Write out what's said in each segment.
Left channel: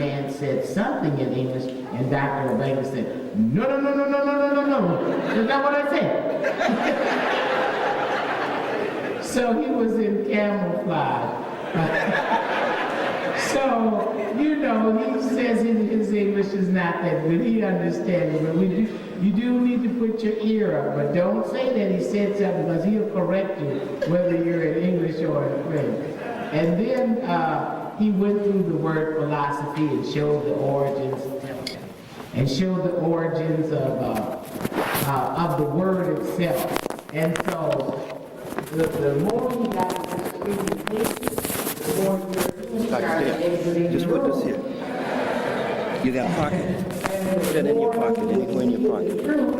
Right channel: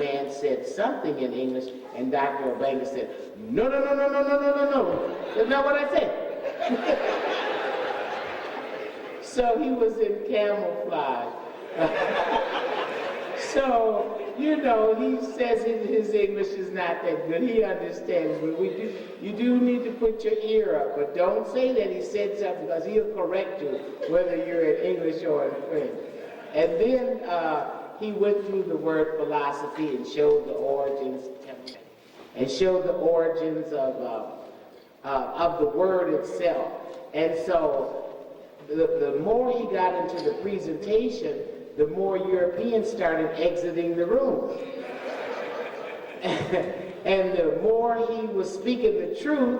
man said something in English, and Dr. Obenja said, no, no, no, no, no, no, no, no, no. That's not what I said. So he was in camouflage. So, you know, he says his English is not that good. He understands, but you do need to put your ear up. But don't say that he said something, because he'll correct you, whether you're in English or in French. And then he went through the word philosophy and showed the origins, of the word itself. And so, the more he got into the presentation, the more Europeans started exiting the room. And the more he was speaking the truth,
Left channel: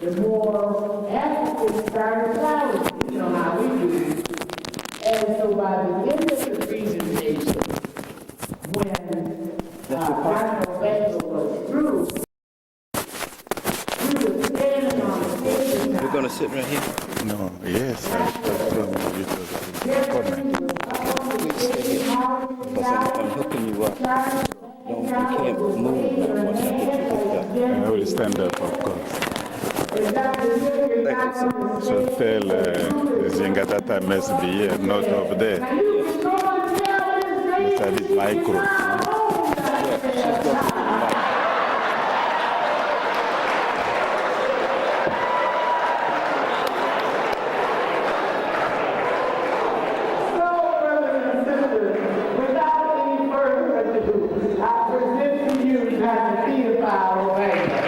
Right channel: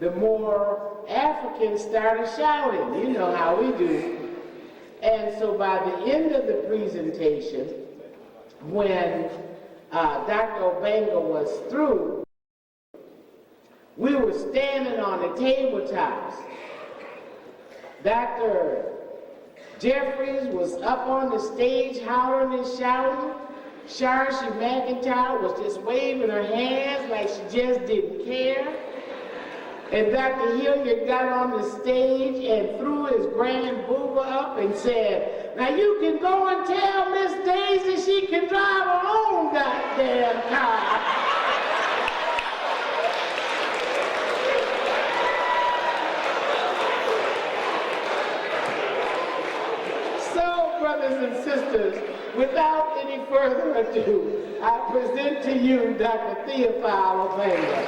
the more Africans started shouting. You know how we do. And so by the end of the presentation, when Dr. Obenja was through, we were standing on the tabletop. We're going to sit right here. No, yes. Jeffrey was up on the stage, howling and shouting. Sharsha McIntyre was just waving her hand like she just didn't care. And Dr. Hilliard got on the stage and threw his hands up and said, now you can go and tell Miss Daisy she can fly home down there. Without any further ado, I present to you Dr. Theophile Obenja.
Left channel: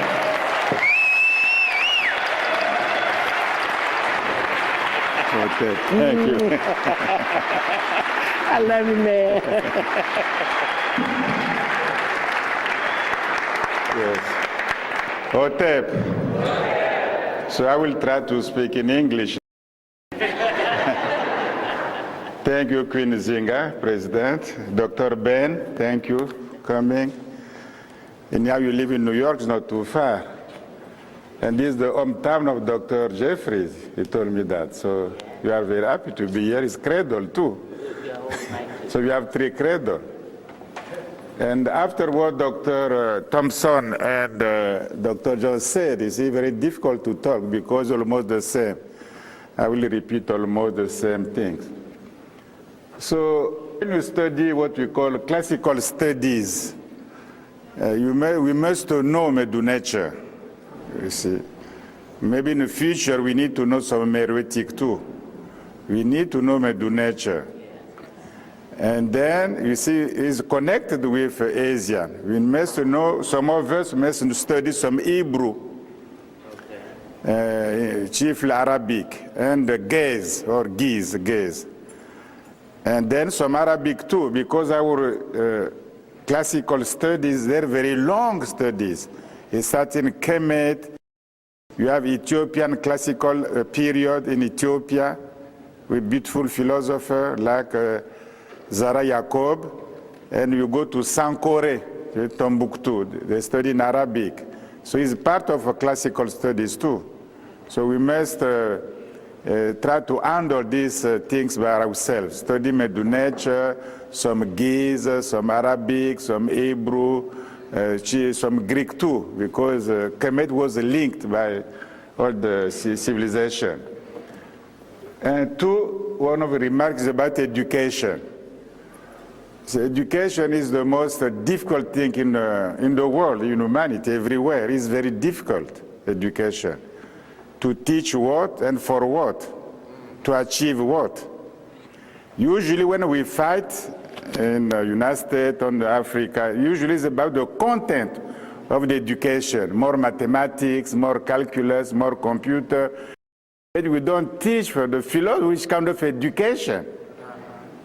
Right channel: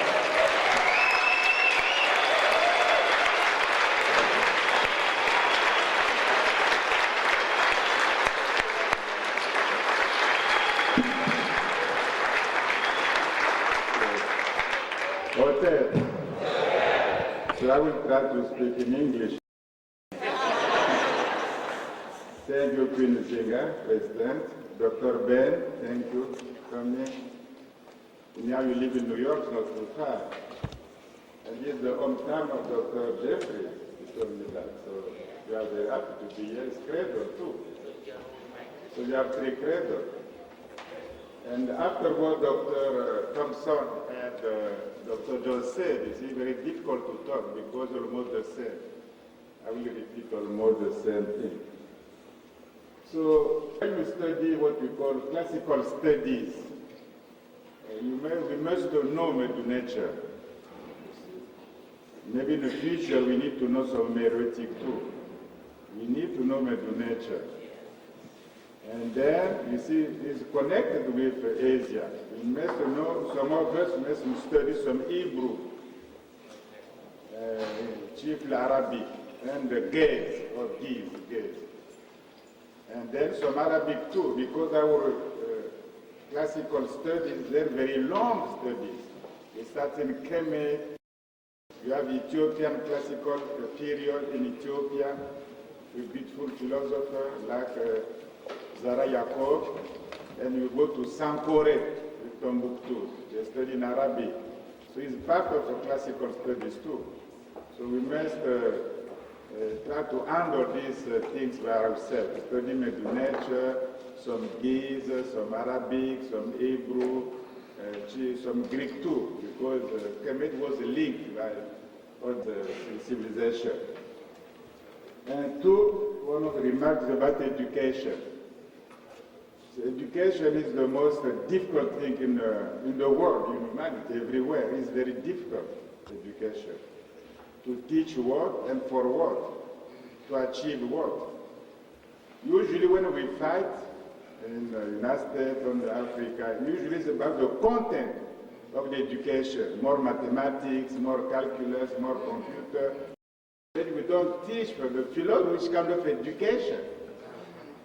Thank you. I love you, man. Yes. Hotep. So I will try to speak in English. Thank you, Queen Zinga, President. Dr. Ben, thank you for coming. And now you live in New York, it's not too far. And this is the hometown of Dr. Jeffries. He told me that. So you are very happy to be here. It's cradle, too. So you have 3 cradle. And after what Dr. Thompson and Dr. Jones said, it's very difficult to talk because almost the same. I will repeat almost the same things. So when you study what we call classical studies, we must know Medu nature, you see. Maybe in the future we need to know some Meroitic too. We need to know Medu nature. And then, you see, it's connected with Asia. We must know, some of us must study some Hebrew, chiefly Arabic, and Gaze, or Giz. And then some Arabic too, because our classical studies, they're very long studies. It's starting KMT. You have Ethiopian classical period in Ethiopia with beautiful philosophers like Zara Yacob. And you go to Sankore, Tombouctou. They study in Arabic. So it's part of classical studies too. So we must try to handle these things by ourselves. Study Medu nature, some Giz, some Arabic, some Hebrew, some Greek too, because Kemet was linked by all the civilization. And one of the remarks about education. So education is the most difficult thing in the world, in humanity, everywhere. It's very difficult, education. To teach what and for what? To achieve what? Usually when we fight in the United States, on Africa, usually it's about the content of the education. More mathematics, more calculus, more computer. But we don't teach for the philosophy, which kind of education.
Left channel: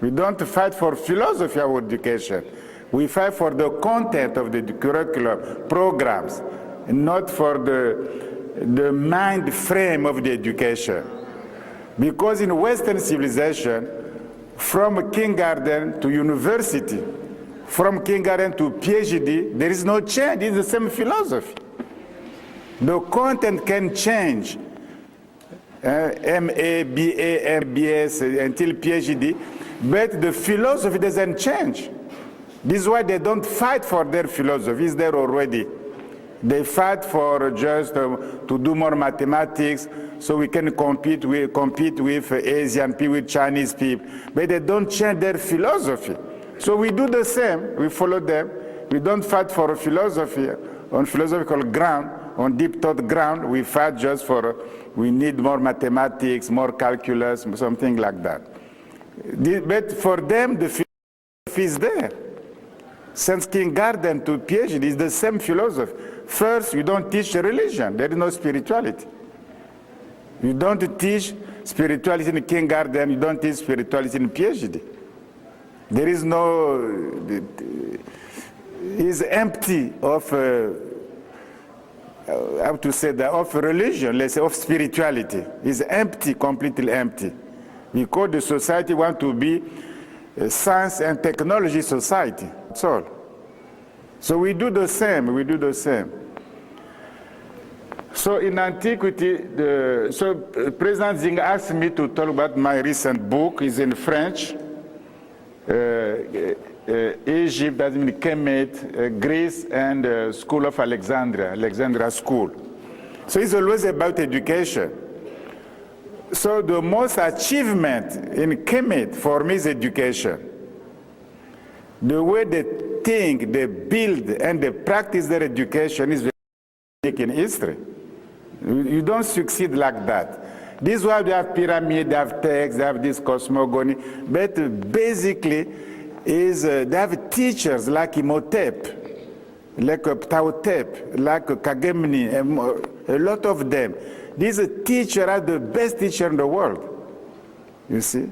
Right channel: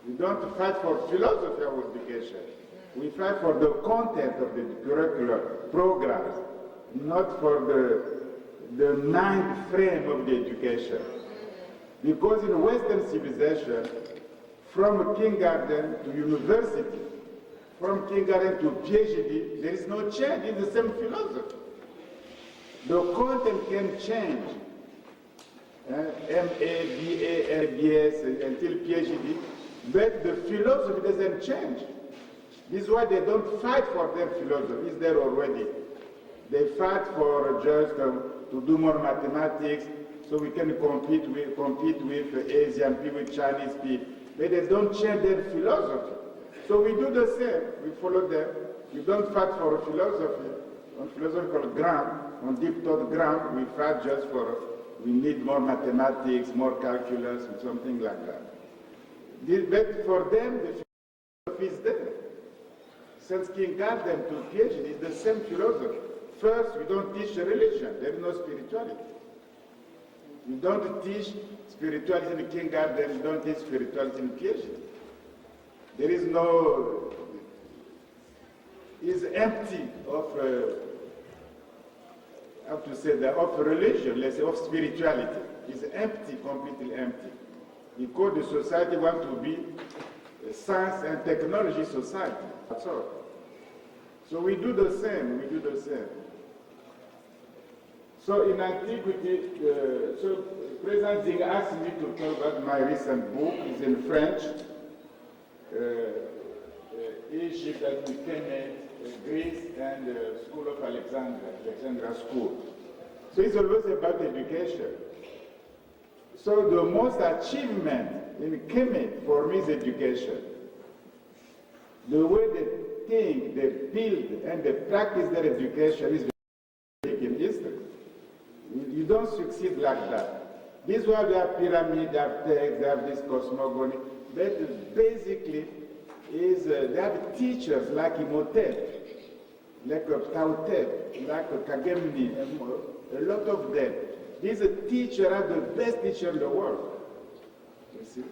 We don't fight for philosophy of education. We fight for the content of the curricular programs, not for the mind frame of the education. Because in Western civilization, from kindergarten to university, from kindergarten to PhD, there is no change, it's the same philosophy. The content can change. MA, BA, MBS, until PhD, but the philosophy doesn't change. This is why they don't fight for their philosophy. It's there already. They fight for just to do more mathematics so we can compete with Asian people, with Chinese people. But they don't change their philosophy. So we do the same. We follow them. We don't fight for philosophy on philosophical ground, on deep thought ground. We fight just for, we need more mathematics, more calculus, something like that. But for them, the philosophy is there. Since kindergarten to PhD is the same philosophy. First, you don't teach religion. There is no spirituality. You don't teach spirituality in kindergarten. You don't teach spirituality in PhD. There is no, it's empty of, how to say that, of religion, let's say, of spirituality. It's empty, completely empty. Because the society wants to be a science and technology society. That's all. So we do the same, we do the same. So in antiquity, President Zing asked me to talk about my recent book. It's in French. Egypt, that means KMT, Greece, and School of Alexandria School. So it's always about education. So the most achievement in KMT for me is education. The way they think, they build, and they practice their education is very unique in history. You don't succeed like that. This is why they have pyramid, they have texts, they have this cosmogony, but basically is they have teachers like Imhotep, like Ptahotep, like Kagemni, a lot of them. These teachers are the best teachers in the world, you see.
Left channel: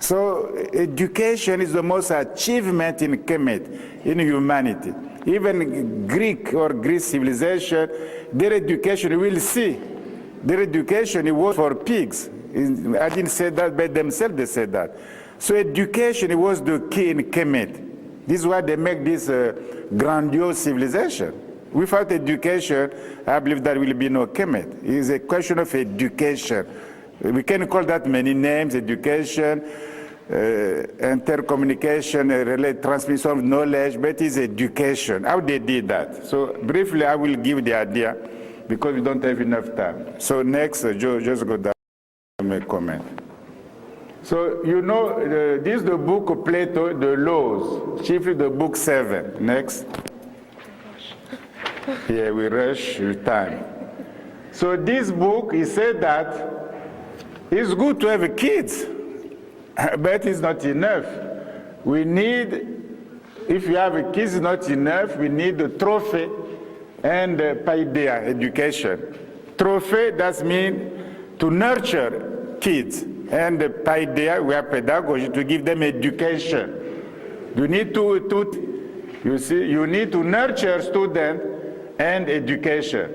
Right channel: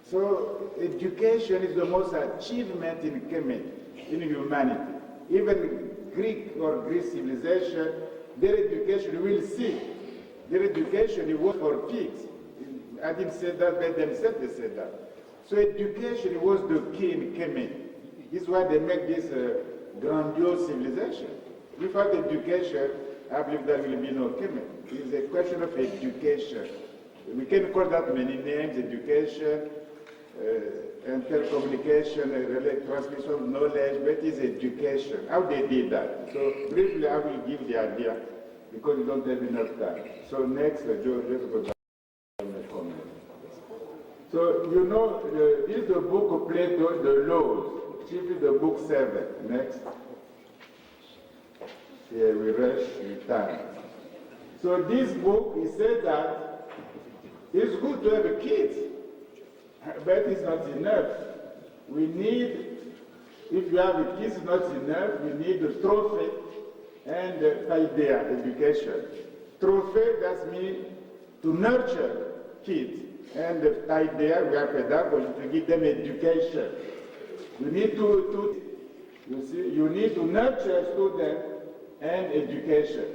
So education is the most achievement in KMT, in humanity. Even Greek or Greek civilization, their education, we will see. Their education, it was for pigs. I didn't say that, but themselves they said that. So education, it was the key in KMT. This is why they make this grandiose civilization. Without education, I believe there will be no KMT. It is a question of education. We can call that many names: education, intercommunication, transmission of knowledge, but it's education. How they did that? So briefly, I will give the idea because we don't have enough time. So next, Joe, just go down and make comment. So you know, this is the book of Plato, the Laws, chiefly the book 7. Next. Here we rush with time. So this book, he said that it's good to have kids, but it's not enough. We need, if you have a kids, it's not enough. We need a trophy and paideia, education. Trophy, that means to nurture kids. And paideia, we have pedagogy, to give them education. You need you see, you need to nurture students and education,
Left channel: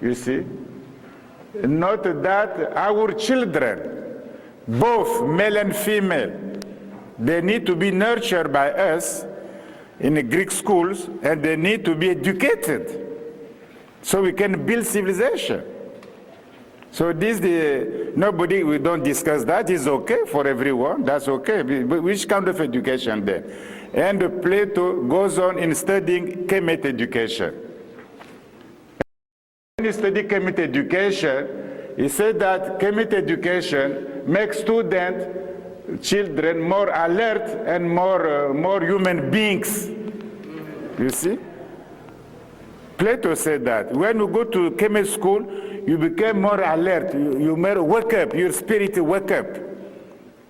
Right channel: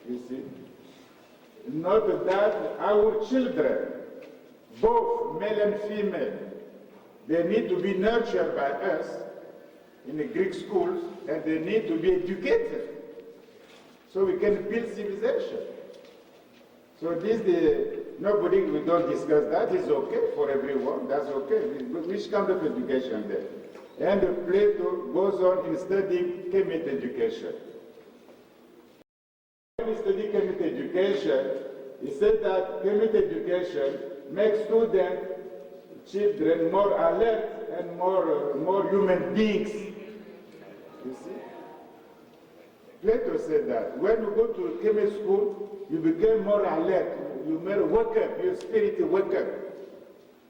you see. Note that our children, both male and female, they need to be nurtured by us in the Greek schools, and they need to be educated so we can build civilization. So this, nobody, we don't discuss that. It's okay for everyone, that's okay. But which kind of education then? And Plato goes on in studying KMT education. When you study KMT education, he said that KMT education makes students, children, more alert and more human beings. You see? Plato said that. When you go to KMT school, you become more alert. You wake up, your spirit wake up.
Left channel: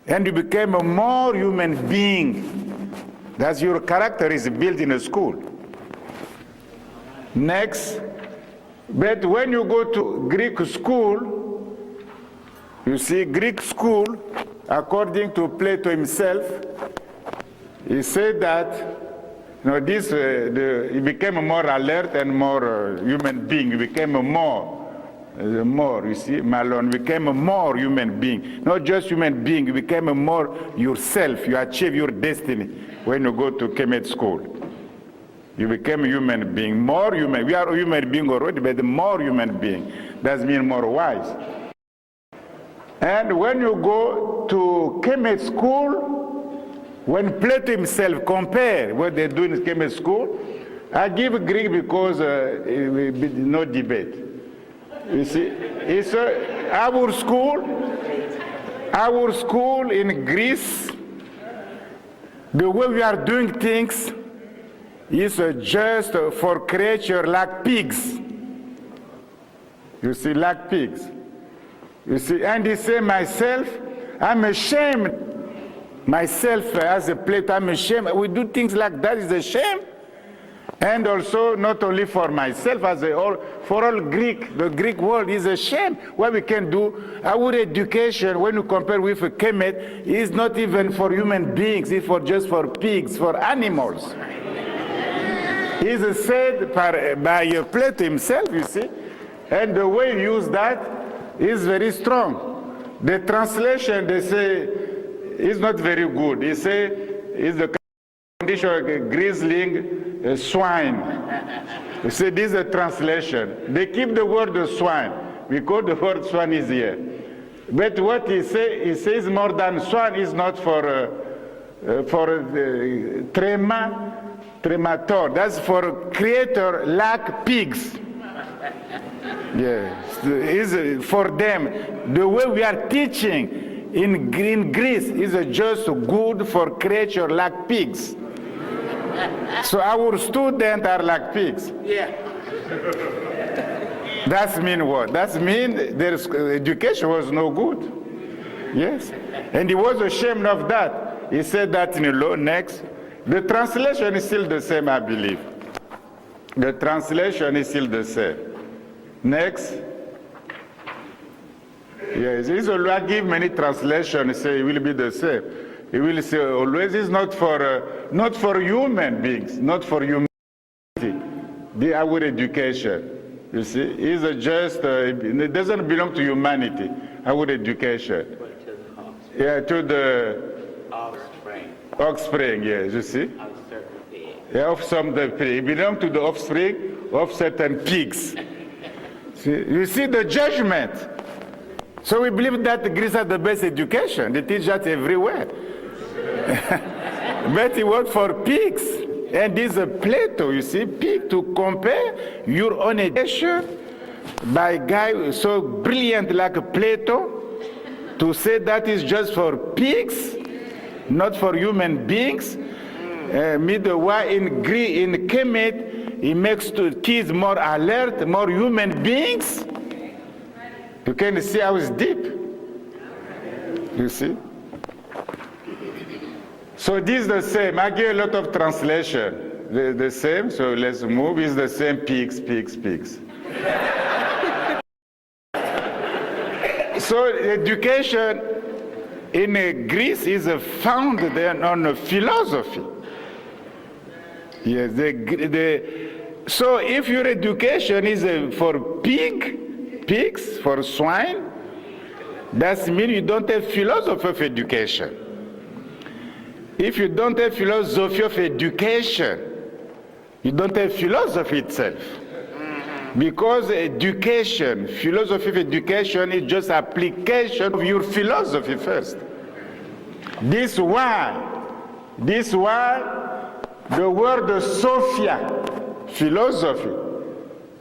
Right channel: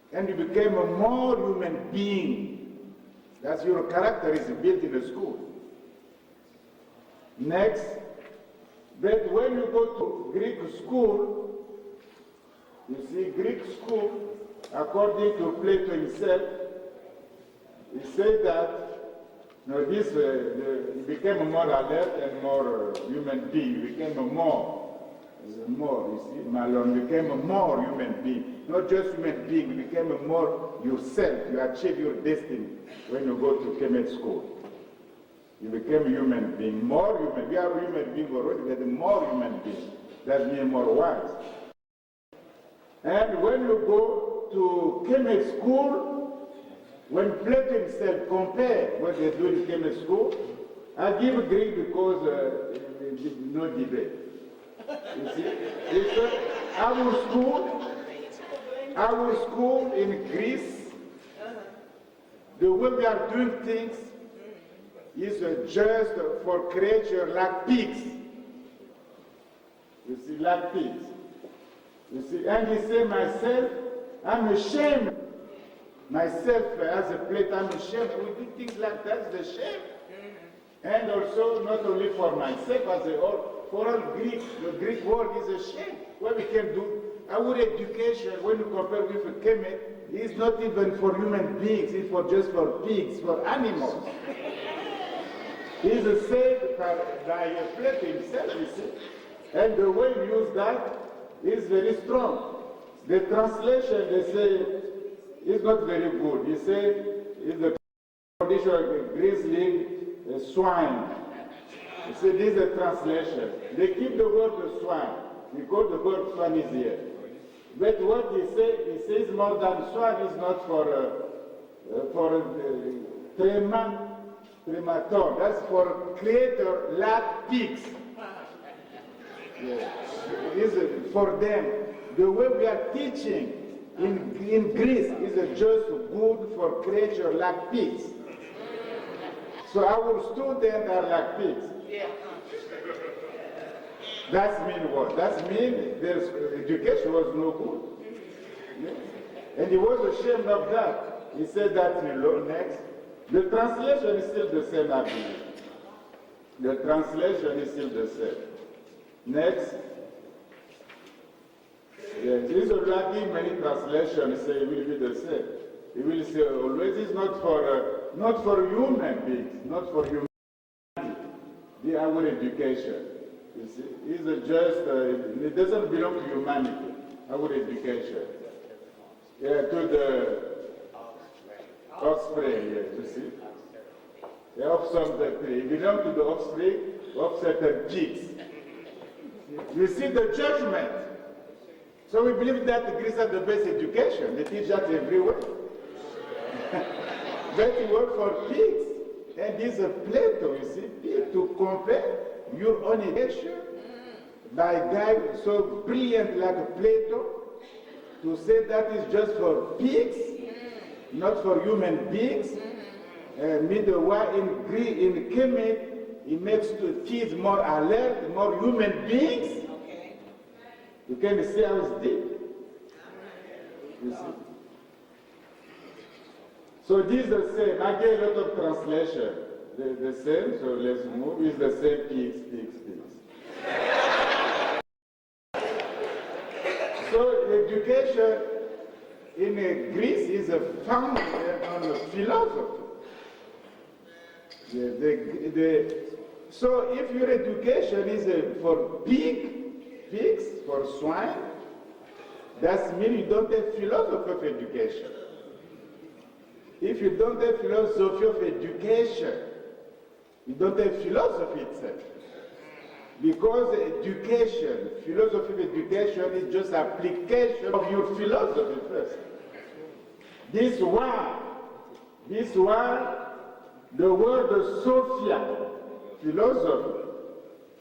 And you become a more human being. That's your character is built in a school. Next. But when you go to Greek school, you see, Greek school, according to Plato himself, he said that he became more alert and more human being. He became more, you see, Malone became a more human being. Not just human being, you became a more yourself. You achieve your destiny when you go to KMT school. You became a human being, more human. We are a human being already, but more human being. That means more wise. And when you go to KMT school, When Plato himself compared what they do in chemistry school, I give Greek because it will be no debate. You see, it's our school in Greece, the way we are doing things is just for creatures like pigs. You see, like pigs. You see, and he said, myself, I'm ashamed. Myself as a Plato, I'm ashamed. We do things like that, is a shame. And also, not only for myself, as a whole, for all Greek, the Greek world is a shame. What we can do, our education, when you compare with a KMT, is not even for human beings, it's just for pigs, for animals. It's said by Plato himself, you see. And the way you use that is very strong. The translation, they say, is not very good. They say, it's the condition of a grizzling swine. You see, this is a translation. They keep the word swine, because the word swine is here. But what he says more than swine is not for tremator. That's for creator like pigs. Yes, is for them. The way we are teaching in Greece is just good for creatures like pigs. So our students are like pigs. Yeah. That means what? That means their education was no good. Yes. And he was ashamed of that. He said that in the law next. The translation is still the same, I believe. The translation is still the same. Next. Yes, I give many translations, say it will be the same. It will say always it's not for human beings, not for humanity. Our education, you see, is just, it doesn't belong to humanity, our education. Yeah, to the offspring, yes, you see. Yeah, of some the pig. It belongs to the offspring of certain pigs. See, you see the judgment. So we believe that Greece has the best education. They teach that everywhere. But it worked for pigs. And this is a Plato, you see, pig, to compare your own education by a guy so brilliant like Plato, to say that is just for pigs, not for human beings. Meanwhile, in KMT, it makes kids more alert, more human beings. You can see how it's deep. You see? So this is the same. I give a lot of translation. The same, so let's move. It's the same, pigs, pigs, pigs. So education in Greece is founded on philosophy. Yes, so if your education is for pigs, for swine, that means you don't have philosophy of education. If you don't have philosophy of education, you don't have philosophy itself. Because education, philosophy of education is just application of your philosophy first. This one, the word Sophia, philosophy,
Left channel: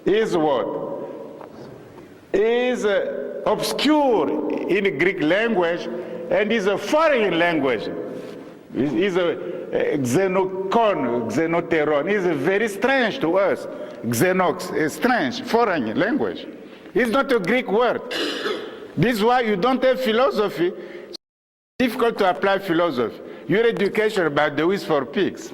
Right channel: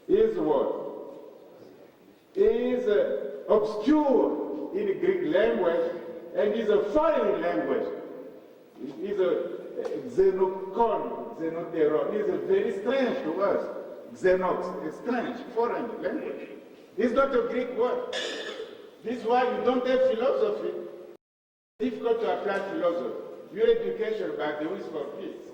is what? Is obscure in the Greek language and is a foreign language. Is a xenocon, xenoteron. Is very strange to us. Xenox is strange, foreign language. It's not a Greek word. This is why you don't have philosophy. It's difficult to apply philosophy. Your education, by the way, is for pigs.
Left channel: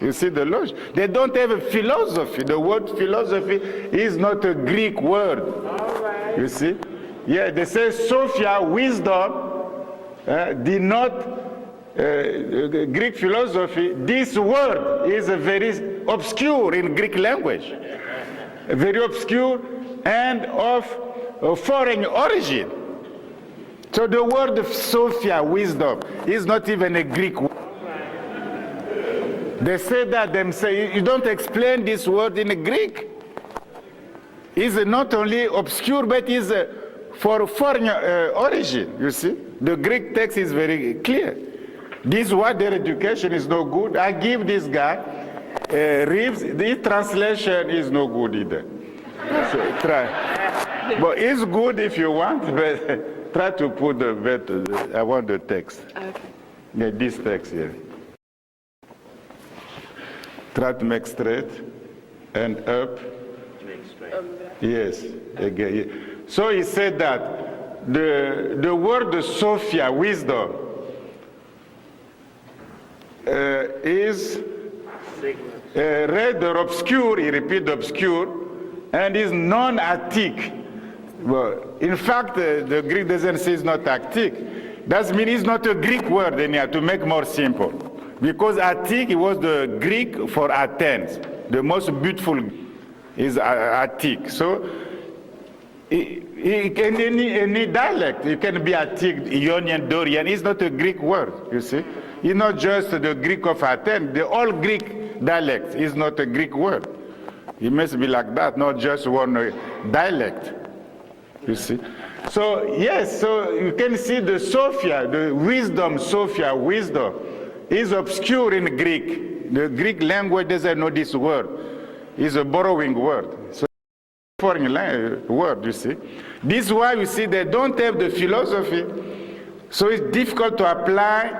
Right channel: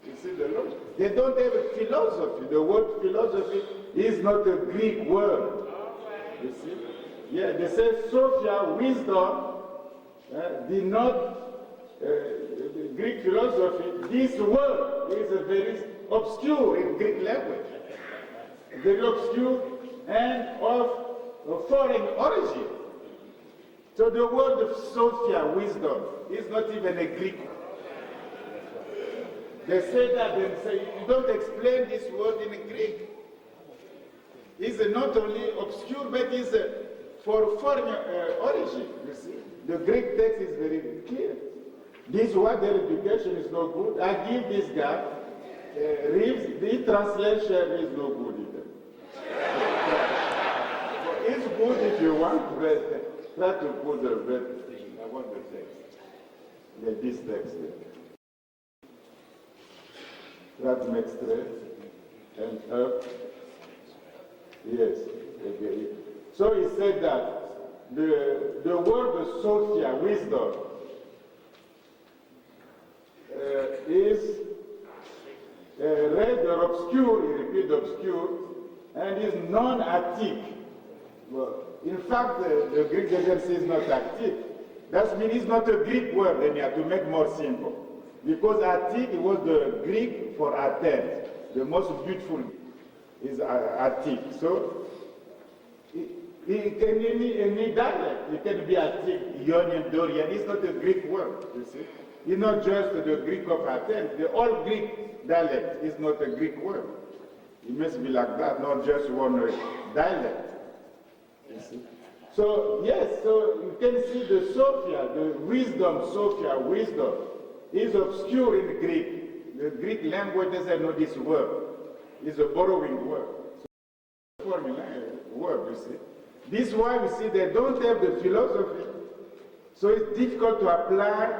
You see the logic? They don't have a philosophy. The word philosophy is not a Greek word. All right. You see? Yeah, they say Sophia, wisdom, did not Greek philosophy. This word is very obscure in Greek language. Very obscure and of foreign origin. So the word Sophia, wisdom, is not even a Greek word. They say that themselves. You don't explain this word in Greek. It's not only obscure, but is for foreign origin, you see. The Greek text is very clear. This word, their education is no good. I give this guy, Reeves, the translation is no good either. So try. But it's good if you want, but try to put I want the text. Okay. Yeah, this text here. Try to make straight and up. Yes, again. So he said that the word Sophia, wisdom, is rather obscure, he repeats obscure, and is non-Attic. Well, in fact, the Greek doesn't say it's not Attic. That means it's not a Greek word anyhow, to make more simple. Because Attic was the Greek for Athens. The most beautiful is Attic. So, in any dialect, it can be Attic, Ionian, Dorian. It's not a Greek word, you see. It's not just the Greek of Athens. The all Greek dialect is not a Greek word. It must be like that, not just one dialect, you see. So, yes, so you can see the Sophia, the wisdom, Sophia, wisdom, is obscure in Greek. The Greek language doesn't know this word. It's a borrowing word. So, foreign word, you see. This is why you see they don't have the philosophy. So it's difficult to apply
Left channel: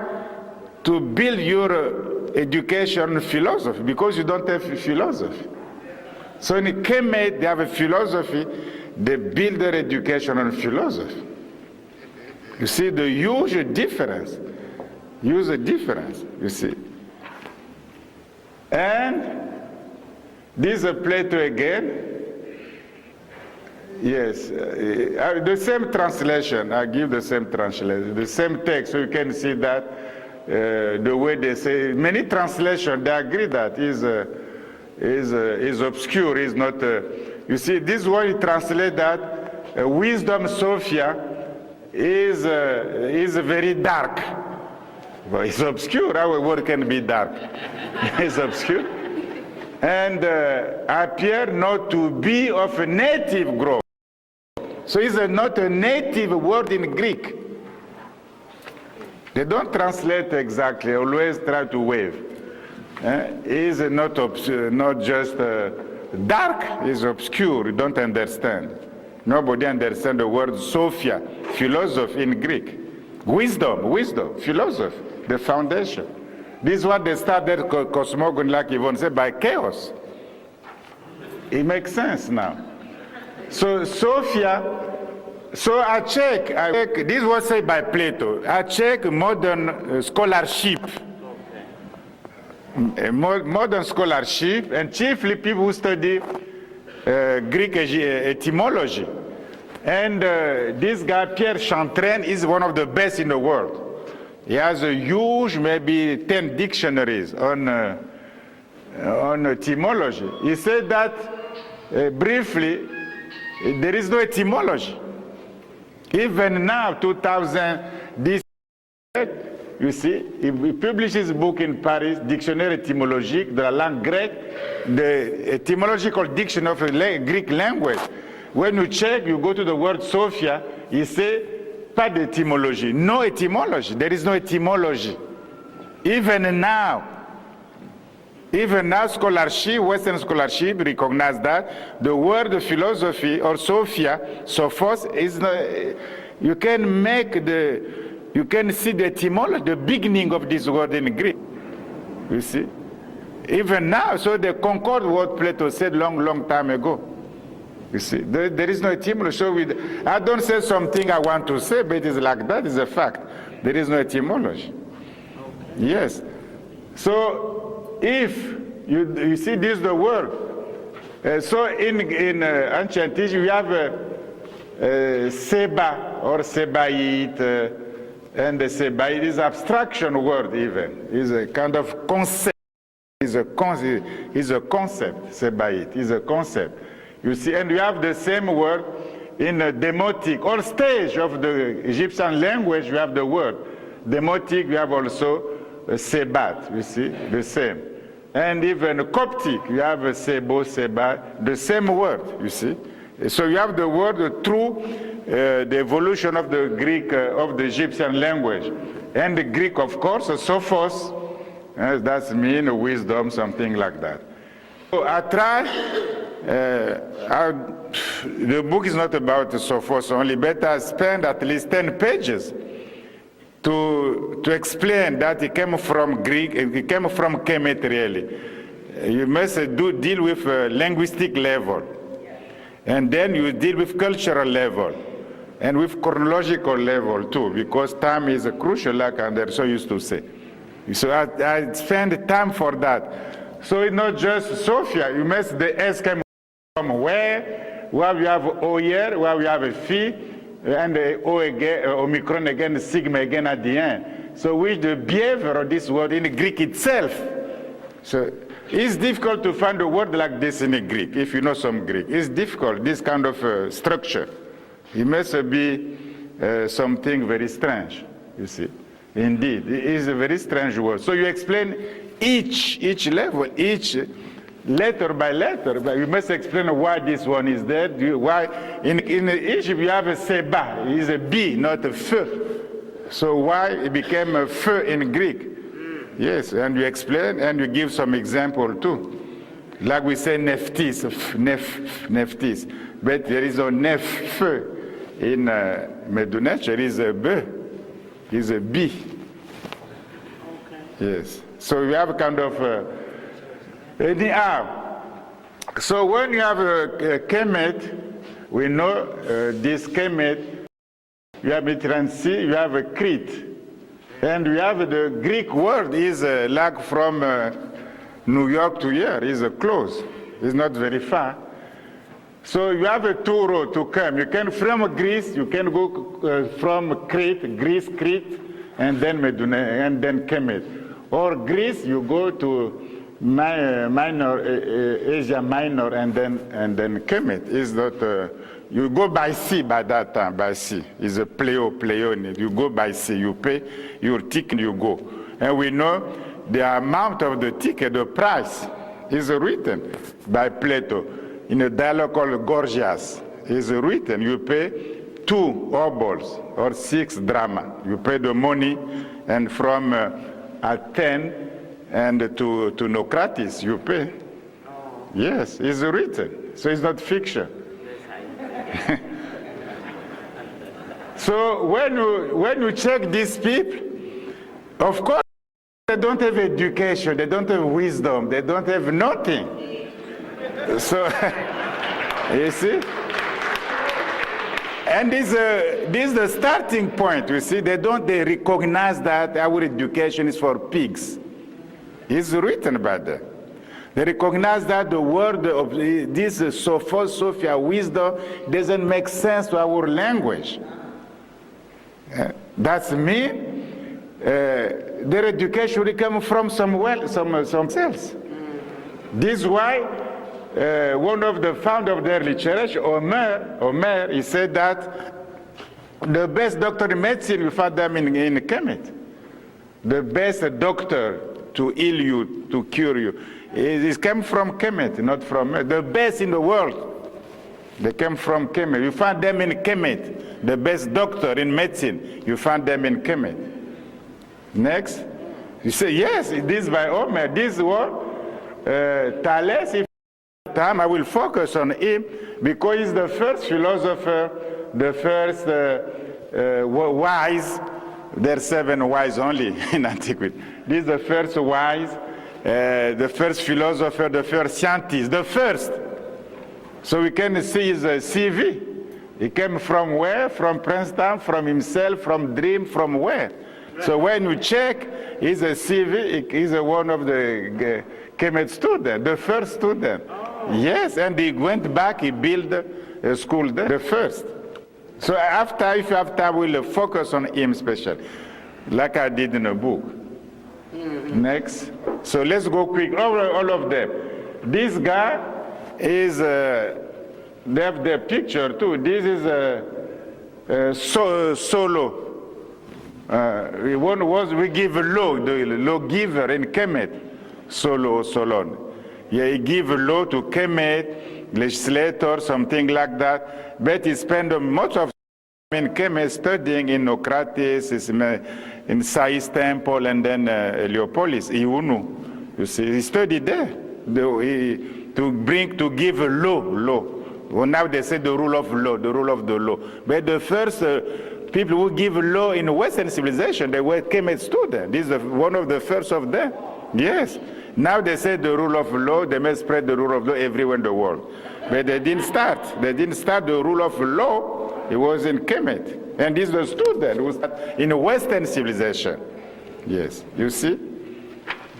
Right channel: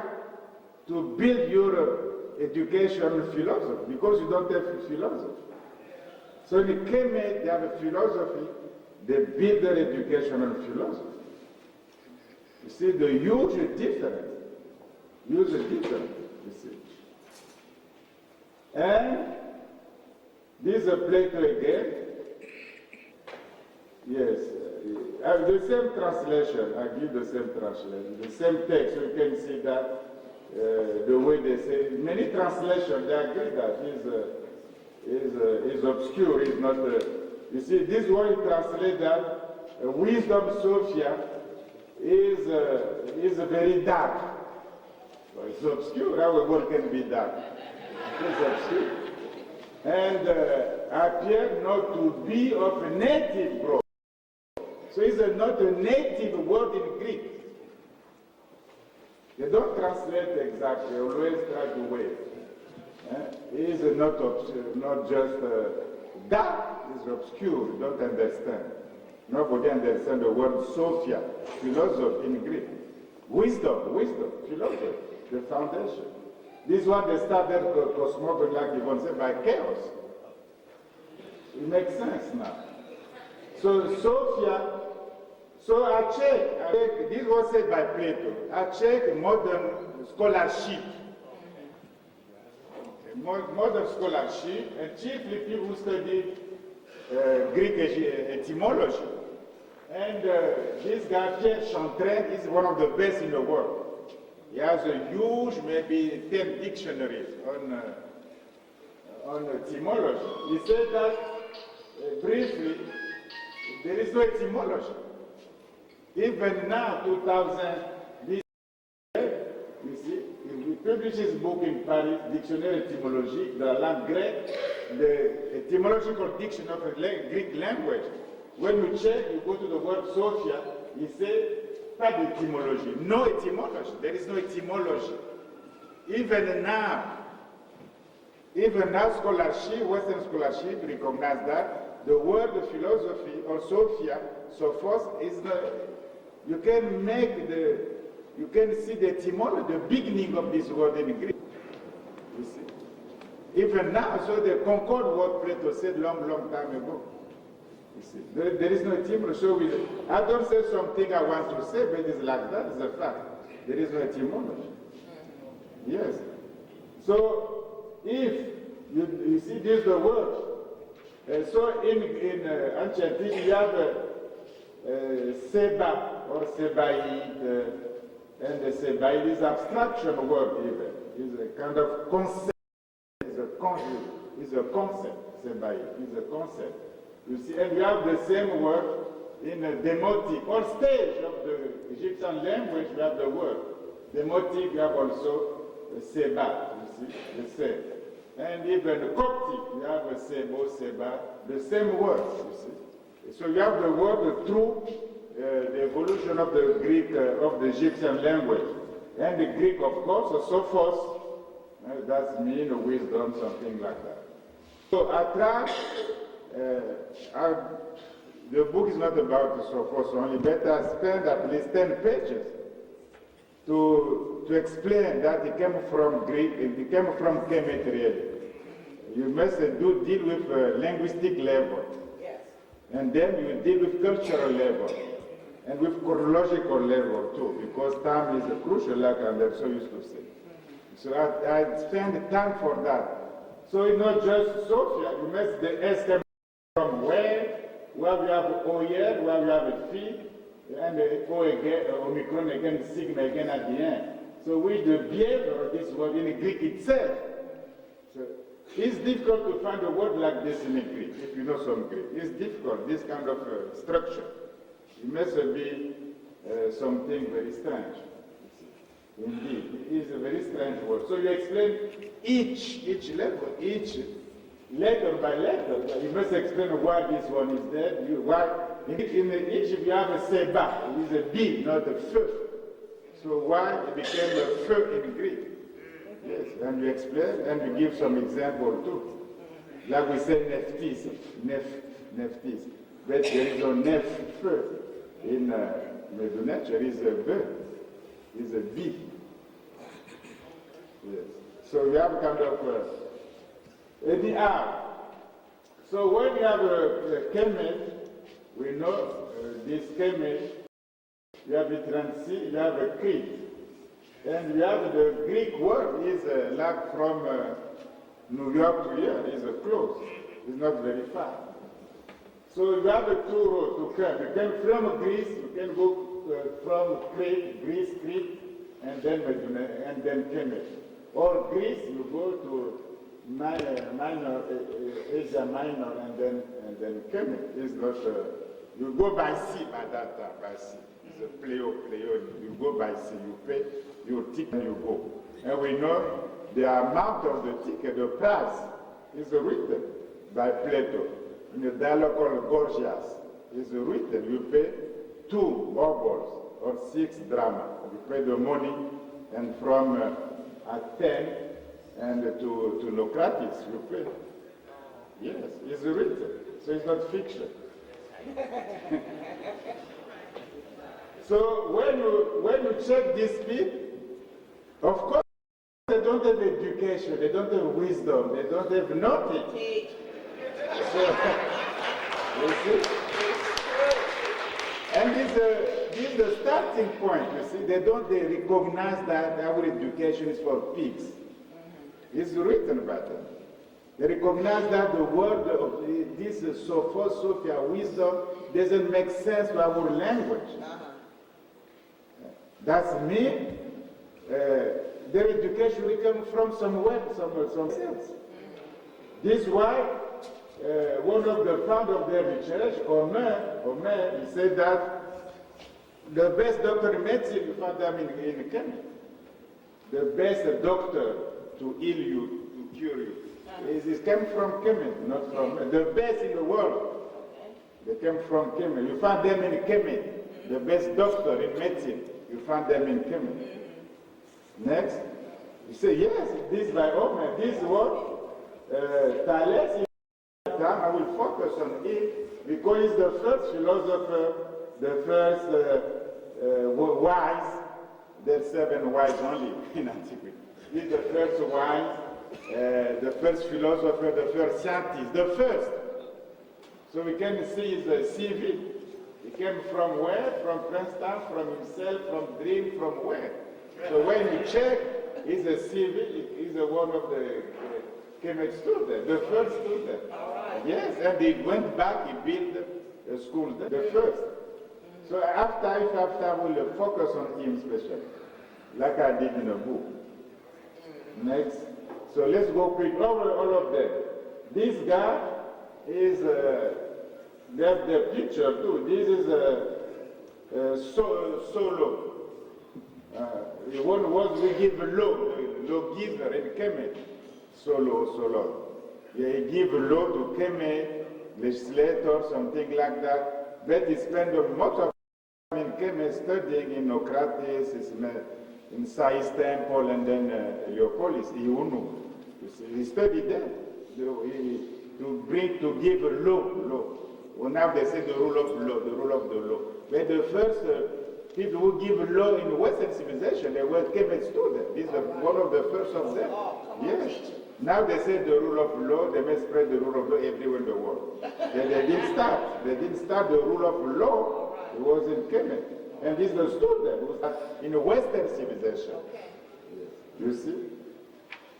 to build your education philosophy because you don't have philosophy. So in KMT, they have a philosophy, they build their education on philosophy. You see the huge difference. Use a difference, you see. And this is Plato again. Yes, the same translation, I give the same translation, the same text, so you can see that the way they say, many translations, they agree that is obscure, is not, you see, this way you translate that wisdom, Sophia, is very dark. But it's obscure, our word can be dark. It's obscure. And appear not to be of a native growth. So it's not a native word in Greek. They don't translate exactly, always try to wave. It's not just dark, it's obscure, you don't understand. Nobody understands the word Sophia, philosophy in Greek. Wisdom, philosophy, the foundation. This is what they started cosmogony, like Yvonne said, by chaos. It makes sense now. So Sophia, so I check, this was said by Plato, I check modern scholarship. Modern scholarship, and chiefly people who study Greek etymology. And this guy, Pierre Chantraine, is one of the best in the world. He has a huge, maybe 10 dictionaries on etymology. He said that, briefly, there is no etymology. Even now, 2000, this, you see, he publishes a book in Paris, Dictionnaire étymologique de la langue grecque, the etymological dictionary of the Greek language. When you check, you go to the word Sophia, he says, pas d'etymologie. No etymology. There is no etymology. Even now, scholarship, Western scholarship recognize that the word philosophy or Sophia, Sophos, is not, you can see the etymology, the beginning of this word in Greek. You see? Even now, so they concord what Plato said long time ago. You see, there is no etymology. So I don't say something I want to say, but it is like that, it's a fact. There is no etymology. Yes. So if you see this is the word. So in ancient history, we have Seba or Sebaite, and the Sebaite is abstraction word even. Is a kind of concept. Is a concept, Sebaite, is a concept. You see, and we have the same word in demotic. On stage of the Egyptian language, we have the word. Demotic, we have also Sebat, you see, the same. And even Coptic, we have Sebo, Sebat, the same word, you see. So you have the word through the evolution of the Greek, of the Egyptian language. And the Greek, of course, sophos, that means wisdom, something like that. So I try, the book is not about sophos only, but I spent at least 10 pages to explain that it came from Greek, it came from KMT really. You must deal with linguistic level. And then you deal with cultural level and with chronological level too, because time is crucial, like I'm so used to say. So I spend time for that. So it's not just Sophia, you must, the S came from where we have O here, where we have a phi, and the O again, Omicron again, sigma again at the end. So with the behavior of this word in Greek itself. So it's difficult to find a word like this in Greek, if you know some Greek. It's difficult, this kind of structure. It must be something very strange, you see. Indeed, it is a very strange word. So you explain each level, each letter by letter, but you must explain why this one is there, why in Egypt you have a seba, it is a B, not a f. So why it became a f in Greek? Yes, and you explain and you give some example too. Like we say neftis, neftis, but there is a nef in Medunech, there is a b, is a b. Okay. Yes, so we have kind of anyhow. So when you have a KMT, we know this KMT, you have a transi, you have a Crete. And we have the Greek word is like from New York to here, is close. It's not very far. So you have a 2 road to come. You can from Greece, you can go from Crete, Greece, Crete, and then Meduna, and then Kemet. Or Greece, you go to Minor, Asia Minor, and then Kemet. Is not. You go by sea by that time, by sea. It's a pleo. You go by sea, you pay your ticket, you go. And we know the amount of the ticket, the price, is written by Plato in a dialogue called Gorgias. Is written, you pay 2 obols or 6 drama. You pay the money, and from Athens and to Naucratis, you pay. Yes, it's written, so it's not fiction. So when you check these people, of course, they don't have education, they don't have wisdom, they don't have nothing. So, you see? And this is the starting point, you see? They recognize that our education is for pigs. It's written by them. They recognize that the word of this Sophia, wisdom, doesn't make sense to our language. That's me. Their education will come from somewhere else. This is why one of the founders of the early church, Omer, he said that the best doctor in medicine, we found them in Kemet. The best doctor to heal you, to cure you. It came from Kemet, not from the best in the world. They came from Kemet. You find them in Kemet. The best doctor in medicine, you find them in Kemet. Next, you say yes, it is by Omer. This one, Thales. If time I will focus on him because he's the first philosopher, the first wise. There are 7 wise only in antiquity. This is the first wise. The first philosopher, the first scientist, the first. So we can see his CV. He came from where? From Princeton, from himself, from dream, from where? So when you check his CV, he's one of the KMT students, the first student. Yes, and he went back, he built a school there, the first. So after, if you have time, we'll focus on him special, like I did in a book. Next. So let's go quick. All of them. This guy is, they have their picture too. This is Solo. One was, we give a law, the law giver in Kemet. Solon. Yeah, he give a law to Kemet, legislator, something like that. But he spent much of time in Kemet studying in Naucratis, in Sais Temple and then Heliopolis, Iunu. You see, he studied there to give a law. Well, now they say the rule of law, the rule of the law. But the first people who give law in Western civilization, they were Kemet students. This is one of the first of them. Yes. Now they say the rule of law, they may spread the rule of law everywhere in the world. But they didn't start. They didn't start the rule of law. It was in Kemet. And this was student who started in a Western civilization. Yes. You see?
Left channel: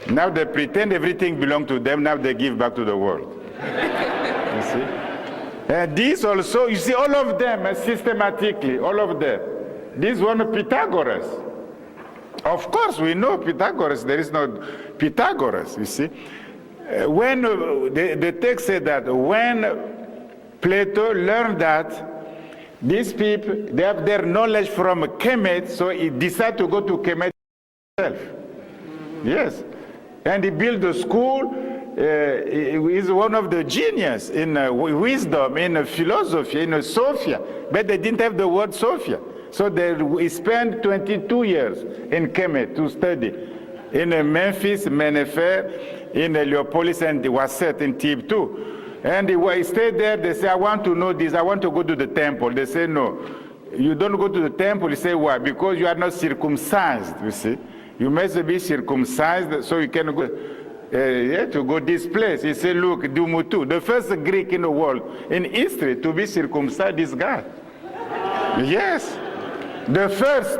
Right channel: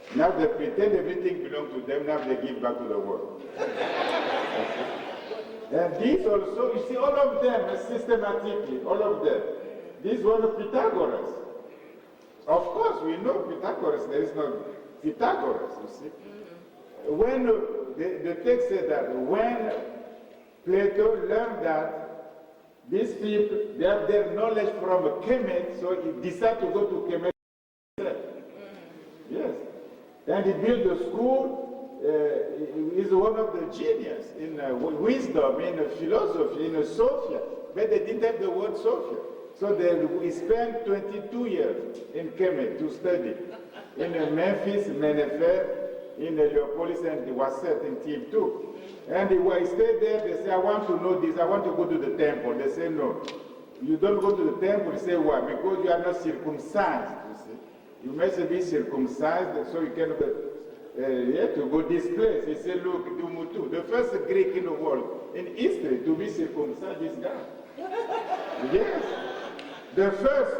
Now they pretend everything belongs to them. Now they give back to the world. You see? And this also, you see, all of them systematically, all of them. This one, Pythagoras. Of course, we know Pythagoras. There is no Pythagoras, you see. When the text said that when Plato learned that these people, they have their knowledge from Kemet, so he decided to go to Kemet himself. Yes. And he built a school. He is one of the genius in wisdom, in philosophy, in Sophia. But they didn't have the word Sophia. So he spent 22 years in Kemet to study. In Memphis, Mennefer, in Heliopolis, and Waset in Thebes too. And he stayed there. They say, I want to know this. I want to go to the temple. They say, no. You don't go to the temple. You say, why? Because you are not circumcised, you see. You must be circumcised so you can go. To go this place. He said, look, Dumutu, the first Greek in the world, in history, to be circumcised is God. Yes, the first.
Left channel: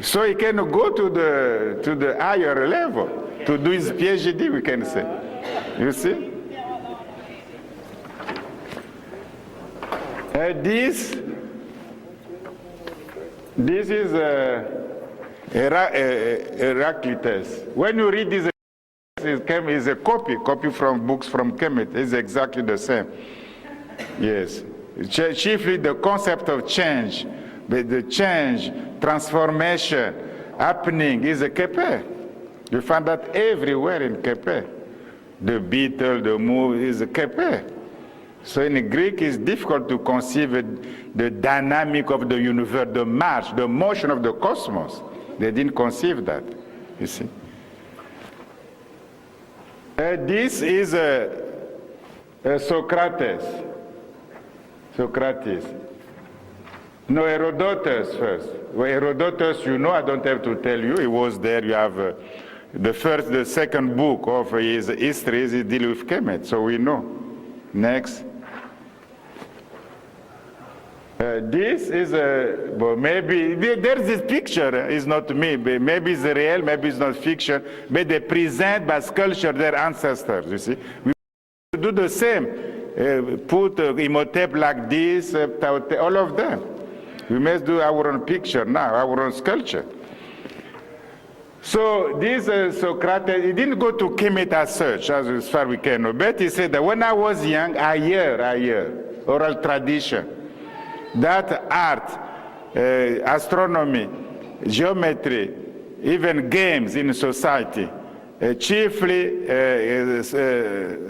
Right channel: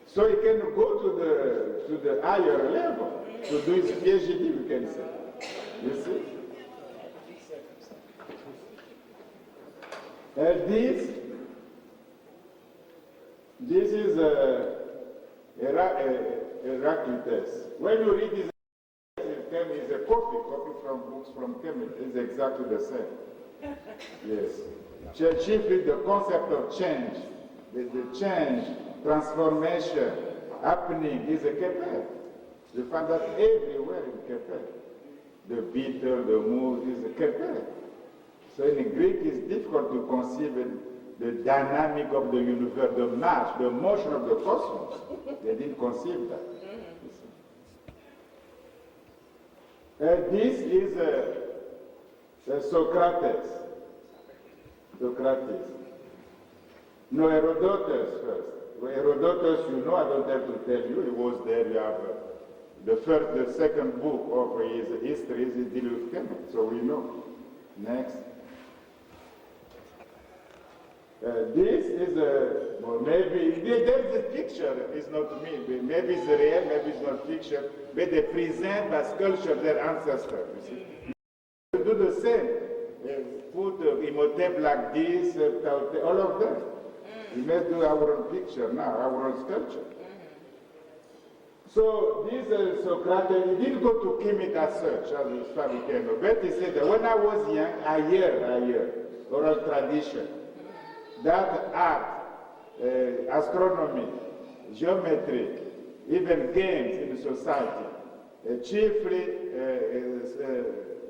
So he can go to the higher level, to do his PhD, we can say. You see? This is Heraclitus. When you read this, it's a copy from books from Kemet. It's exactly the same. Yes. Chiefly the concept of change, but the change, transformation, happening is a Kepe. You find that everywhere in Kepe. The beetle, the move is a Kepe. So in Greek, it's difficult to conceive the dynamic of the universe, the march, the motion of the cosmos. They didn't conceive that, you see. This is Socrates. Socrates. No, Herodotus first. Well, Herodotus, you know, I don't have to tell you. He was there. You have the second book of his history is deal with Kemet, so we know. Next. This is well, maybe there's this picture. It's not me. Maybe it's real. Maybe it's not fiction. But they present by sculpture their ancestors. You see, we do the same. Put Imhotep like this. All of them. We must do our own picture now, our own sculpture. So this Socrates, he didn't go to Kemet as such, as far as we can know. But he said that when I was young, I hear oral tradition. That art, astronomy, geometry, even games in society, chiefly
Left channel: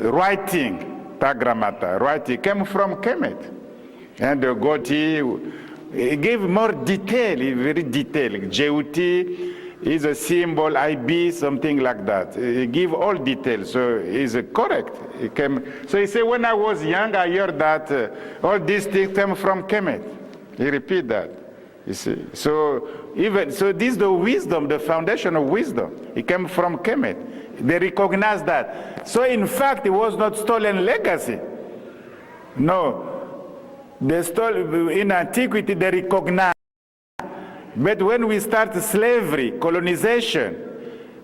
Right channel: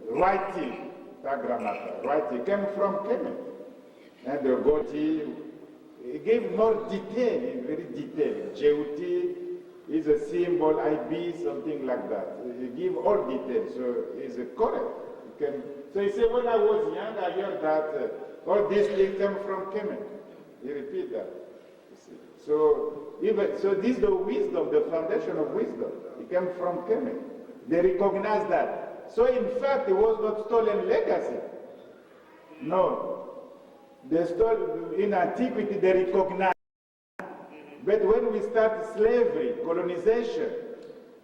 writing, tagrammata, writing, came from Kemet. And the Goti, he gave more detail, very detailed. Jeuti is a symbol, IB, something like that. He give all details, so he's correct. So he said, when I was young, I heard that all these things came from Kemet. He repeat that, you see. So this is the wisdom, the foundation of wisdom. It came from Kemet. They recognize that. So in fact, it was not stolen legacy. No. They stole, in antiquity, they recognize. But when we start slavery, colonization,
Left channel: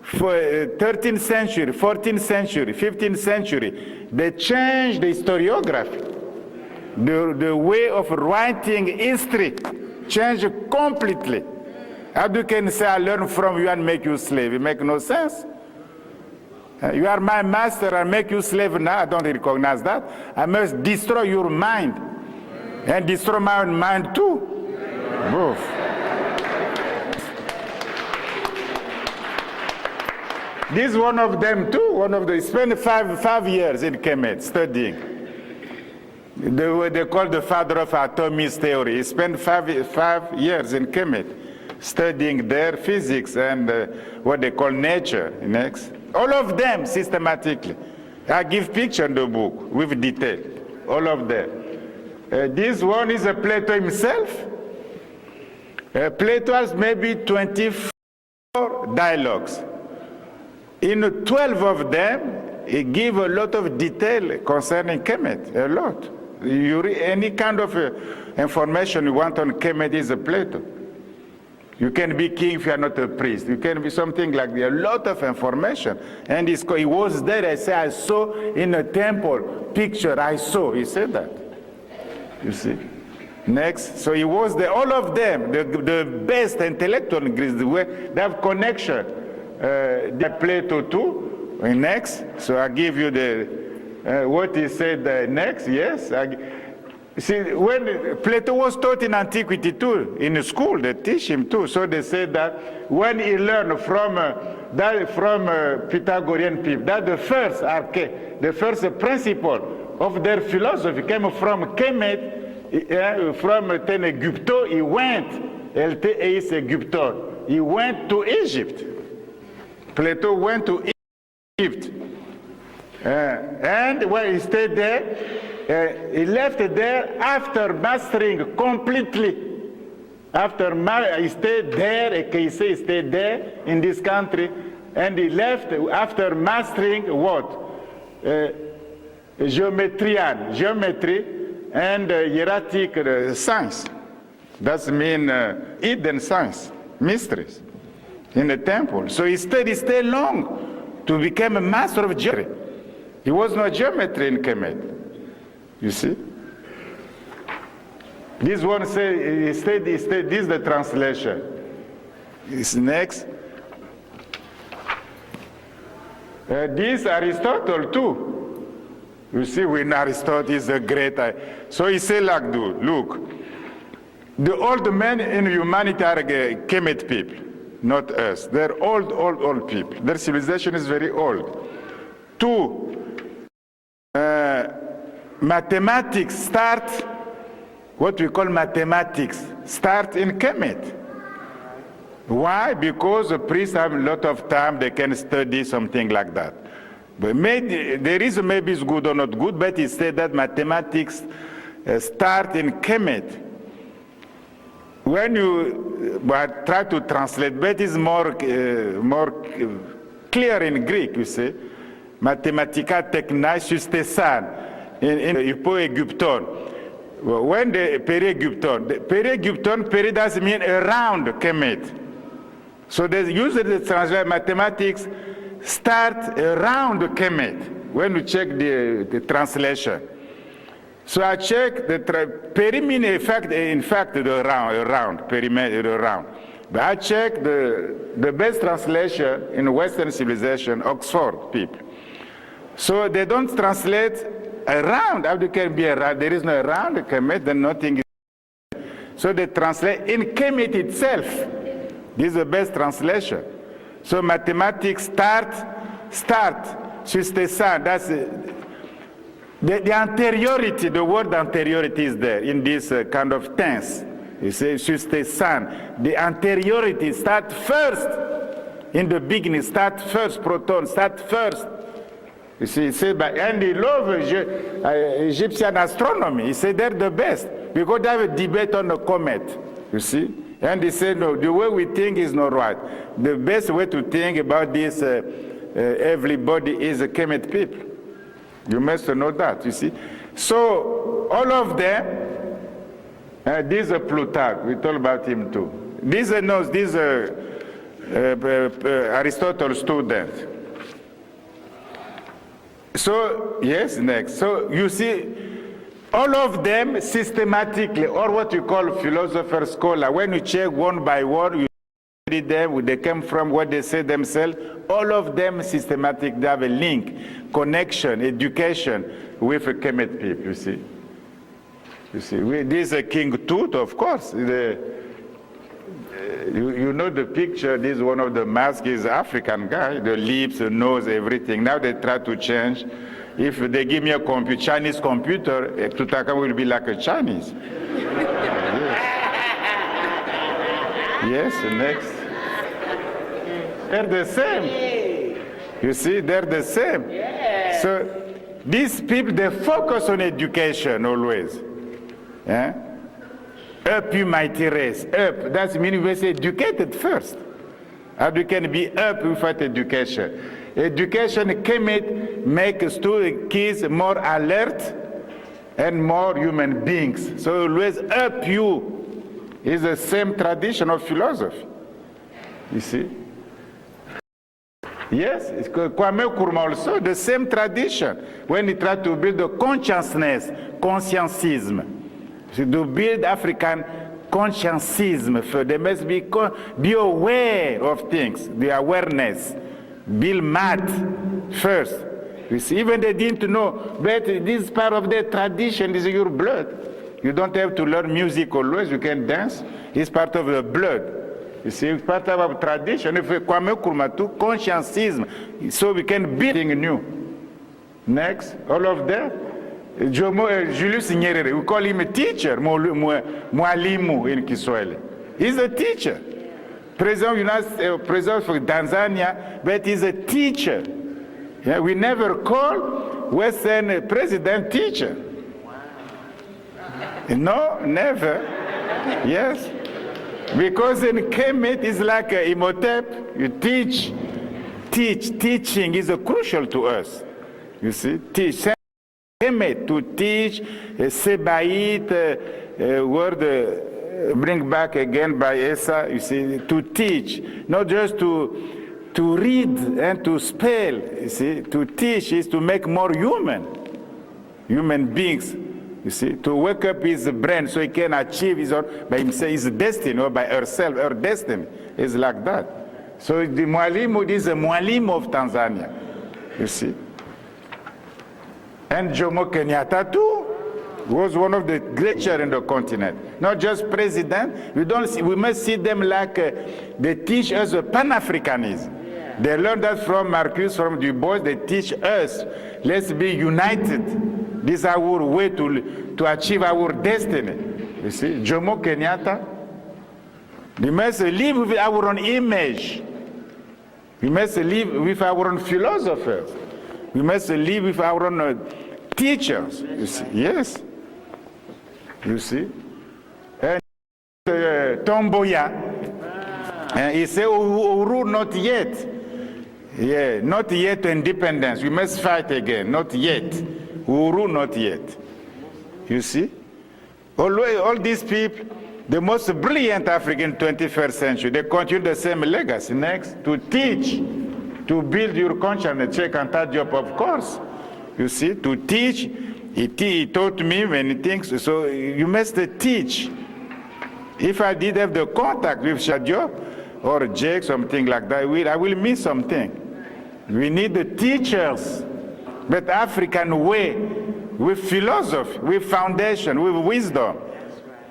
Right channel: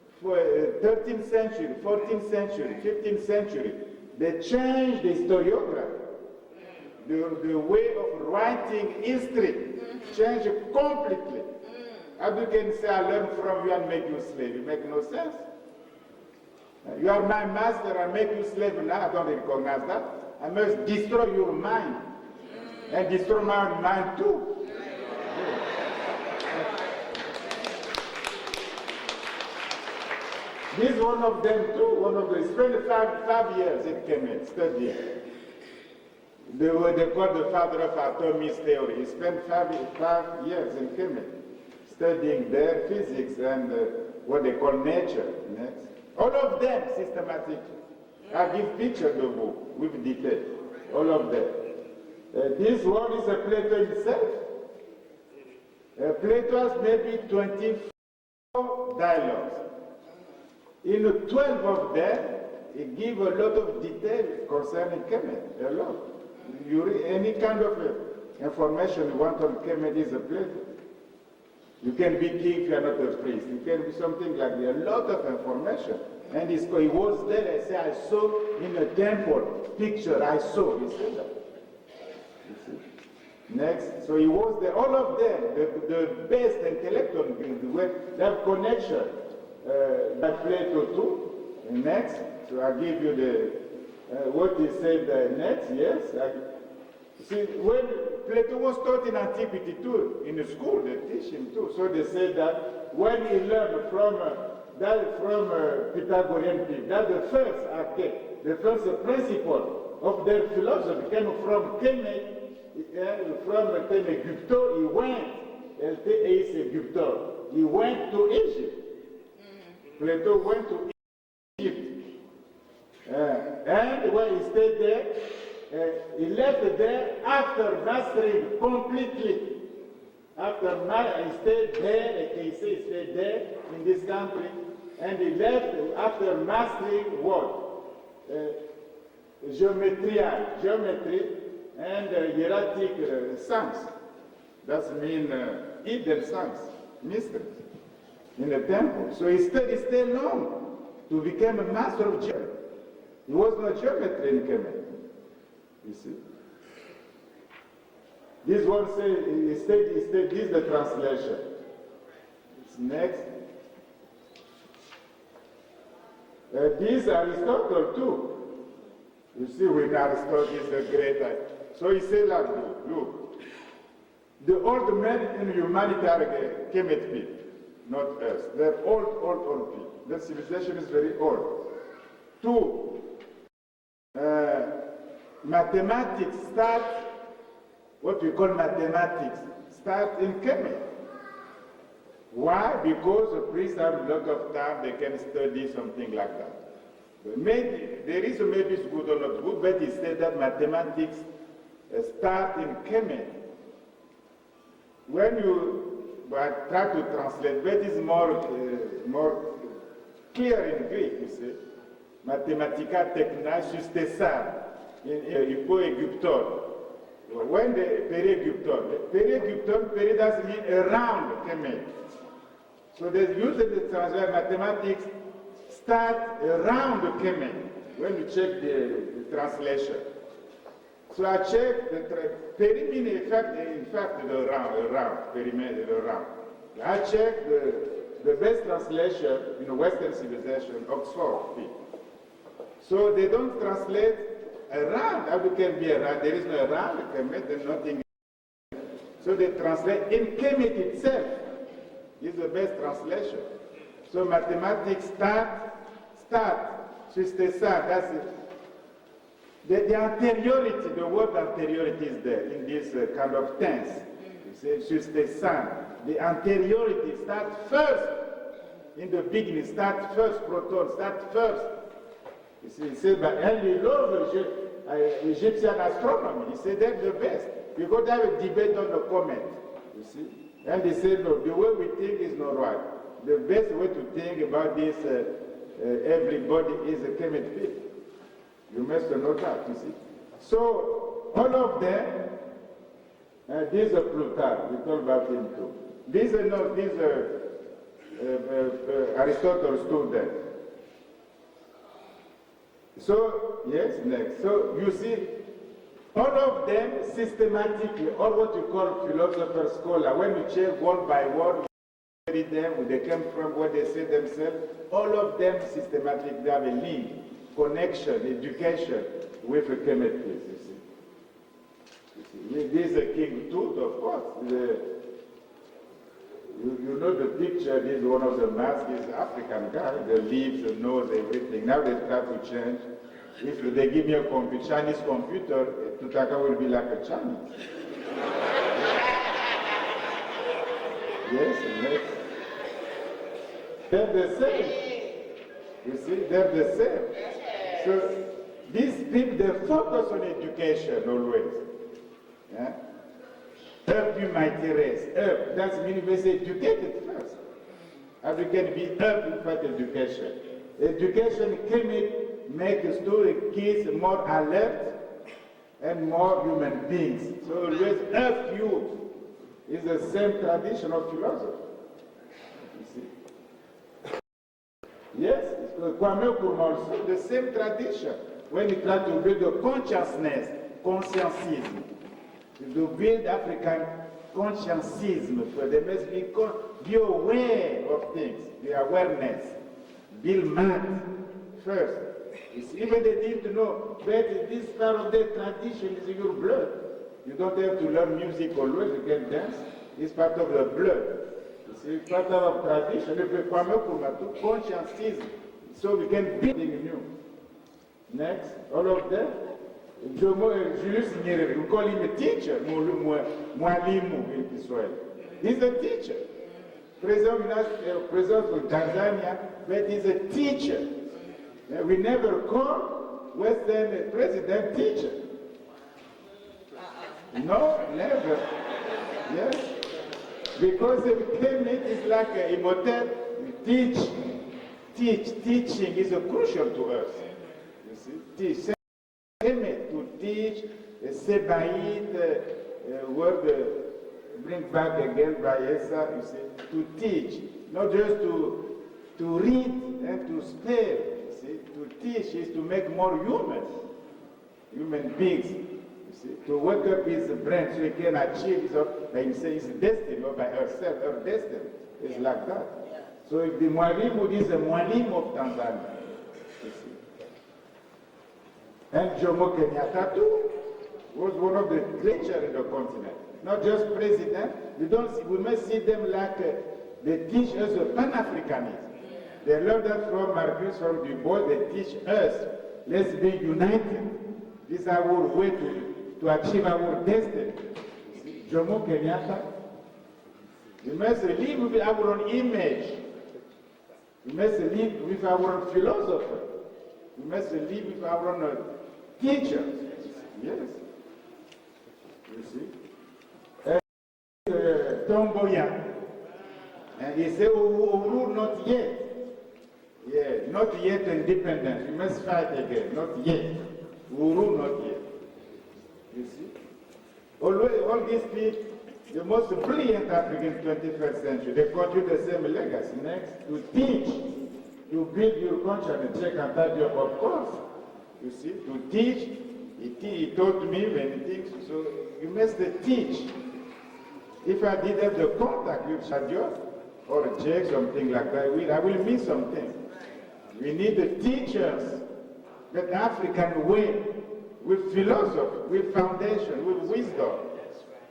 for 13th century, 14th century, 15th century, they changed the historiography. The way of writing history changed completely. How you can say, I learn from you and make you slave? It makes no sense. You are my master and make you slave now. I don't recognize that. I must destroy your mind and destroy my own mind too. Both. This is one of them too. One of them spent five years in Kemet studying. They call the father of atomic theory. He spent five years in Kemet. studying their physics and what they call nature. Next. All of them systematically. I give picture in the book with detail. All of them. This one is Plato himself. Plato has maybe 24 dialogues. In 12 of them, he gives a lot of detail concerning Kemet, a lot. Any kind of information you want on Kemet is a Plato. You can be king if you are not a priest. You can be something like that. A lot of information. And he was there. I say, I saw in a temple picture. I saw. He said that. You see. Next. So he was there. All of them, the best intellectual in Greece, they have connection. That Plato too. Next. So I give you the what he said next. Yes. See, when Plato was taught in antiquity too, in the school, they teach him too. So they say that when he learned from Pythagorean people, that the first principle of their philosophy came from Kemet, from Tenegypto. He went, Eis Egypton. He went to Egypt. Plato went to Egypt, and when he stayed there. He left there after mastering completely. He stayed there, he stayed there in this country, and he left after mastering what? Geometry and hieratic science. That means hidden science, mysteries in the temple. So he stayed long to become a master of geometry. He was no geometry in Kemet. You see? This one says, he stayed, this is the translation. This next. This Aristotle too. You see, when Aristotle is a great, so he said like, look, the old men in humanity are Kemet people, not us. They're old people. Their civilization is very old. Two, mathematics start, what we call mathematics, start in Kemet. Why? Because the priests have a lot of time, they can study something like that. But the reason maybe it's good or not good, but it said that mathematics start in Kemet. When you try to translate, but it's more clear in Greek, you see. Mathematica technai sustesan. In Hypo-Egypton. When the Peri-Egypton, Peri doesn't mean around Kemet. So they usually translate mathematics start around Kemet when you check the translation. So I check the Peri means in fact the around, perimeter around. But I check the best translation in Western civilization, Oxford people. So they don't translate around. How can be around? There is no around Kemet, then nothing is. So they translate in Kemet itself. This is the best translation. So mathematics start, sustesan, that's the anteriority, the word anteriority is there in this kind of tense. You say sustesan, the anteriority start first. In the beginning, start first, proton, start first. You see, he said, and he loved Egyptian astronomy. He said they're the best because they have a debate on the comet. You see, and he said no, the way we think is not right. The best way to think about this, everybody is a Kemet people. You must know that. You see, so all of them. This is Plutarch. We talk about him too. This is Aristotle's student. So, yes, next. So, you see, all of them systematically, or what you call philosopher scholar, when you check one by one, you study them, where they came from, what they say themselves, all of them systematic, they have a link, connection, education with a Kemet people, you see. You see, this is King Tut, of course. You know the picture, this is one of the masks, is African guy, the lips, the nose, everything. Now they try to change. If they give me a Chinese computer, Tutankhamun will be like a Chinese. Yes, next. They're the same. You see, they're the same. So these people, they focus on education always. Eh? Up you mighty race. Up, that means we say educated first. How you can be up without education? Education can make students, kids more alert and more human beings. So always up you is the same tradition of philosophy. You see? Yes, it's Kwame Nkrumah also, the same tradition. When he tried to build the consciousness, conscientism, to build African conscientism, so they must be aware of things, the awareness, build math first. You see, even they didn't know, but this is part of their tradition, this is your blood. You don't have to learn music always, you can dance, it's part of the blood. You see, it's part of our tradition. If we Kwame Nkrumah to conscientism, so we can build something new. Next, all of them. Julius Nyerere, we call him a teacher, mwalimu in Kiswahili. He's a teacher. President for Tanzania, but he's a teacher. Yeah, we never call Western president teacher. No, never. Yes. Because in KMT it's like Imhotep, you teach. Teaching is crucial to us. You see, teach. To teach, Sebaït, word bring back again by Esa, you see, to teach, not just to read and to spell, you see, to teach is to make more human beings, you see, to wake up his brain so he can achieve his own, by himself, his destiny, or by herself, her destiny is like that. So the Mwalimu is a Mwalimu of Tanzania, you see. And Jomo Kenyatta too was one of the great chairs in the continent. Not just president, we must see them like they teach us Pan-Africanism. They learned that from Marcus, from Du Bois, they teach us, let's be united. This is our way to achieve our destiny. You see, Jomo Kenyatta, we must live with our own image. We must live with our own philosophers. We must live with our own teachers, you see. Yes. You see. And Tomboya, he said, Uru, not yet. Yeah, not yet independence. We must fight again. Not yet. Uru, not yet. You see. All these people, the most brilliant African 21st century, they continue the same legacy. Next, to teach. To build your consciousness, check and that job, of course. You see, to teach, he taught me many things, so you must teach. If I did have the contact with Shadio or Jake, something like that, I will miss something. We need the teachers, but African way, with philosophy, with foundation, with wisdom.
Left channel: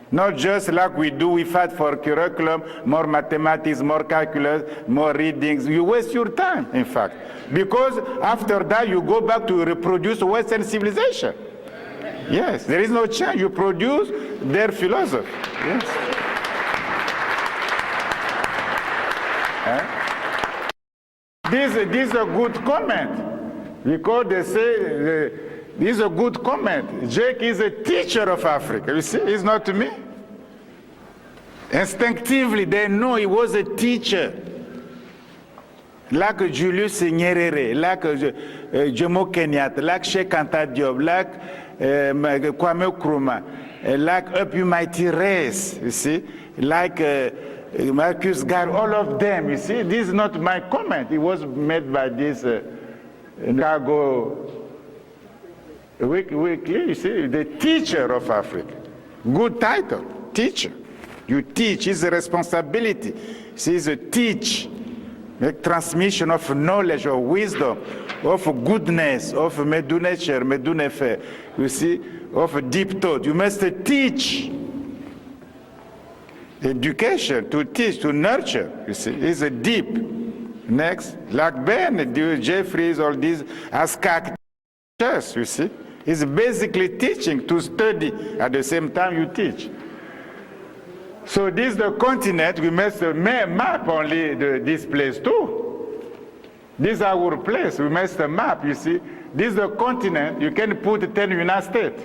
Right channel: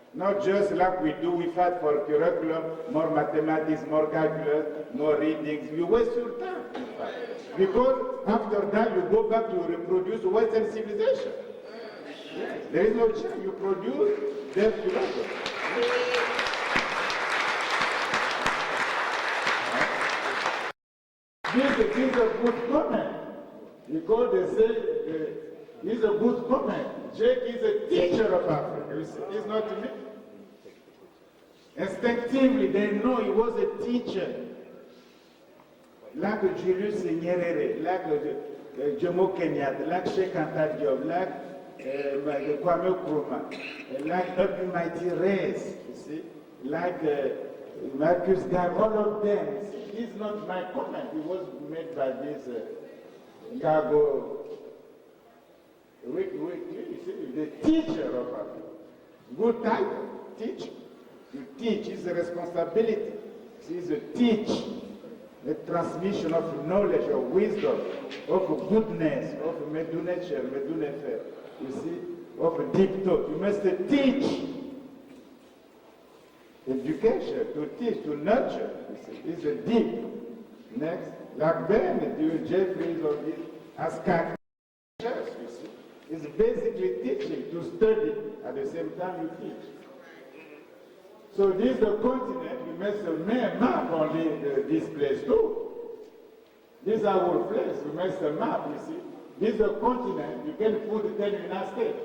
Not just like we fight for curriculum, more mathematics, more calculus, more readings. You waste your time, in fact. Because after that, you go back to reproduce Western civilization. Yes, there is no chance. You produce their philosophy. Yes. This is a good comment. Because they say, this is a good comment. Jake is a teacher of Africa. You see, it's not me. Instinctively, they know he was a teacher. Like Julius Nyerere, like Jomo Kenyatta, like Sheikh Anta Diop, like Kwame Nkrumah, like Up You Mighty Race, you see, like Marcus Garvey, all of them, you see. This is not my comment. It was made by this Chicago Weekly, you see, the teacher of Africa. Good title, teacher. You teach, it's a responsibility. See, it's a teach. The transmission of knowledge, of wisdom, of goodness, of medunature, medunefe, you see, of deep thought. You must teach. Education, to teach, to nurture, you see, is a deep. Next, like Ben, Jeffries, all these, as characters, you see. It's basically teaching, to study, at the same time you teach. So this is the continent. We must map only this place too. This is our place. We must map, you see. This is the continent. You can put 10 United States.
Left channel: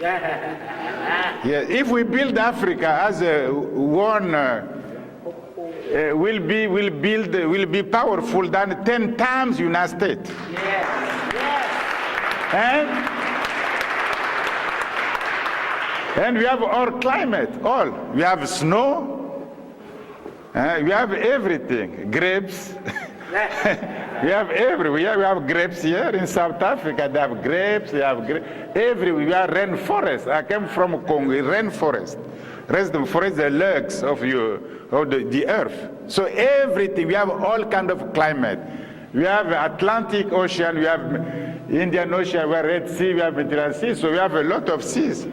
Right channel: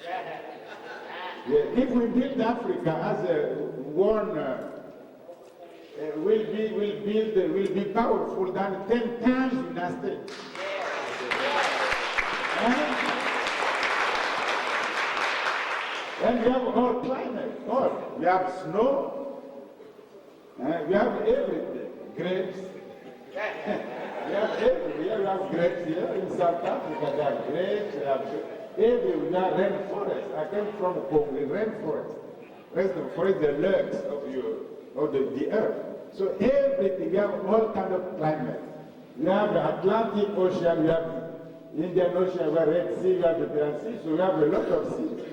Yeah, if we build Africa as one, will be powerful than 10 times United States. And we have our climate, all. We have snow, we have everything, grapes. We have we have grapes here in South Africa. They have grapes, we have everywhere. We have rainforest. I came from Congo, rainforest. Rainforest, the legs of the earth. So everything, we have all kind of climate. We have Atlantic Ocean, we have Indian Ocean, we have Red Sea, we have Mediterranean Sea. So we have a lot of seas.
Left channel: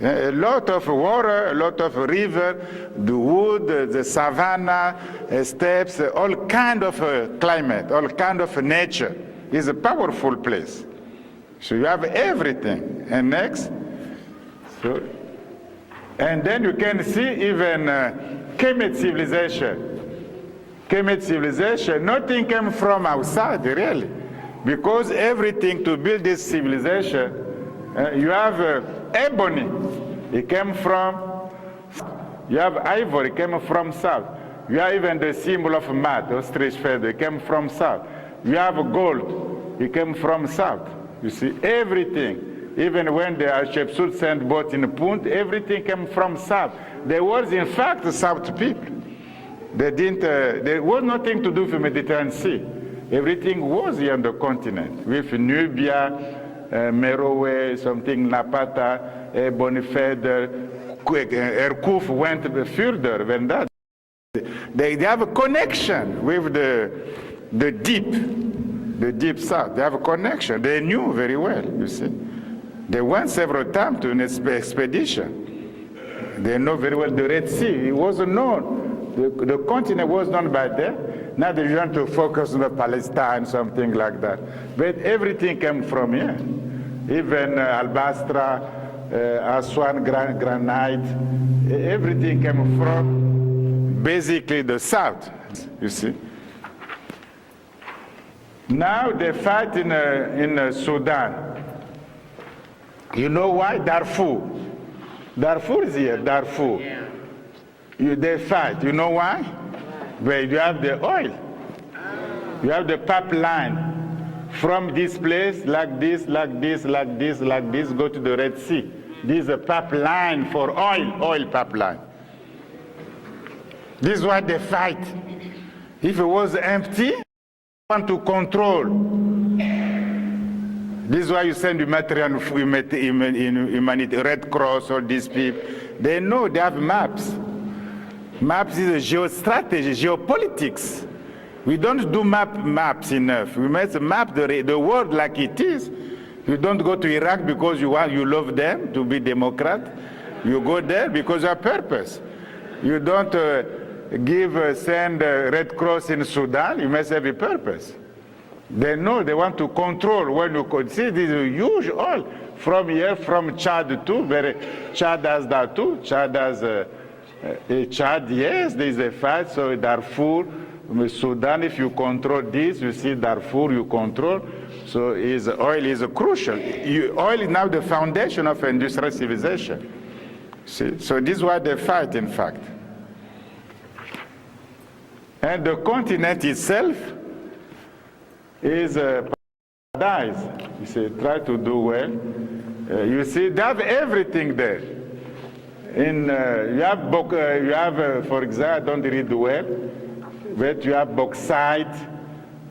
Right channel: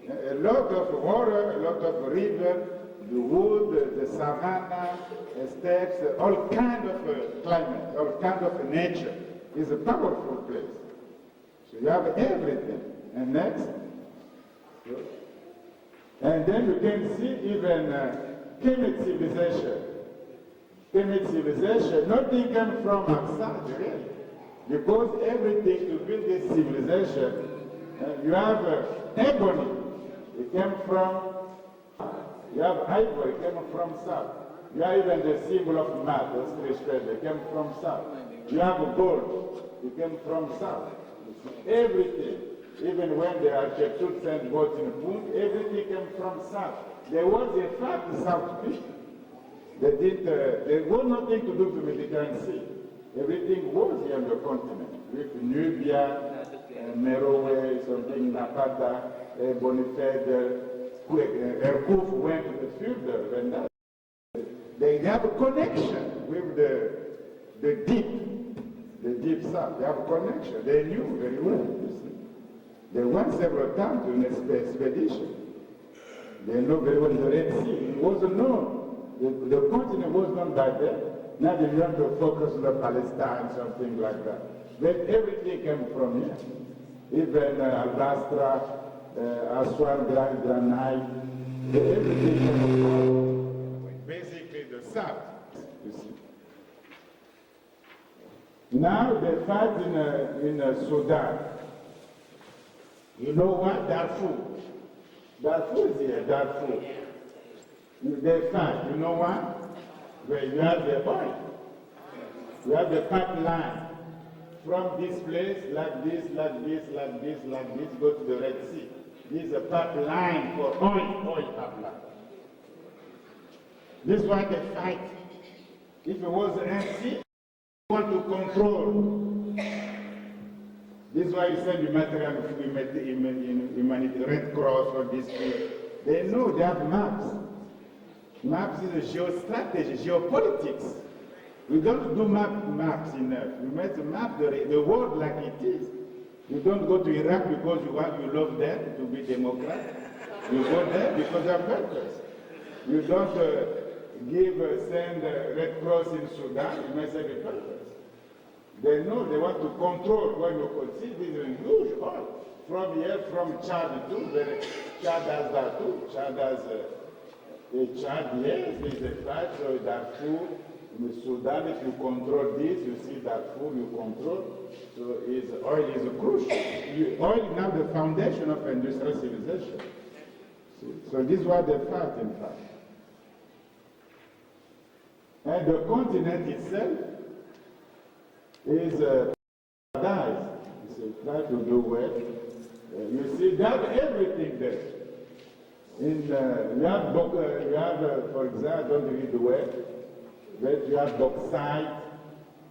A lot of water, a lot of river, the wood, the savanna, steppes, all kind of climate, all kind of nature. It's a powerful place. So you have everything. And next, and then you can see even KMT civilization. KMT civilization, nothing came from outside, really. Because everything to build this civilization, you have ebony, it came from, you have ivory, it came from south. You have even the symbol of mud, ostrich feather, it came from south. You have gold, it came from south. You see, everything, even when the Hatshepsut sent boat in Punt, everything came from south. There was, in fact, south people. They didn't, there was nothing to do with the Mediterranean Sea. Everything was here on the continent, with Nubia, Meroe, something Napata, Bonifeder, Erkuf went further than that. They have a connection with the deep south. They have a connection. They knew very well, you see. They went several times to an expedition. They know very well the Red Sea. It wasn't known. The continent was known by them. Now they want to focus on Palestine, something like that. But everything came from here. Even Albastra, Aswan, granite, everything came from basically the south, you see. Now they fight in Sudan. You know why? Darfur. Darfur is here, Darfur. They fight. You know why? Where you have the oil. You have the pipeline from this place, like this, like this, like this, like this, go to the Red Sea. This is a pipeline for oil pipeline. This is why they fight. If it was empty, they want to control. This is why you send humanitarian humanity, Red Cross, all these people. They know, they have maps. Maps is a geostrategy, geopolitics. We don't do maps enough. We must map the world like it is. You don't go to Iraq because you love them to be Democrat. You go there because of purpose. You don't send Red Cross in Sudan. You must have a purpose. They know they want to control. When you could see this is huge oil from here, from Chad too. Chad has that too. Chad has Chad, yes, there is a fight. So Darfur, Sudan, if you control this, you see Darfur, you control. So oil is crucial. Oil is now the foundation of industrial civilization. See? So this is why they fight, in fact. And the continent itself is a paradise. You see, try to do well. You see, they have everything there. You have, for example, I don't read the web, but you have bauxite,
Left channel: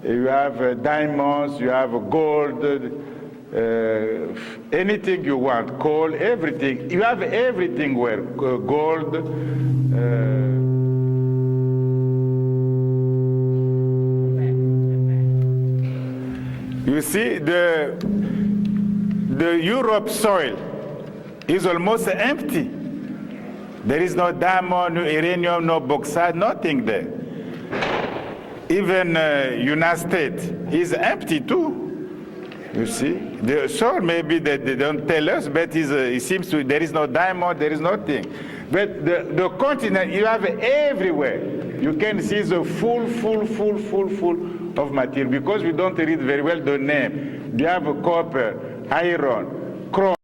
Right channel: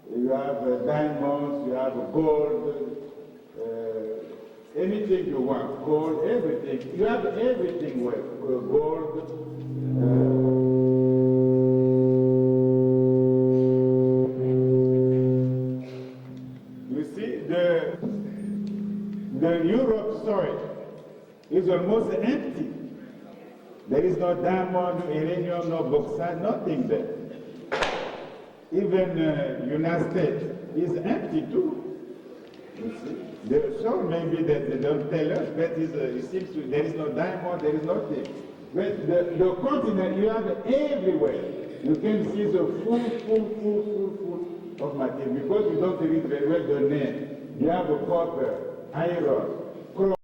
you have diamonds, you have gold, anything you want, coal, everything. You have everything where gold. You see, the Europe soil is almost empty. There is no diamond, no uranium, no bauxite, nothing there. Even United States is empty too. You see, the soil maybe they don't tell us, but it seems there is no diamond, there is nothing. But the continent, you have everywhere. You can see the full of material. Because we don't read very well the name. You have copper, iron, chrome,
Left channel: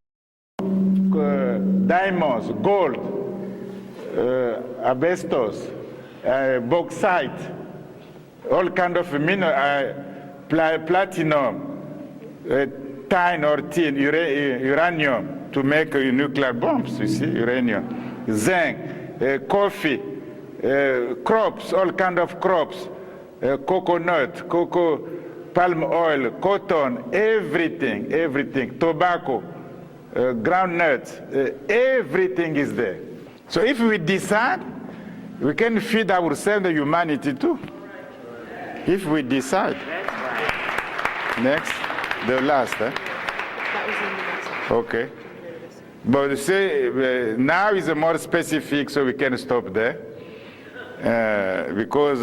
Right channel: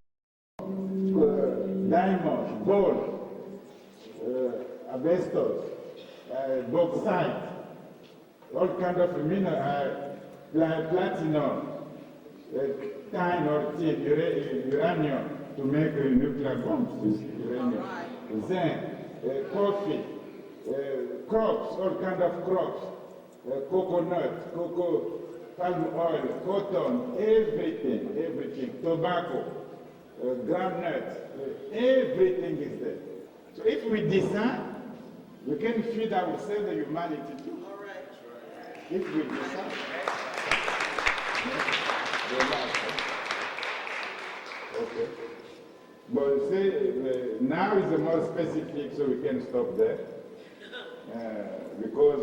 diamonds, gold, asbestos, bauxite, all kind of mineral, platinum, tin or tin, uranium to make nuclear bombs, you see, uranium, zinc, coffee, crops, all kind of crops, coconut, cocoa, palm oil, cotton, everything, tobacco, groundnuts, everything is there. So if we decide, we can feed ourselves, the humanity too. If we decide. Next, the last. Okay. But you see, now is more specific, so we can stop there. Because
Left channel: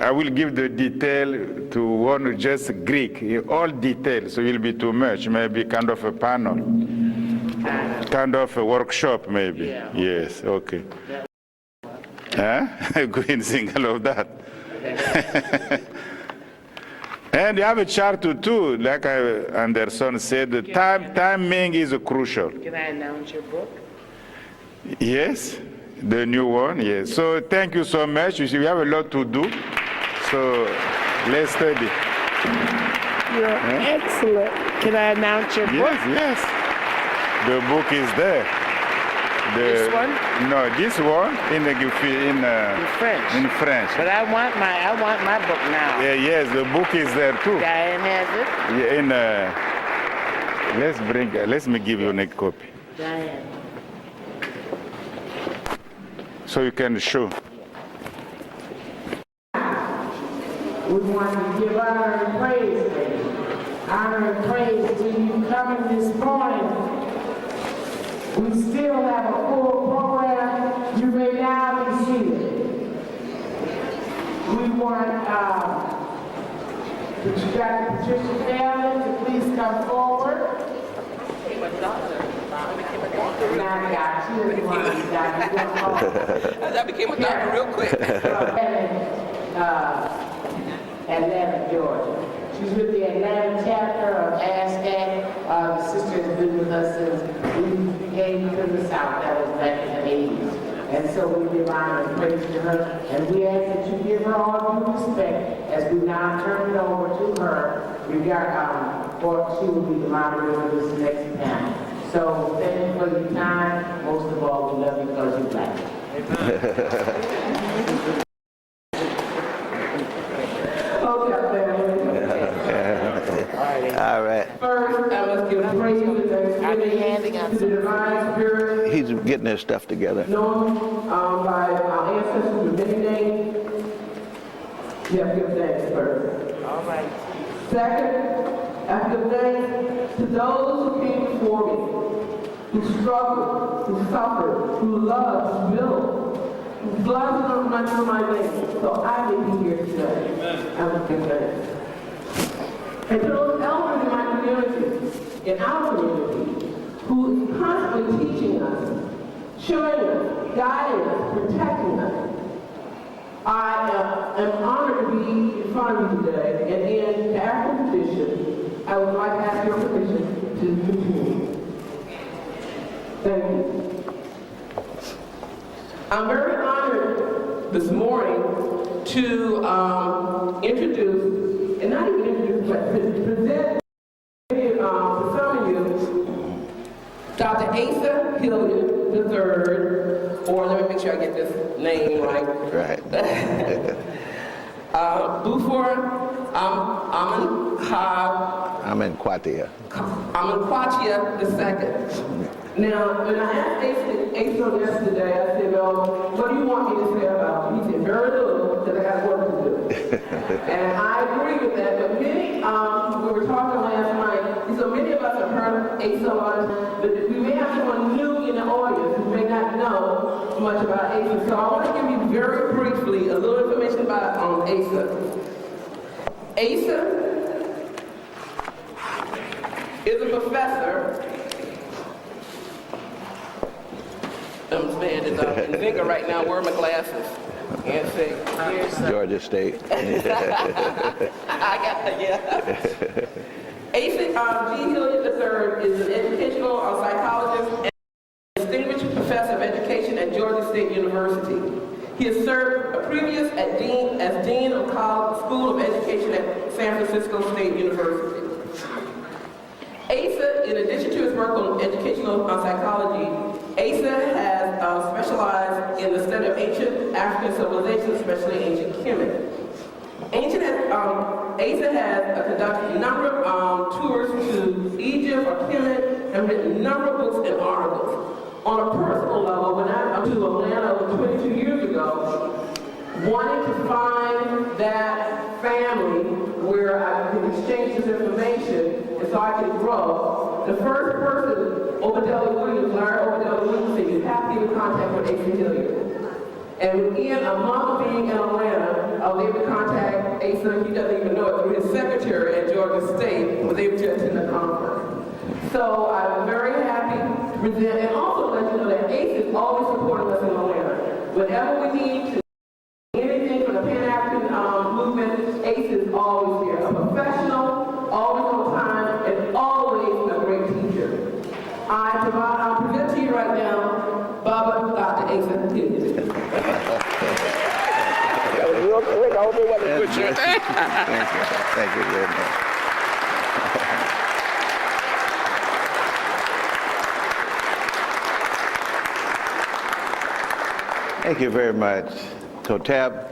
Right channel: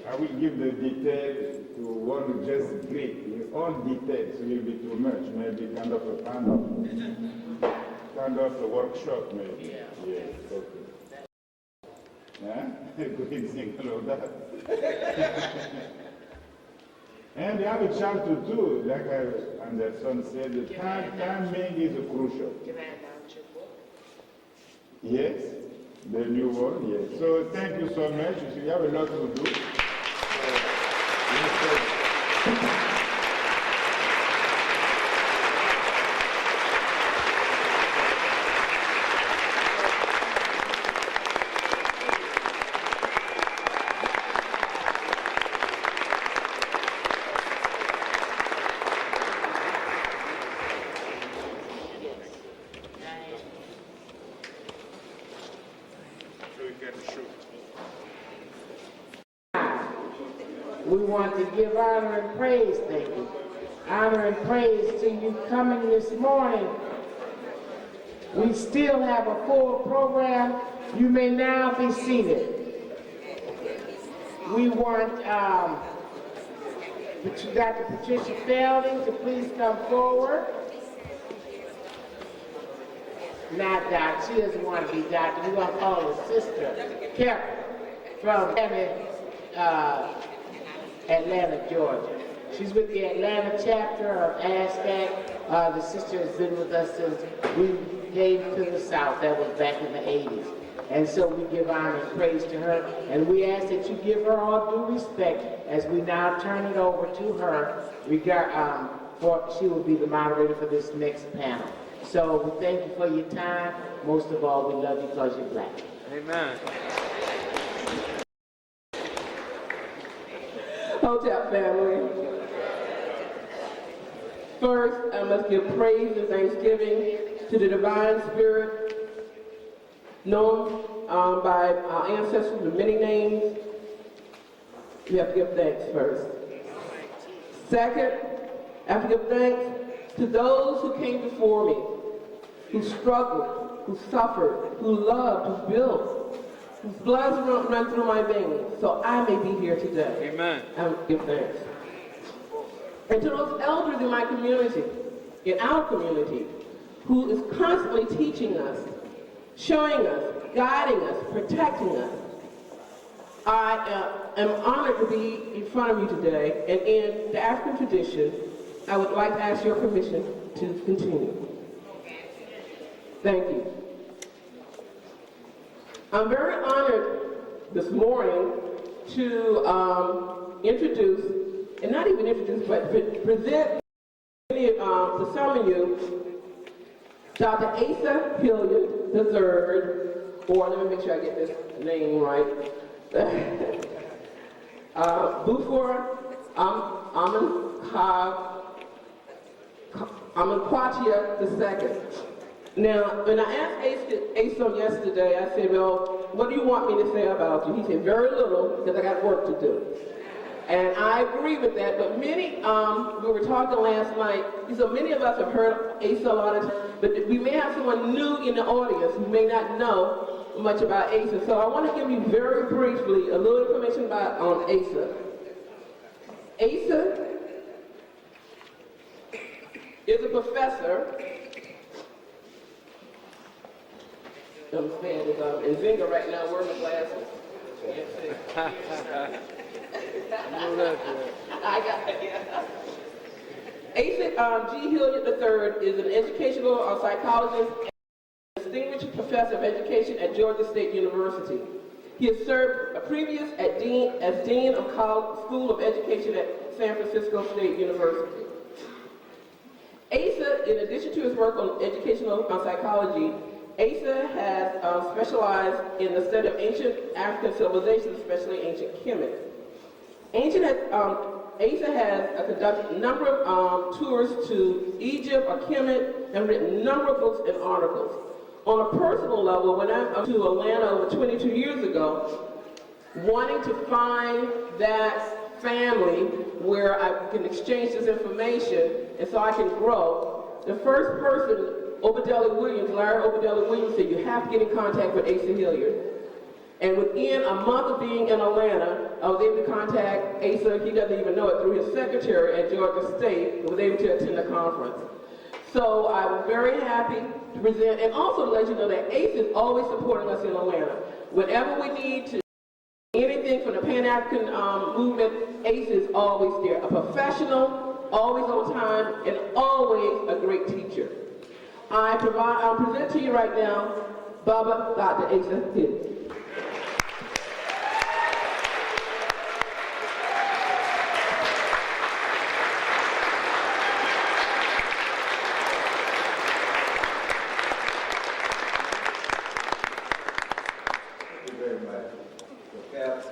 I will give the detail to one just Greek, all details, so it will be too much, maybe kind of a panel, kind of a workshop maybe. Yeah. Yes, okay. Green single of that. And you have a chart too, like Anderson said, the timing is crucial. Can I announce your book? Yes, the new one, yes. So thank you so much. You see, we have a lot to do, so let's study. You're excellent. Can I announce your book? Yes. The book is there. This one? No, this one in French. In French. But I want my book now. Yeah, yes, the book is there too. Diane has it. Yeah, let me give you a copy. Diane. So you can show. We want to give honor and praise to you. Honor and praise to you coming this morning. We still have a full program. You may now be seated. We want Dr. Patricia Fielding to please come forward. Not Doc, she doesn't want to be doctor. We don't call her. That became a doctor real quick. Atlanta, Georgia. She's with the Atlanta chapter of ASCAC. The sister has been with us since we came to the South. That was back in the 80s. And so we give honor and praise to her. And we ask that you give her all due respect as we now turn it over to her. For she will be the moderator for this next panel. So thank you for your time. Most of all, we love you because you're Black. Hotel family. All right. First, let's give praise and thanksgiving to the divine spirit. He's getting his stuff together. Known by our ancestors with many names. You have to give thanks first. All right. Second, I have to give thanks to those who came before me, who struggled, who suffered, who loved, who built, who blessed and mentioned my name, so I may be here today. Amen. I will give thanks. And to those elders in my community, in our community, who is constantly teaching us, showing us, guiding us, protecting us, I am honored to be in front of you today, and in the African tradition, I would like to ask your permission to continue. Thank you. I'm very honored this morning to introduce, and not even introduce, but present to some of you, Dr. Asa Hilliard III, or let me make sure I get this name right. Right. Bufor Amenkwatia. Amenkwatia II. Now, when I asked Asa yesterday, I said, well, what do you want me to say about you? He said, very little, because I got work to do. And I agree with that, but many, we were talking last night, so many of us have heard Asa, but we may have someone new in the audience who may not know much about Asa. So I want to give you very briefly a little information about Asa. Asa is a professor man is in Zinga right now wearing my glasses. And say, Georgia State. I got that, yeah. Asa G. Hilliard III is an educational psychologist and distinguished professor of education at Georgia State University. He has served previous as Dean of School of Education at San Francisco State University. Asa, in addition to his work on educational psychology, Asa has specialized in the study of ancient African civilizations, especially ancient Kemet. Asa has conducted a number of tours to Egypt or Kemet and written a number of books and articles. On a personal level, when I went to Atlanta over 22 years ago, wanting to find that family where I can exchange this information and so I can grow, the first person, Larry Obenja Williams, said, you have to get in contact with Asa Hilliard. And within a month of being in Atlanta, I was able to contact Asa, he doesn't even know it, through his secretary at Georgia State, was able to attend the conference. So I'm very happy to present, and also to let you know that Asa is always supporting us in Atlanta. Whenever we need to anything from the Pan-African movement, Asa is always there. A professional, always on time, and always a great teacher. I'll present to you right now, Dr. Asa Hilliard. Thank you very much. Thank you very much, Totep.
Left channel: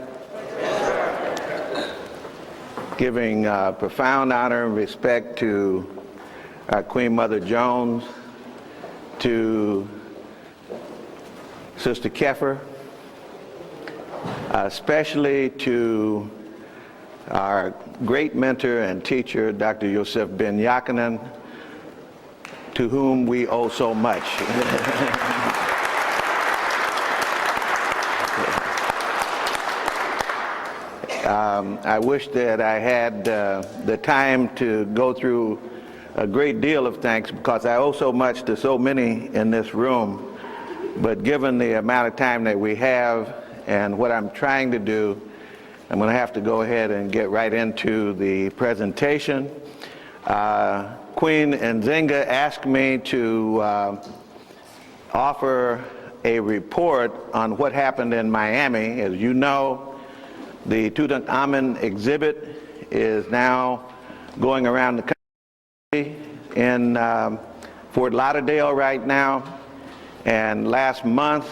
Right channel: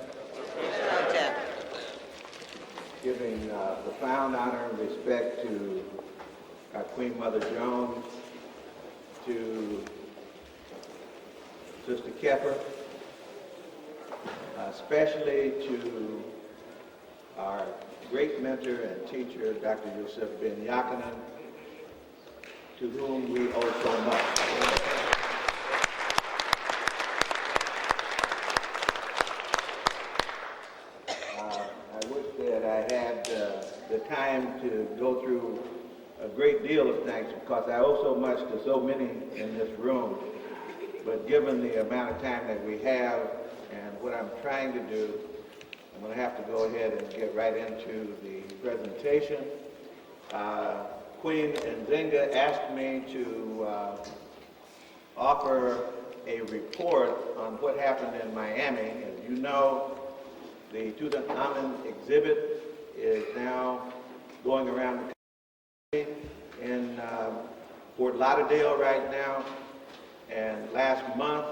Giving profound honor and respect to Queen Mother Jones, to Sister Keffer, especially to our great mentor and teacher, Dr. Yosef Ben Yakanan, to whom we owe so much. I wish that I had the time to go through a great deal of thanks because I owe so much to so many in this room. But given the amount of time that we have and what I'm trying to do, I'm going to have to go ahead and get right into the presentation. Queen Nzinga asked me to offer a report on what happened in Miami. As you know, the Tutankhamun exhibit is now going around the country in Fort Lauderdale right now. And last month,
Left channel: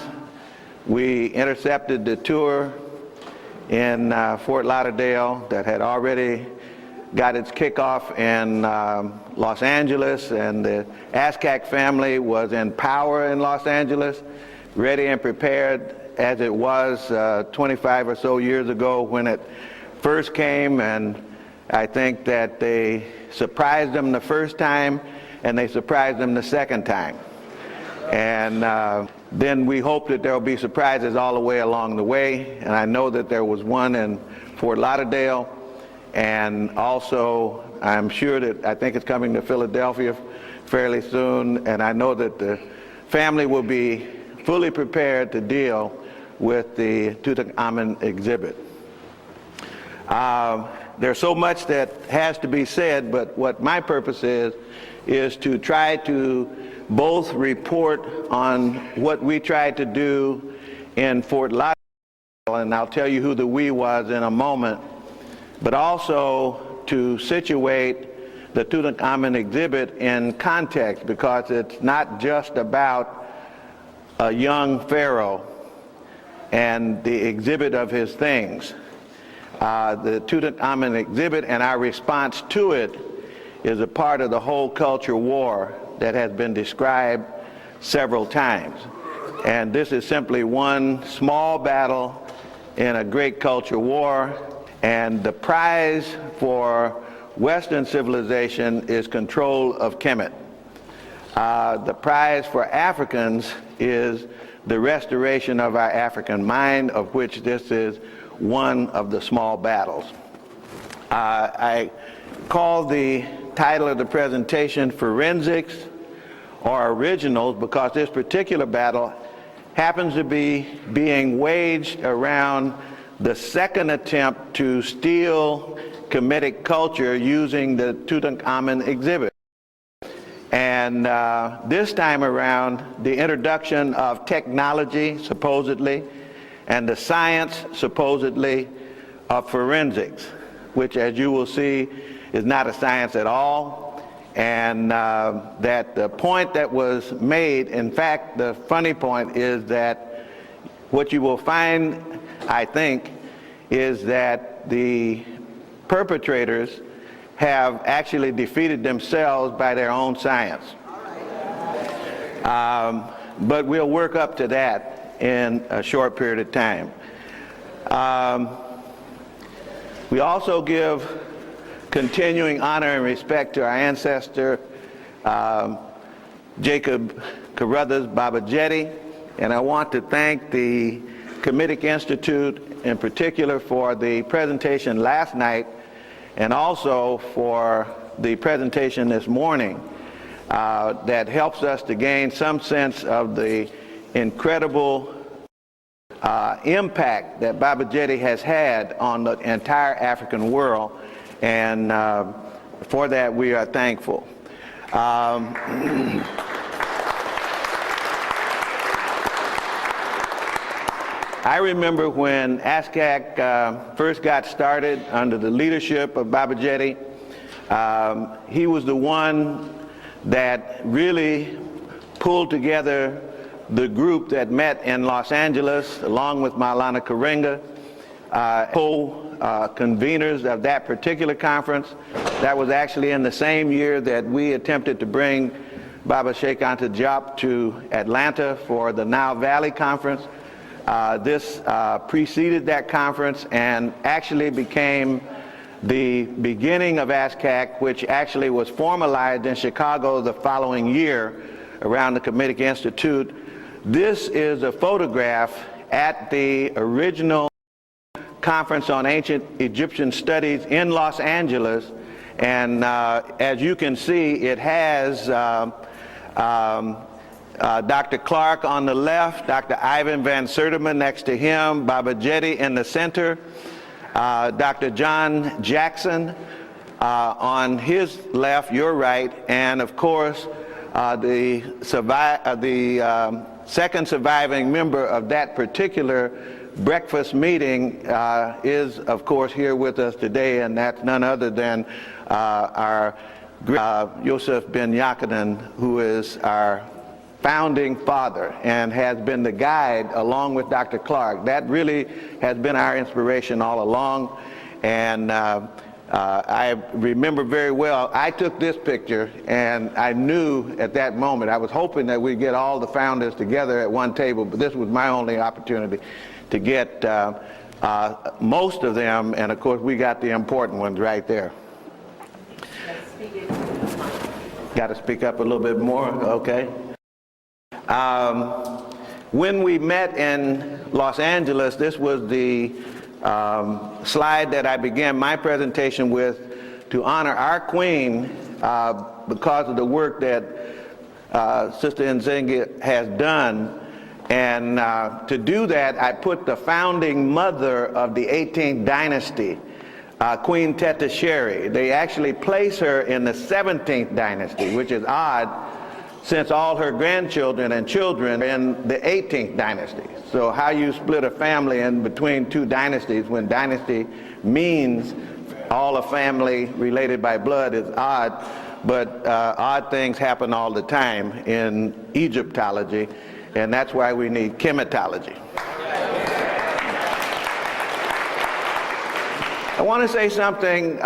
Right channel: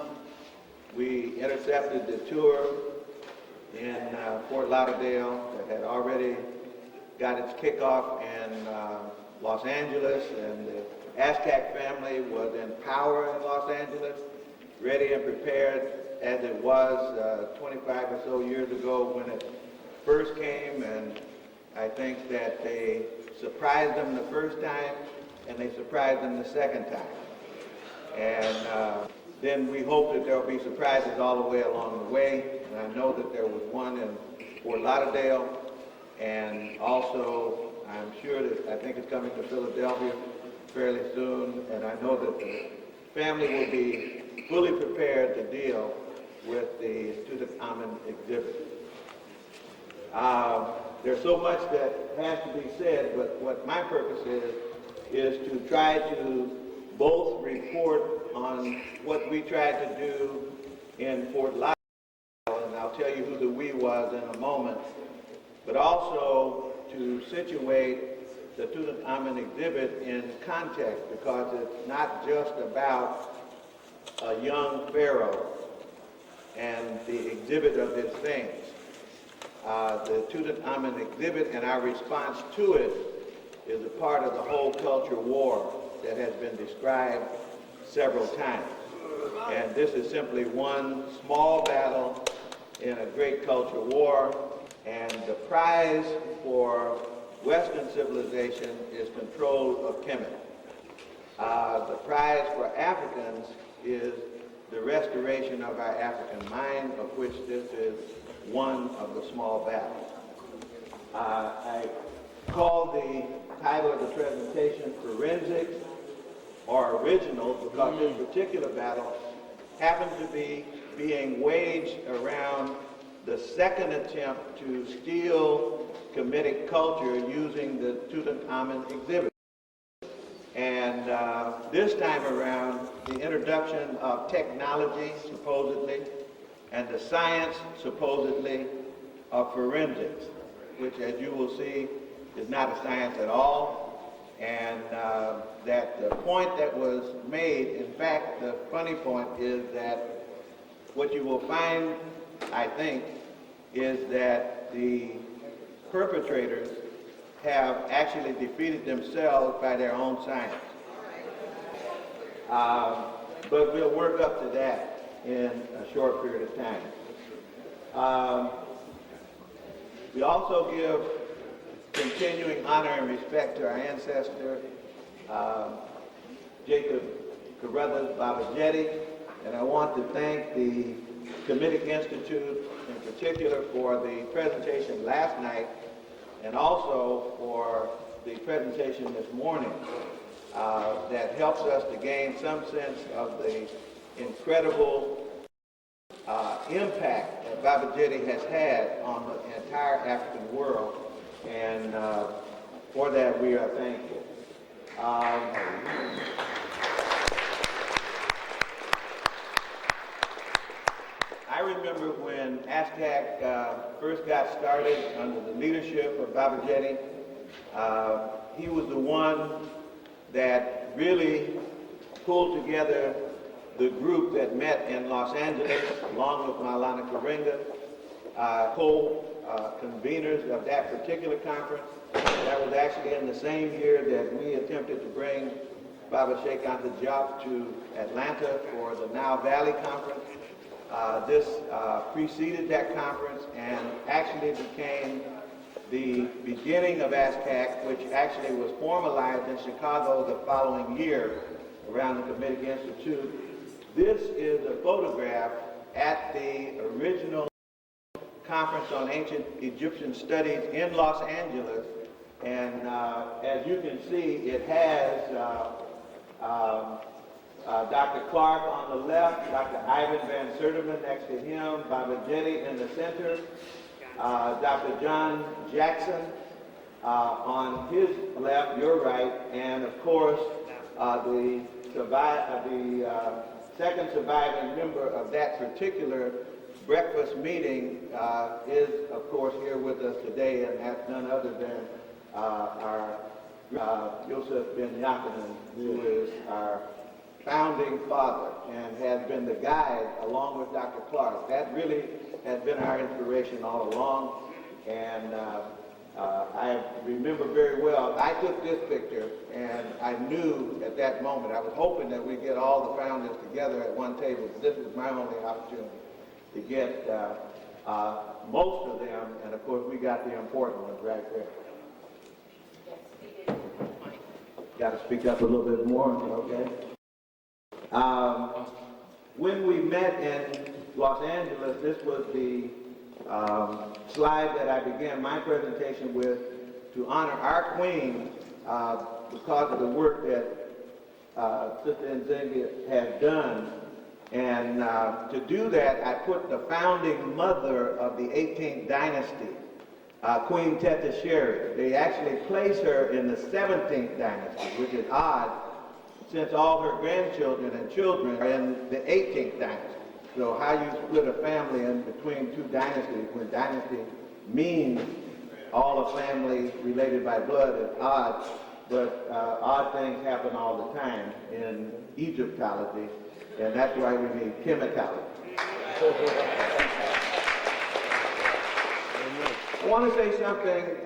we intercepted the tour in Fort Lauderdale that had already got its kickoff in Los Angeles, and the Aztec family was in power in Los Angeles, ready and prepared as it was 25 or so years ago when it first came, and I think that they surprised them the first time and they surprised them the second time. And then we hope that there will be surprises all the way along the way, and I know that there was one in Fort Lauderdale, and also I'm sure that I think it's coming to Philadelphia fairly soon, and I know that the family will be fully prepared to deal with the Tutankhamun exhibit. There's so much that has to be said, but what my purpose is to try to both report on what we tried to do in Fort Lauderdale, and I'll tell you who the we was in a moment, but also to situate the Tutankhamun exhibit in context, because it's not just about a young pharaoh and the exhibit of his things. The Tutankhamun exhibit and our response to it is a part of the whole culture war that has been described several times. And this is simply one small battle in a great culture war, and the prize for Western civilization is control of Kemet. The prize for Africans is the restoration of our African mind, of which this is one of the small battles. I call the title of the presentation Forensics or Originals because this particular battle happens to be being waged around the second attempt to steal Kemetic culture using the Tutankhamun exhibit. And this time around, the introduction of technology, supposedly, and the science, supposedly, of forensics, which, as you will see, is not a science at all. And that the point that was made, in fact, the funny point is that what you will find, I think, is that the perpetrators have actually defeated themselves by their own science. But we'll work up to that in a short period of time. We also give continuing honor and respect to our ancestor, Jacob Carruthers Babajetti, and I want to thank the Kemetic Institute in particular for the presentation last night and also for the presentation this morning that helps us to gain some sense of the incredible impact that Babajetti has had on the entire African world, and for that we are thankful. I remember when ASCAC first got started under the leadership of Babajetti. He was the one that really pulled together the group that met in Los Angeles, along with Maulana Karenga, co-conveners of that particular conference. That was actually in the same year that we attempted to bring Baba Sheikh Anta Diop to Atlanta for the Nile Valley Conference. This preceded that conference and actually became the beginning of ASCAC, which actually was formalized in Chicago the following year around the Kemetic Institute. This is a photograph at the original Conference on Ancient Egyptian Studies in Los Angeles, and as you can see, it has Dr. Clark on the left, Dr. Ivan Van Sertima next to him, Babajetti in the center, Dr. John Jackson on his left, your right, and of course the second surviving member of that particular breakfast meeting is of course here with us today, and that's none other than our Yosef Ben Yakinen, who is our founding father and has been the guide along with Dr. Clark. That really has been our inspiration all along, and I remember very well, I took this picture and I knew at that moment, I was hoping that we'd get all the founders together at one table, but this was my only opportunity to get most of them, and of course we got the important ones right there. Got to speak up a little bit more, okay. When we met in Los Angeles, this was the slide that I began my presentation with to honor our queen because of the work that Sister Nzinga has done. And to do that, I put the founding mother of the 18th dynasty, Queen Teta Sheri. They actually place her in the 17th dynasty, which is odd, since all her grandchildren and children are in the 18th dynasty. So how you split a family in between two dynasties when dynasty means all a family related by blood is odd, but odd things happen all the time in Egyptology, and that's why we need chematology. I want to say something,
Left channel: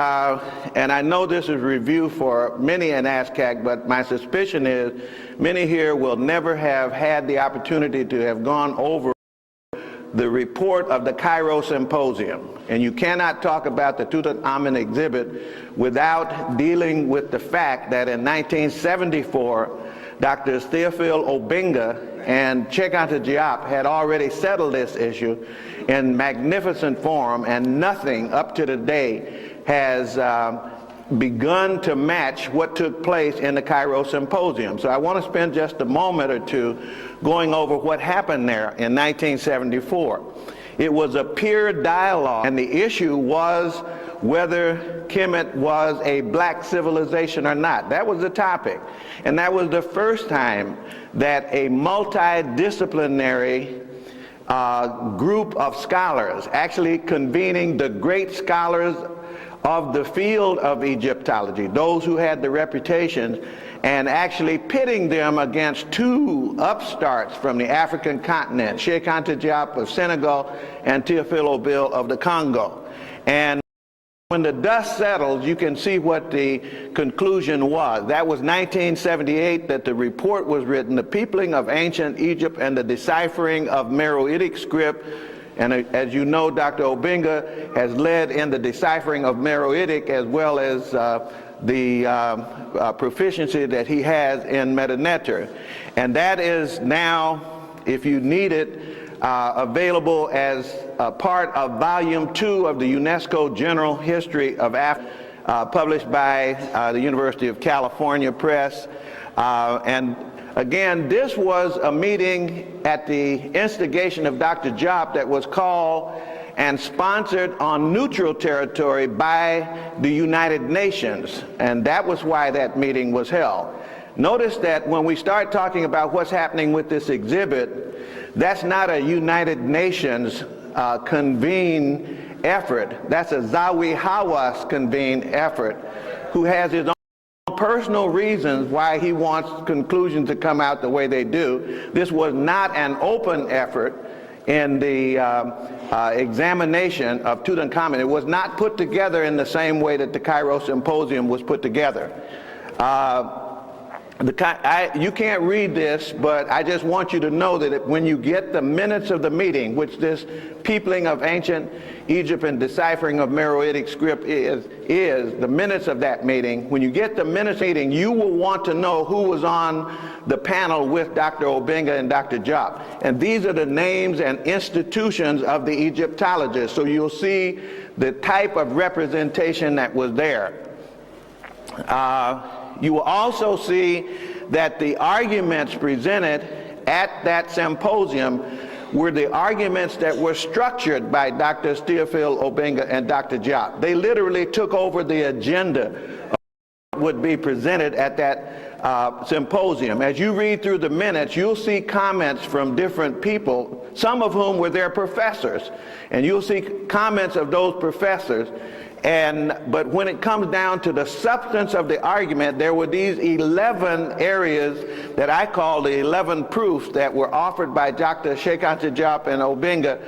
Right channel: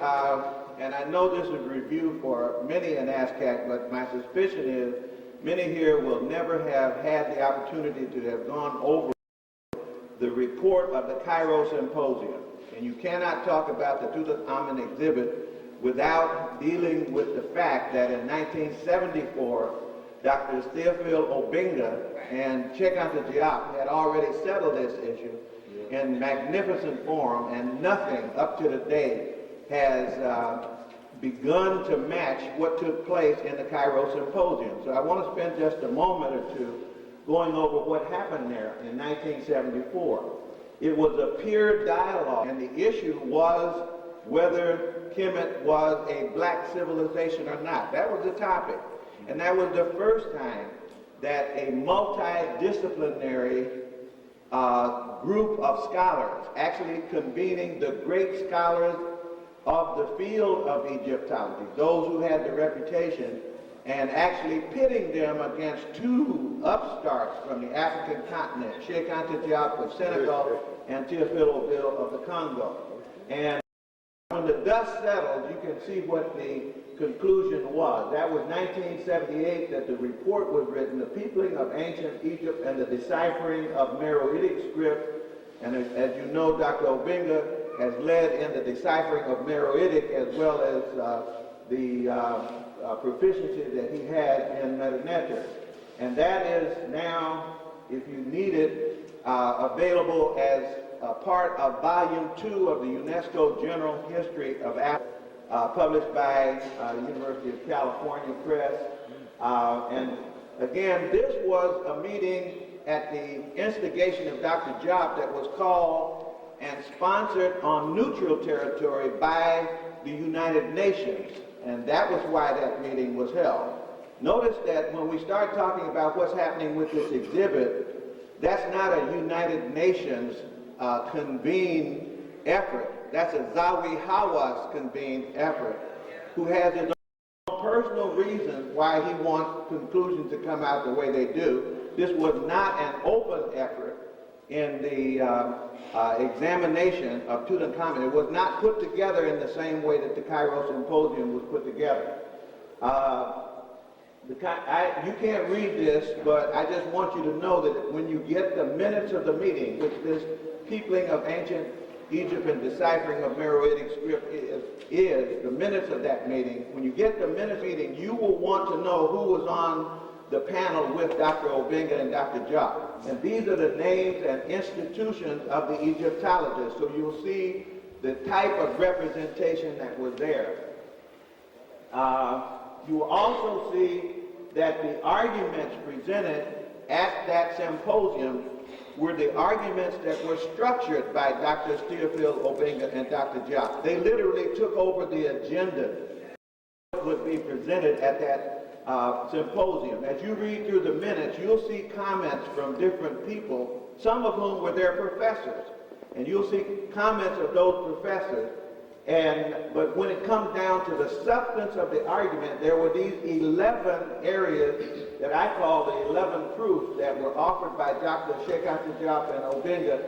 and I know this is review for many in ASCAC, but my suspicion is many here will never have had the opportunity to have gone over the report of the Cairo Symposium. And you cannot talk about the Tutankhamun exhibit without dealing with the fact that in 1974, Drs. Theophile Obenja and Sheikh Anta Diop had already settled this issue in magnificent form, and nothing up to today has begun to match what took place in the Cairo Symposium. So I want to spend just a moment or two going over what happened there in 1974. It was a peer dialogue, and the issue was whether Kemet was a black civilization or not. That was the topic. And that was the first time that a multidisciplinary group of scholars, actually convening the great scholars of the field of Egyptology, those who had the reputations, and actually pitting them against two upstarts from the African continent, Cheikh Anta Diop of Senegal and Theophile of the Congo. And when the dust settles, you can see what the conclusion was. That was 1978 that the report was written, The Peopling of Ancient Egypt and the Deciphering of Meroitic Script. And as you know, Dr. Obenja has led in the deciphering of Meroitic, as well as the proficiency that he has in Metaneter. And that is now, if you need it, available as a part of Volume 2 of the UNESCO General History of Africa, published by the University of California Press. And again, this was a meeting at the instigation of Dr. Diop that was called and sponsored on neutral territory by the United Nations, and that was why that meeting was held. Notice that when we start talking about what's happening with this exhibit, that's not a United Nations convened effort. That's a Zawi Hawass convened effort, who has his own personal reasons why he wants conclusions to come out the way they do. This was not an open effort in the examination of Tutankhamun. It was not put together in the same way that the Cairo Symposium was put together. You can't read this, but I just want you to know that when you get the minutes of the meeting, which this Peopling of Ancient Egypt and Deciphering of Meroitic Script is the minutes of that meeting, when you get the minutes meeting, you will want to know who was on the panel with Dr. Obenja and Dr. Diop. And these are the names and institutions of the Egyptologists. So you'll see the type of representation that was there. You will also see that the arguments presented at that symposium were the arguments that were structured by Dr. Theophile Obenja and Dr. Diop. They literally took over the agenda of what would be presented at that symposium. As you read through the minutes, you'll see comments from different people, some of whom were their professors, and you'll see comments of those professors. But when it comes down to the substance of the argument, there were these 11 areas that I call the 11 proofs that were offered by Dr. Cheikh Anta Diop and Obenja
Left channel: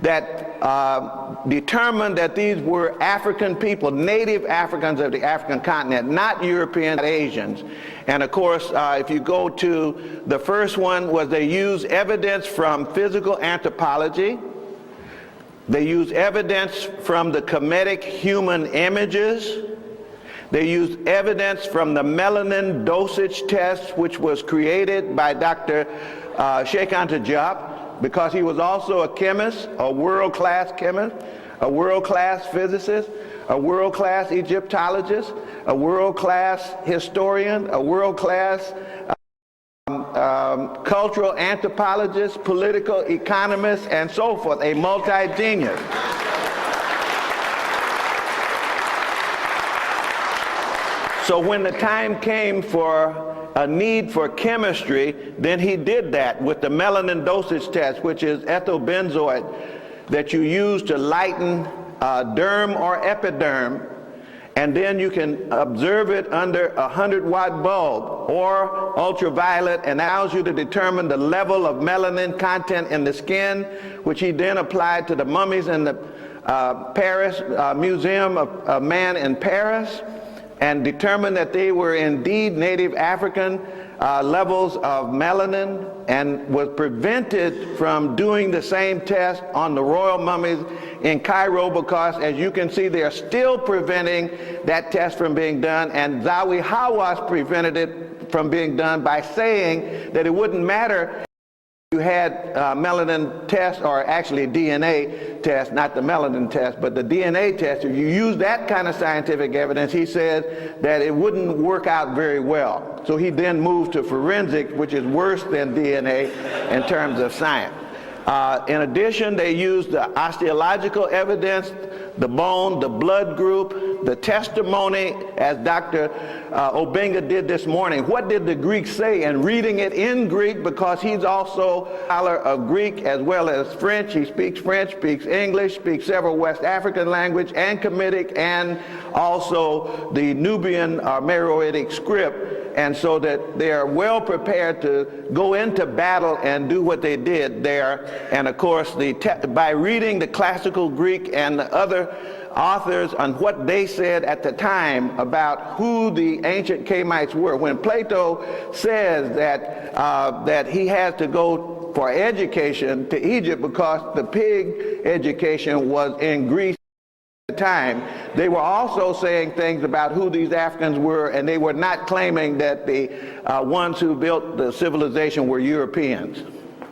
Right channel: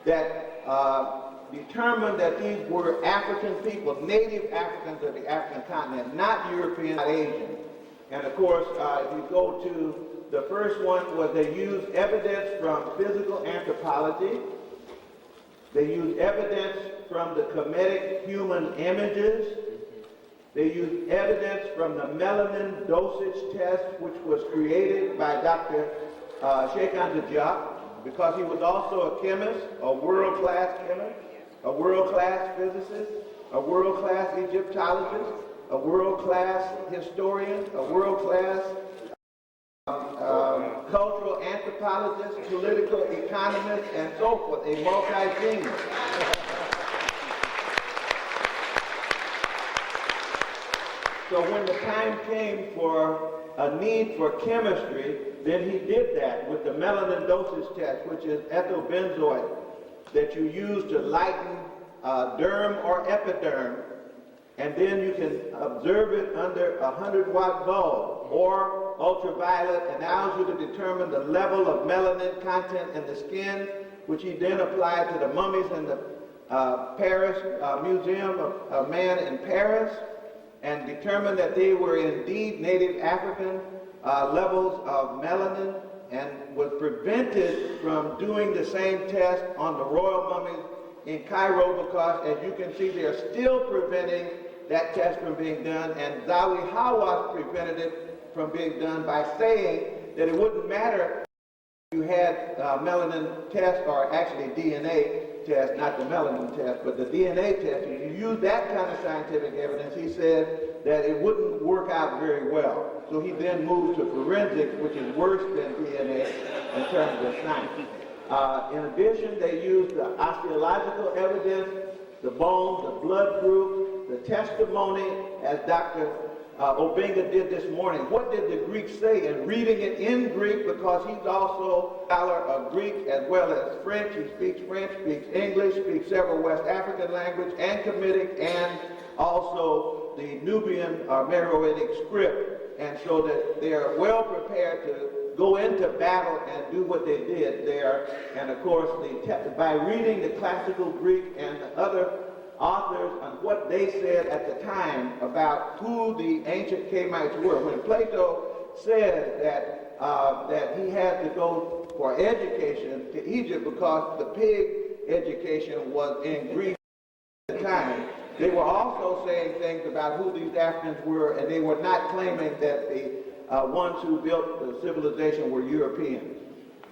that determined that these were African people, native Africans of the African continent, not Europeans, not Asians. And of course, if you go to the first one, was they used evidence from physical anthropology. They use evidence from the Kemetic human images. They use evidence from the melanin dosage test, which was created by Dr. Cheikh Anta Diop, because he was also a chemist, a world-class chemist, a world-class physicist, a world-class Egyptologist, a world-class historian, a world-class cultural anthropologist, political economist, and so forth, a multi-genius. So when the time came for a need for chemistry, then he did that with the melanin dosage test, which is ethyl benzoate that you use to lighten derm or epiderm, and then you can observe it under a 100-watt bulb or ultraviolet, and allows you to determine the level of melanin content in the skin, which he then applied to the mummies in the Paris Museum of Man in Paris, and determined that they were indeed native African levels of melanin, and was prevented from doing the same test on the royal mummies in Cairo, because as you can see, they are still preventing that test from being done, and Zawi Hawass prevented it from being done by saying that it wouldn't matter You had melanin test, or actually DNA test, not the melanin test, but the DNA test. If you use that kind of scientific evidence, he said that it wouldn't work out very well. So he then moved to forensic, which is worse than DNA in terms of science. In addition, they used the osteological evidence, the bone, the blood group, the testimony, as Dr. Obenja did this morning. What did the Greek say? And reading it in Greek, because he's also a scholar of Greek as well as French. He speaks French, speaks English, speaks several West African language and Kemetic, and also the Nubian Meroitic script. And so that they are well prepared to go into battle and do what they did there. And of course, by reading the classical Greek and the other authors on what they said at the time about who the ancient Kamites were. When Plato says that, that he had to go for education to Egypt because the pig education was in Greece at the time, they were also saying things about who these Africans were, and they were not claiming that the ones who built the civilization were Europeans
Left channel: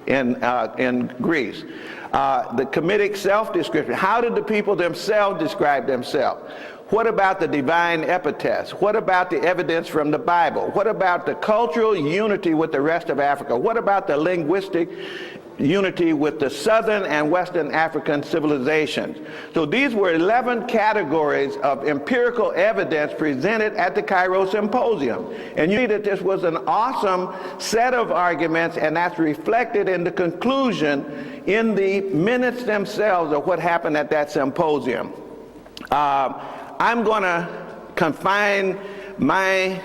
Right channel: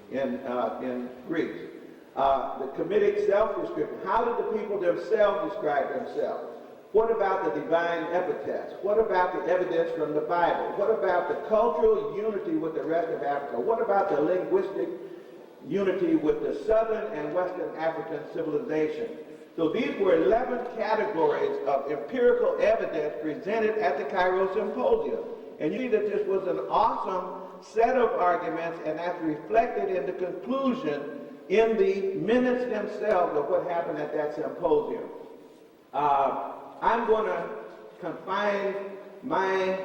in Greece. The Kemetic self-description. How did the people themselves describe themselves? What about the divine epithets? What about the evidence from the Bible? What about the cultural unity with the rest of Africa? What about the linguistic unity with the southern and western African civilizations? So these were 11 categories of empirical evidence presented at the Cairo Symposium. And you see that this was an awesome set of arguments, and that's reflected in the conclusion in the minutes themselves of what happened at that symposium. I'm going to confine my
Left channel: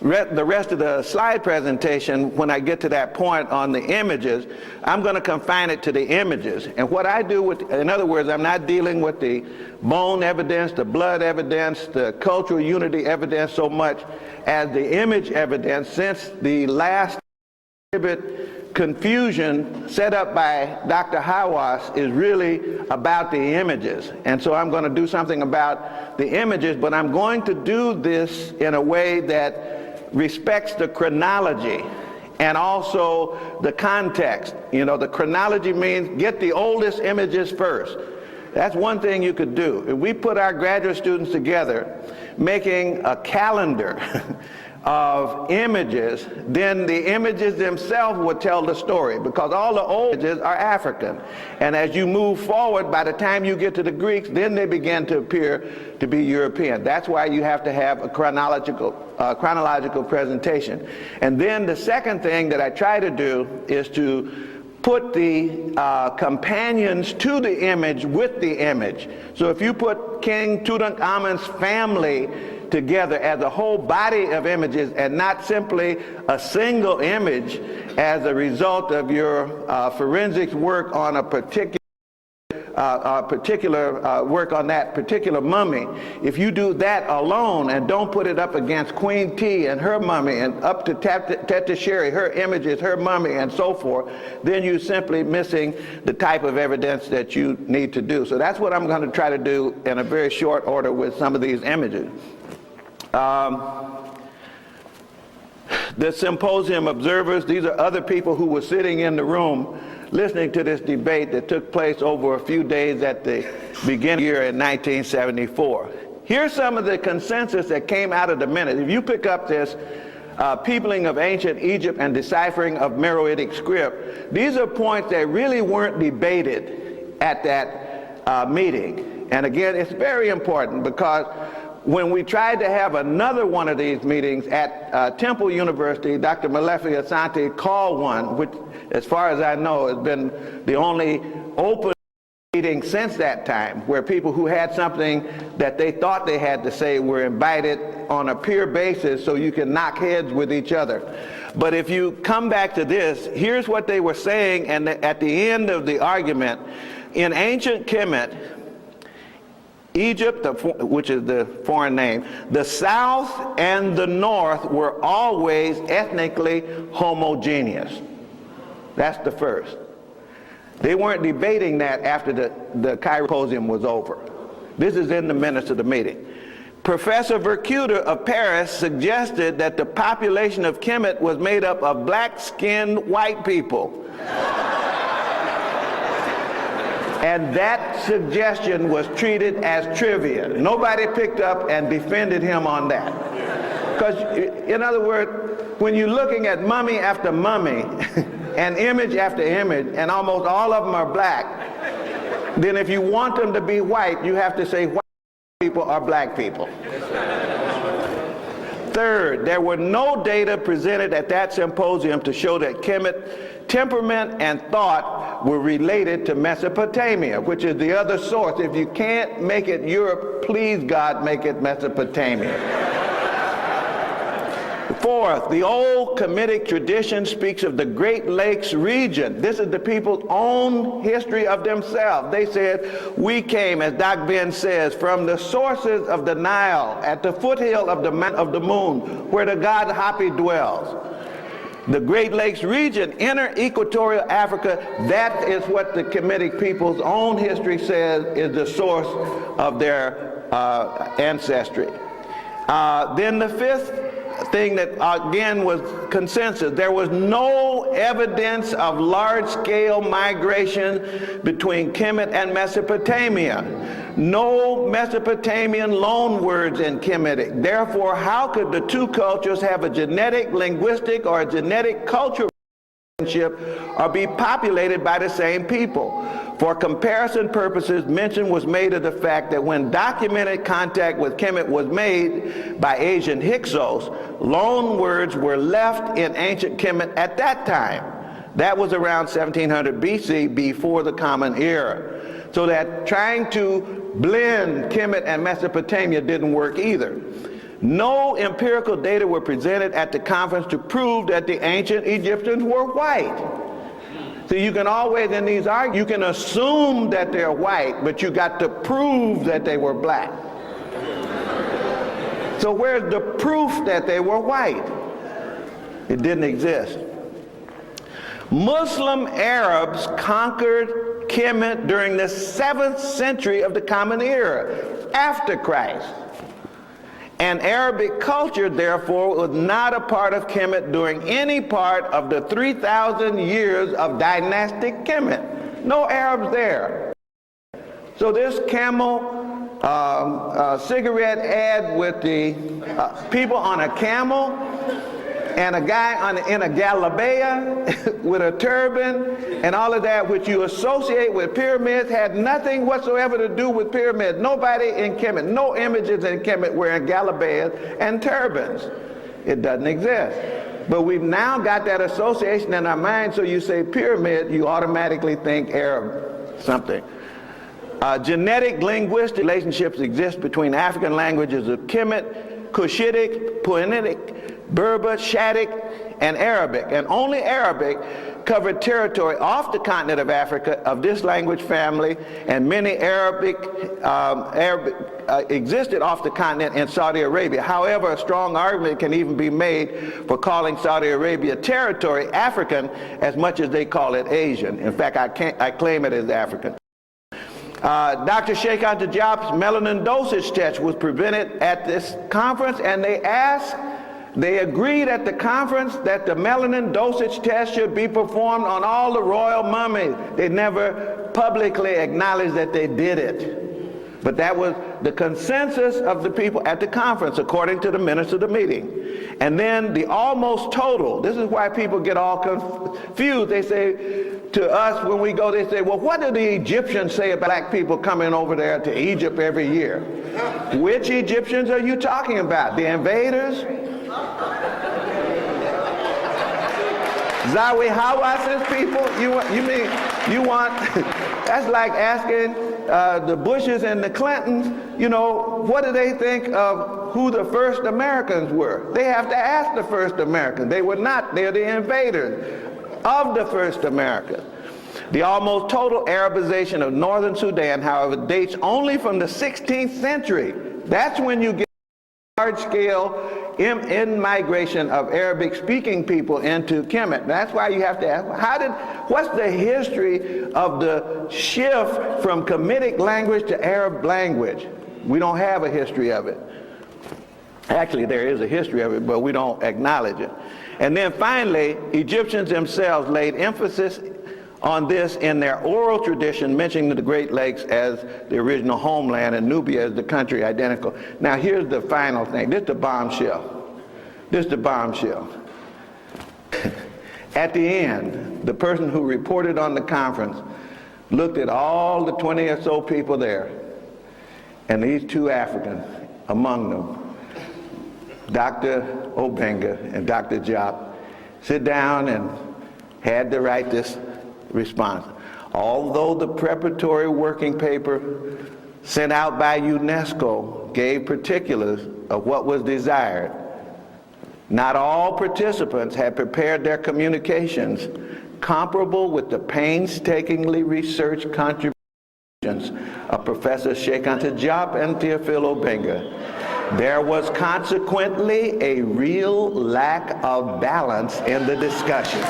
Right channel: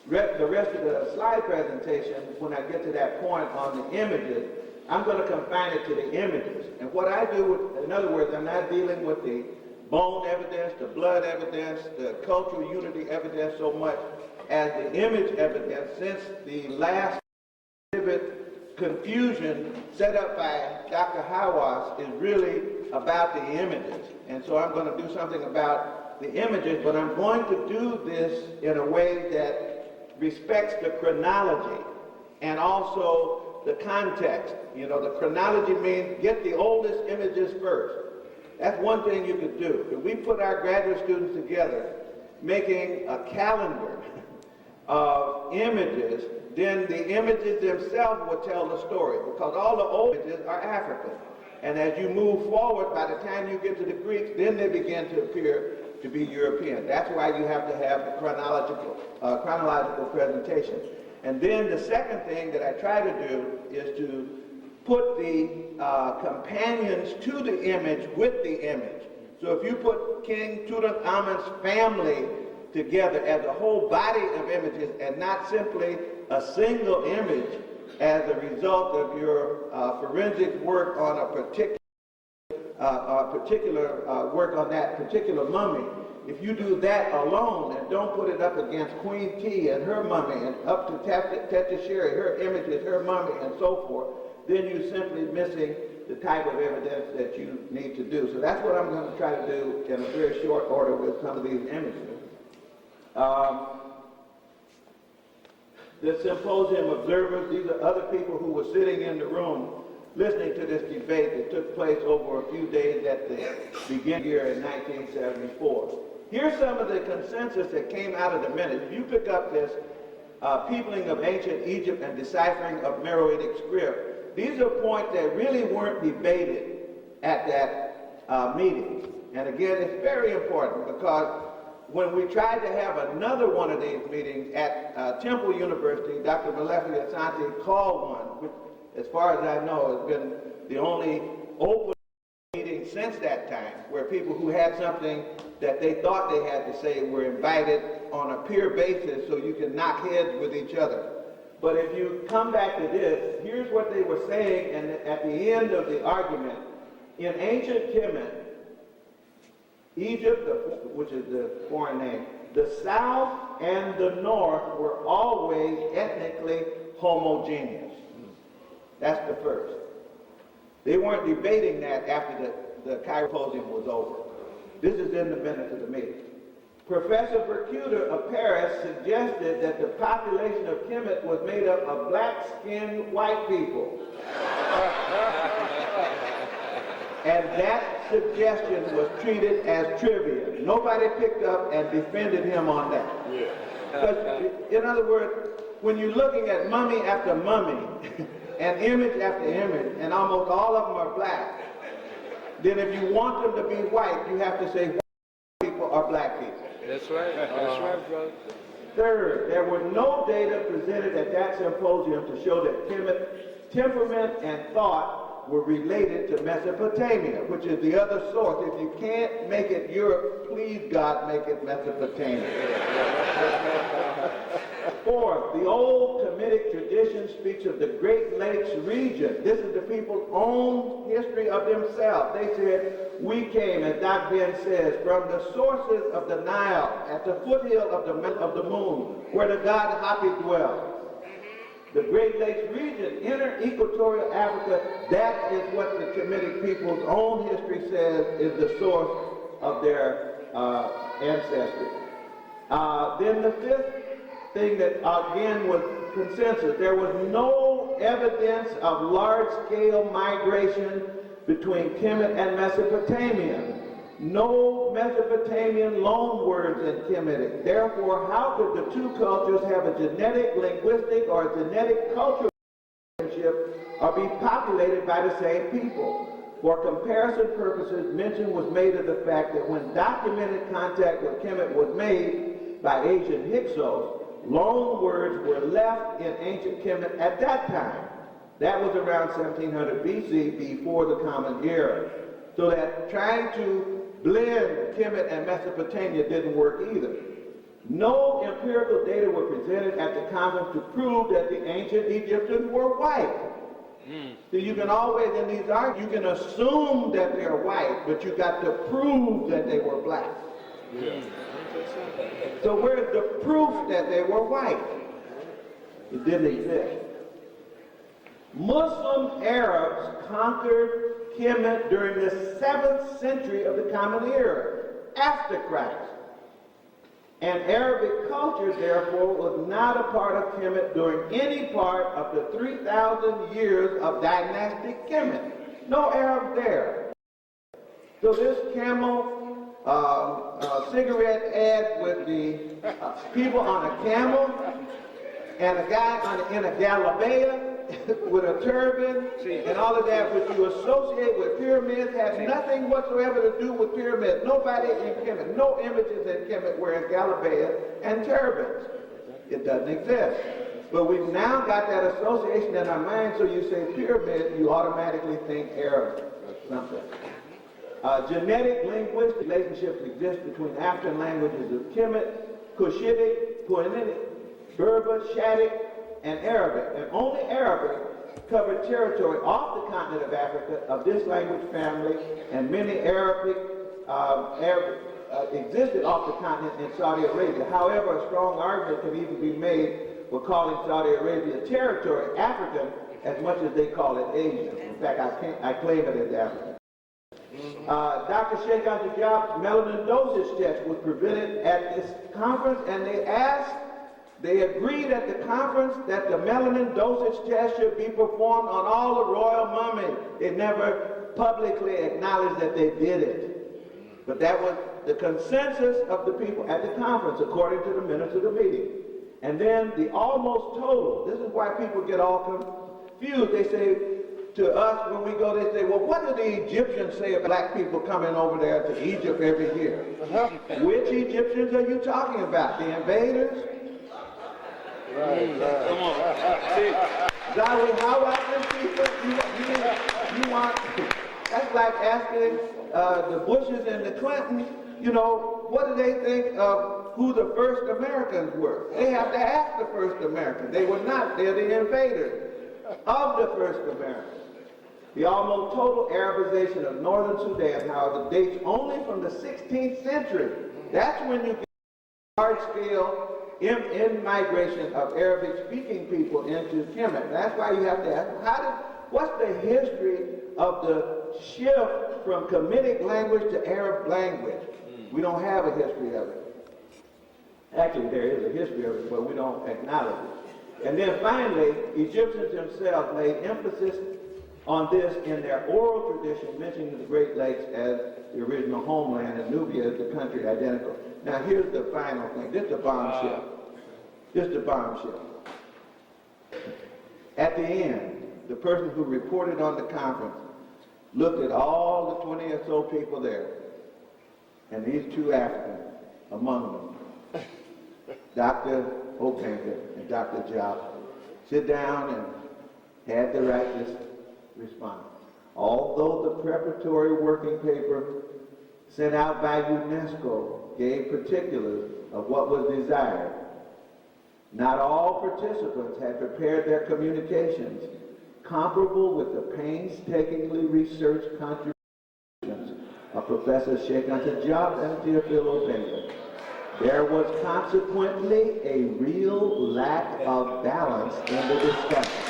the rest of the slide presentation, when I get to that point on the images, I'm going to confine it to the images. And what I do with, in other words, I'm not dealing with the bone evidence, the blood evidence, the cultural unity evidence so much as the image evidence, since the last exhibit confusion set up by Dr. Hawass is really about the images. And so I'm going to do something about the images, but I'm going to do this in a way that respects the chronology and also the context. You know, the chronology means get the oldest images first. That's one thing you could do. If we put our graduate students together making a calendar of images, then the images themselves would tell the story, because all the old images are African. And as you move forward, by the time you get to the Greeks, then they begin to appear to be European. That's why you have to have a chronological presentation. And then the second thing that I try to do is to put the companions to the image with the image. So if you put King Tutankhamun's family together as a whole body of images and not simply a single image as a result of your forensics work on a particular work on that particular mummy, if you do that alone and don't put it up against Queen T and her mummy and up to Teta Sherry, her images, her mummy, and so forth, then you're simply missing the type of evidence that you need to do. So that's what I'm going to try to do in a very short order with some of these images. The symposium observers, these are other people who were sitting in the room listening to this debate that took place over a few days at the beginning of the year in 1974. Here's some of the consensus that came out of the minute. If you pick up this peopling of ancient Egypt and deciphering of Meroitic script, these are points that really weren't debated at that meeting. And again, it's very important, because when we tried to have another one of these meetings at Temple University, Dr. Malefi Asante called one, which, as far as I know, has been the only open meeting since that time, where people who had something that they thought they had to say were invited on a peer basis so you can knock heads with each other. But if you come back to this, here's what they were saying, and at the end of the argument, in ancient Kemet, Egypt, which is the foreign name, the south and the north were always ethnically homogeneous. That's the first. They weren't debating that after the Cairo Symposium was over. This is in the minutes of the meeting. Professor Vercuter of Paris suggested that the population of Kemet was made up of black-skinned white people. And that suggestion was treated as trivia. Nobody picked up and defended him on that. Because, in other words, when you're looking at mummy after mummy, and image after image, and almost all of them are black, then if you want them to be white, you have to say white people are black people. Third, there were no data presented at that symposium to show that Kemet temperament and thought were related to Mesopotamia, which is the other source. If you can't make it Europe, please God, make it Mesopotamia. Fourth, the old Kemetic tradition speaks of the Great Lakes region. This is the people's own history of themselves. They said, we came, as Doc Ben says, from the sources of the Nile, at the foothill of the moon, where the god Hapi dwells. The Great Lakes region, inner equatorial Africa, that is what the Kemetic people's own history says is the source of their ancestry. Then the fifth thing that again was consensus, there was no evidence of large-scale migration between Kemet and Mesopotamia. No Mesopotamian loan words in Kemetic. Therefore, how could the two cultures have a genetic, linguistic, or a genetic cultural relationship or be populated by the same people? For comparison purposes, mention was made of the fact that when documented contact with Kemet was made by Asian Hyksos, loan words were left in ancient Kemet at that time. That was around 1700 BC, before the Common Era. So that trying to blend Kemet and Mesopotamia didn't work either. No empirical data were presented at the conference to prove that the ancient Egyptians were white. So you can always, in these arguments, you can assume that they're white, but you got to prove that they were black. So where's the proof that they were white? It didn't exist. Muslim Arabs conquered Kemet during the 7th century of the Common Era, after Christ. And Arabic culture, therefore, was not a part of Kemet during any part of the 3,000 years of dynastic Kemet. No Arabs there. So this camel cigarette ad with the people on a camel and a guy in a galabeah with a turban and all of that, which you associate with pyramids, had nothing whatsoever to do with pyramids. Nobody in Kemet, no images in Kemet wearing galabeahs and turbans. It doesn't exist. But we've now got that association in our mind, so you say pyramid, you automatically think Arab something. Genetic linguistic relationships exist between African languages of Kemet, Cushitic, Puanitic, Berber, Shattic, and Arabic. And only Arabic covered territory off the continent of Africa of this language family, and many Arabic existed off the continent in Saudi Arabia. However, a strong argument can even be made for calling Saudi Arabia territory African as much as they call it Asian. In fact, I claim it as African. Dr. Sheikhat Tajab's melanin dosage test was presented at this conference, and they agreed at the conference that the melanin dosage test should be performed on all the royal mummies. They never publicly acknowledged that they did it. But that was the consensus of the people at the conference, according to the minutes of the meeting. And then the almost total, this is why people get all confused. They say to us when we go, they say, well, what do the Egyptians say about black people coming over there to Egypt every year? Which Egyptians are you talking about? The invaders? Zawi Hawas's people? You want, that's like asking the Bushes and the Clintons, you know, what do they think of who the first Americans were? They have to ask the first Americans. They were not, they're the invaders of the first Americans. The almost total Arabization of northern Sudan, however, dates only from the 16th century. That's when you get large-scale in-migration of Arabic-speaking people into Kemet. That's why you have to ask, what's the history of the shift from Kemetic language to Arab language? We don't have a history of it. Actually, there is a history of it, but we don't acknowledge it. And then finally, Egyptians themselves laid emphasis on this in their oral tradition, mentioning the Great Lakes as the original homeland and Nubia as the country identical. Now here's the final thing. This is the bombshell. This is the bombshell. At the end, the person who reported on the conference looked at all the 20 or so people there, and these two Africans among them, Dr. Obenja and Dr. Diop, sit down and had to write this response. Although the preparatory working paper sent out by UNESCO gave particulars of what was desired, not all participants had prepared their communications comparable with the painstakingly researched contributions of Professor Sheikh Anta Diop and Theophile Obenja. There was consequently a real lack of balance in the discussion.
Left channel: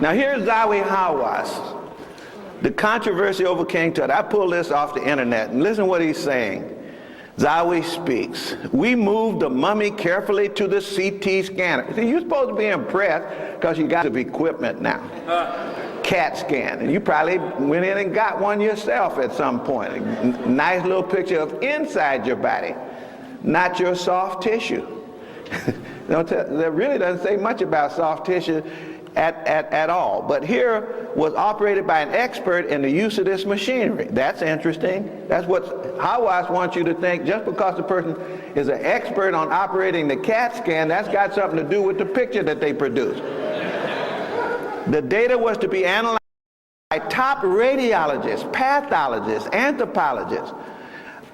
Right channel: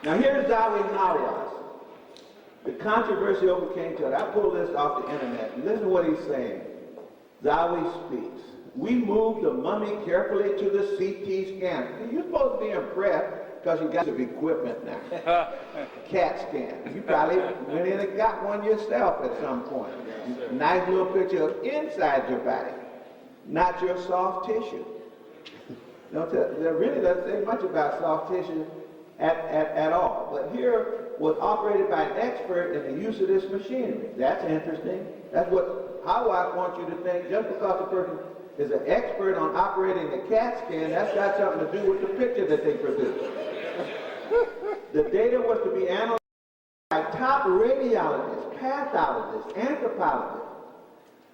Now here's Zawi Hawass. The controversy over King Tut. I pulled this off the internet, and listen to what he's saying. Zawi speaks. We moved the mummy carefully to the CT scanner. See, you're supposed to be impressed because you got some equipment now. CAT scan. And you probably went in and got one yourself at some point. A nice little picture of inside your body, not your soft tissue. That really doesn't say much about soft tissue at all. But here was operated by an expert in the use of this machinery. That's interesting. That's what Hawass wants you to think. Just because the person is an expert on operating the CAT scan, that's got something to do with the picture that they produce. The data was to be analyzed by top radiologists, pathologists, anthropologists.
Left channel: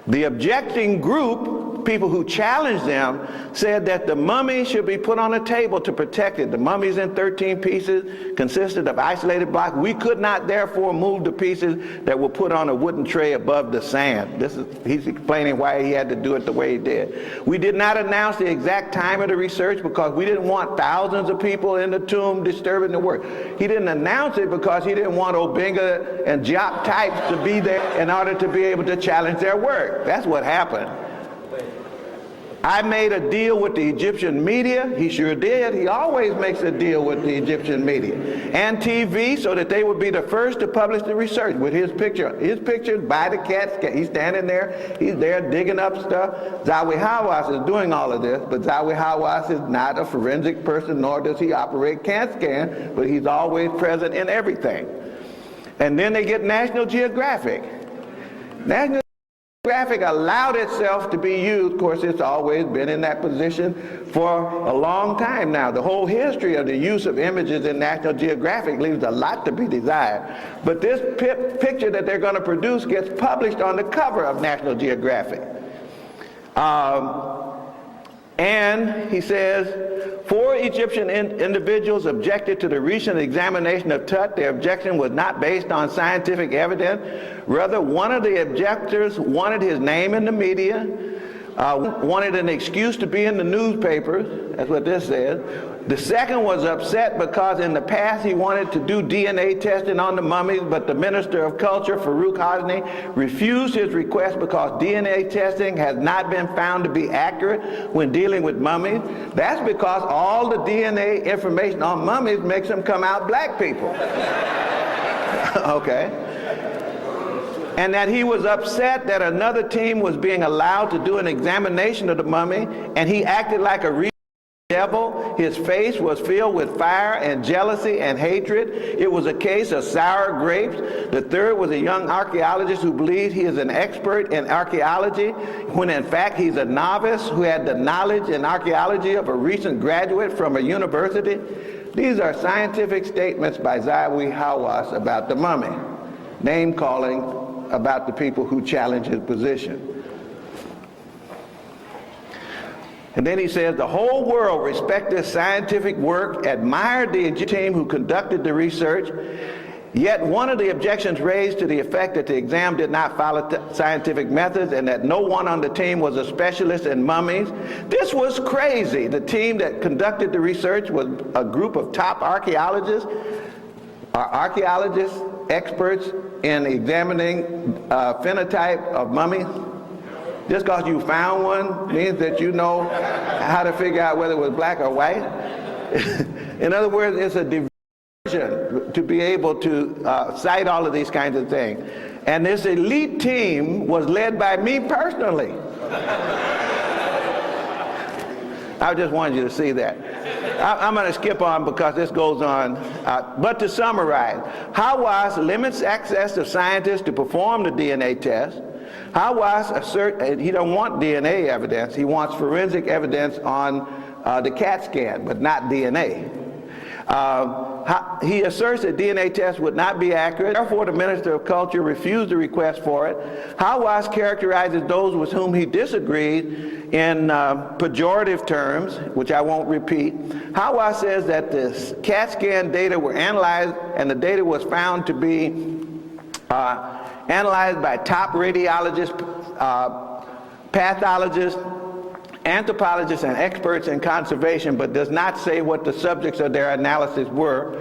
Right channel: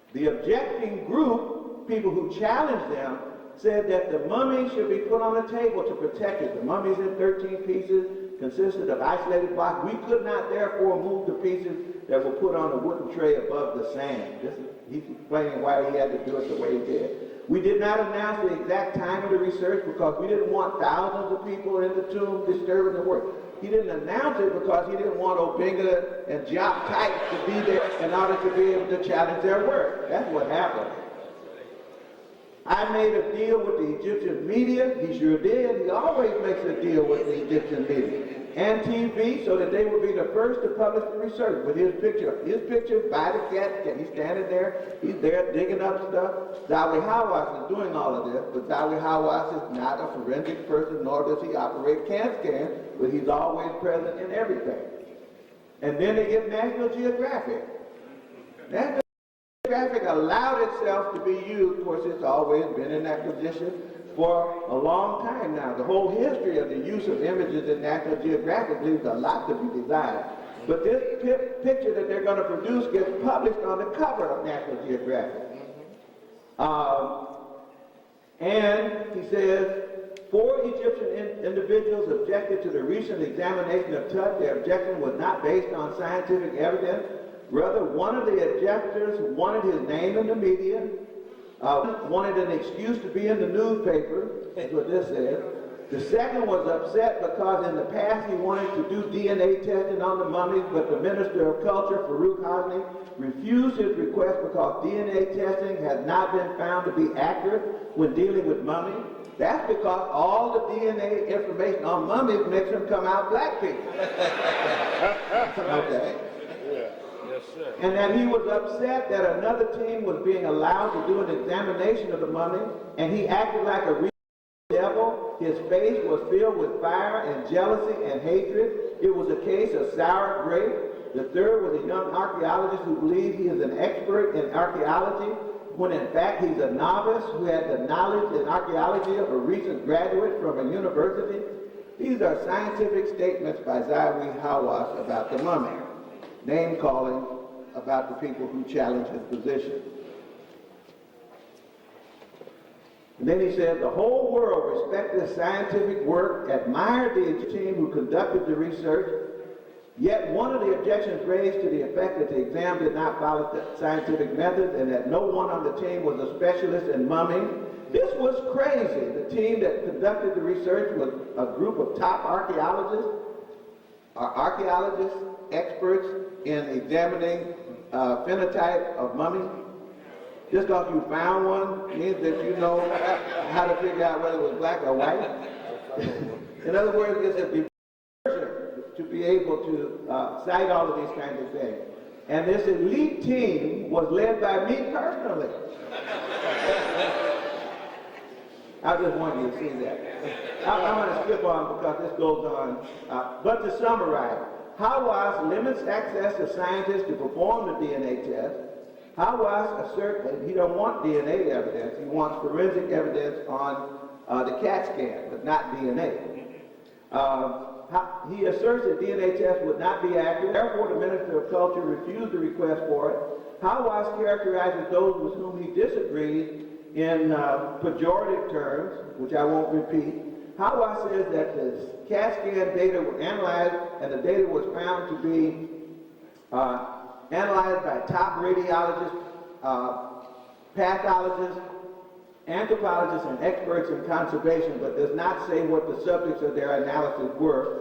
The objecting group, people who challenged them, said that the mummy should be put on a table to protect it. The mummy's in 13 pieces, consisted of isolated blocks. We could not therefore move the pieces that were put on a wooden tray above the sand. He's explaining why he had to do it the way he did. We did not announce the exact time of the research because we didn't want thousands of people in the tomb disturbing the work. He didn't announce it because he didn't want Obenja and Diop types to be there in order to be able to challenge their work. That's what happened. I made a deal with the Egyptian media. He sure did. He always makes a deal with the Egyptian media and TV so that they would be the first to publish the research with his picture. His picture by the CAT scan. He's standing there. He's there digging up stuff. Zawi Hawass is doing all of this, but Zawi Hawass is not a forensic person, nor does he operate CAT scan, but he's always present in everything. And then they get National Geographic. National Geographic allowed itself to be used. Of course, it's always been in that position for a long time now. The whole history of the use of images in National Geographic leaves a lot to be desired. But this picture that they're going to produce gets published on the cover of National Geographic. And he says, 4 Egyptian individuals objected to the recent examination of Tut. Their objection was not based on scientific evidence. Rather, one of the objectors wanted his name in the media, wanted an excuse to be in the newspapers. That's what this says. The second was upset because in the past he wanted to do DNA testing on the mummies, but the Minister of Culture, Farouk Hosni, refused his request because DNA testing has not been found to be accurate when dealing with mummies. That's because all the DNA information on mummies makes them come out black people. Okay. And that he was upset that another team was being allowed to do an examination of the mummy, and he acted like a real devil. His face was filled with fire and jealousy and hatred. It was a case of sour grapes. The third was a young archaeologist who believes he is an expert in archaeology, when in fact he's a novice who had the knowledge in archaeology of a recent graduate from a university. These are scientific statements by Zawi Hawass about the mummy, name calling about the people who challenge his position. And then he says, the whole world respected scientific work, admired the Egyptian team who conducted the research, yet one of the objections raised to the effect that the exam did not follow scientific methods and that no one on the team was a specialist in mummies. This was crazy. The team that conducted the research was a group of top archaeologists. Are archaeologists experts in examining phenotype of mummies? Just because you found one means that you know how to figure out whether it was black or white? In other words, it's a diversion to be able to cite all of these kinds of things. And this elite team was led by me personally. I just wanted you to see that. I'm going to skip on because this goes on. But to summarize, Hawass limits access to scientists to perform the DNA test. Hawass asserts he don't want DNA evidence. He wants forensic evidence on the CAT scan, but not DNA. He asserts that DNA tests would not be accurate. Therefore, the Minister of Culture refused the request for it. Hawass characterizes those with whom he disagreed in pejorative terms, which I won't repeat. Hawass says that the CAT scan data were analyzed, and the data was found to be analyzed by top radiologists, pathologists, anthropologists, and experts in conservation, but does not say what the subjects of their analysis were.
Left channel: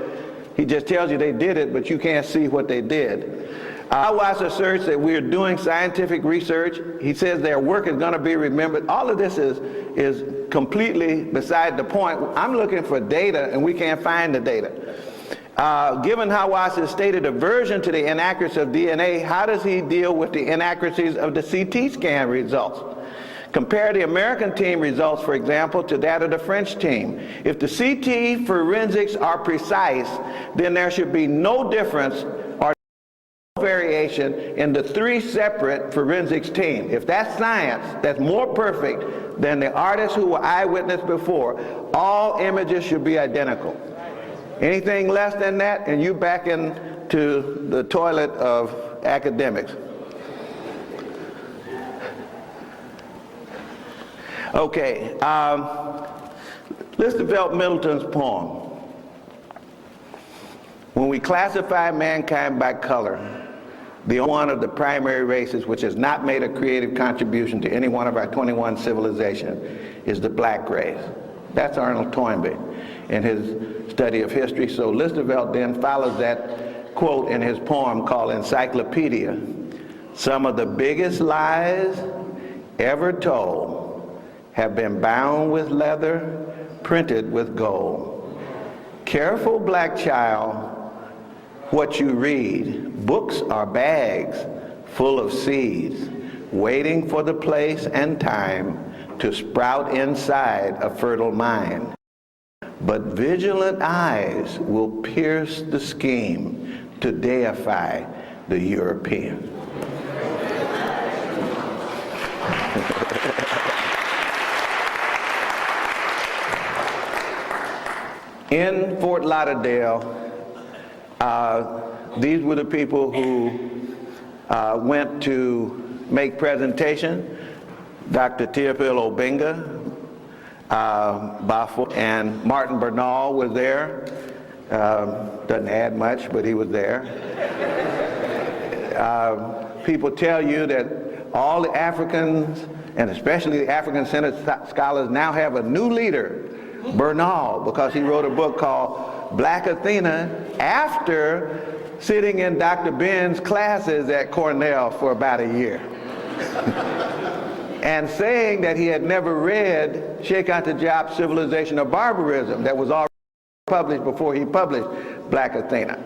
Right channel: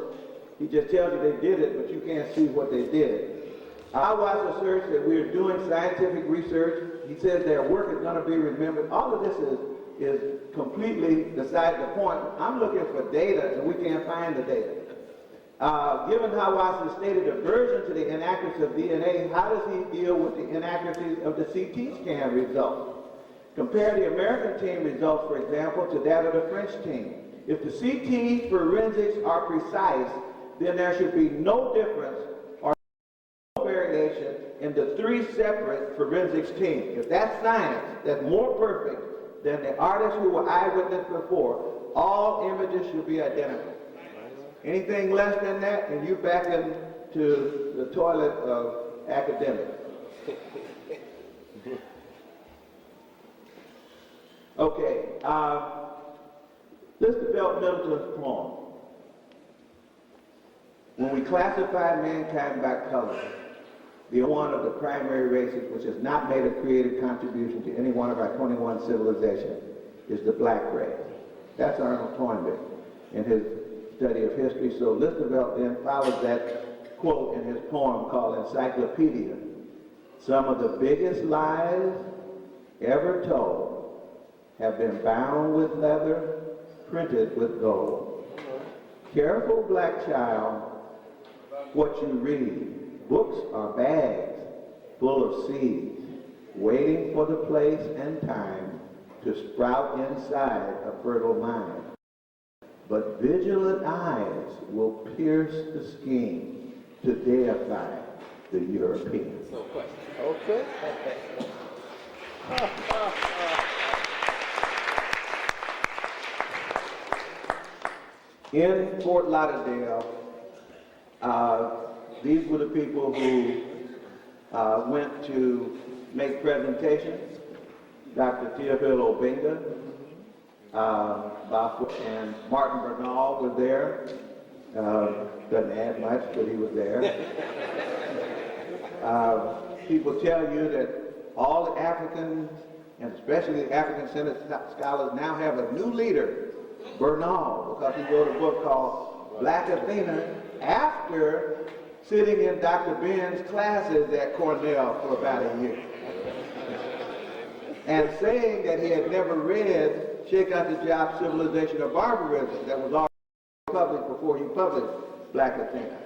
He just tells you they did it, but you can't see what they did. Hawass asserts that we're doing scientific research. He says their work is going to be remembered. All of this is completely beside the point. I'm looking for data, and we can't find the data. Given Hawass's stated aversion to the inaccuracy of DNA, how does he deal with the inaccuracies of the CT scan results? Compare the American team results, for example, to that of the French team. If the CT forensics are precise, then there should be no difference or no variation in the three separate forensics teams. If that's science, that's more perfect than the artists who were eyewitness before. All images should be identical. Anything less than that, and you back into the toilet of academics. Okay, let's develop Middleton's poem. When we classify mankind by color, the one of the primary races which has not made a creative contribution to any one of our 21 civilizations is the black race. That's Arnold Toynbee in his study of history. So Listervelt then follows that quote in his poem called Encyclopedia. Some of the biggest lies ever told have been bound with leather, printed with gold. Careful, black child, what you read. Books are bags full of seeds, waiting for the place and time to sprout inside a fertile mind. But vigilant eyes will pierce the scheme to deify the European. In Fort Lauderdale, these were the people who went to make presentation. Dr. Theophile Obenja, Bafo, and Martin Bernal was there. Doesn't add much, but he was there. People tell you that all the Africans, and especially the African-centered scholars, now have a new leader, Bernal, because he wrote a book called Black Athena after sitting in Dr. Ben's classes at Cornell for about a year. And saying that he had never read Sheikh Anta Diop's Civilization of Barbarism that was already published before he published Black Athena,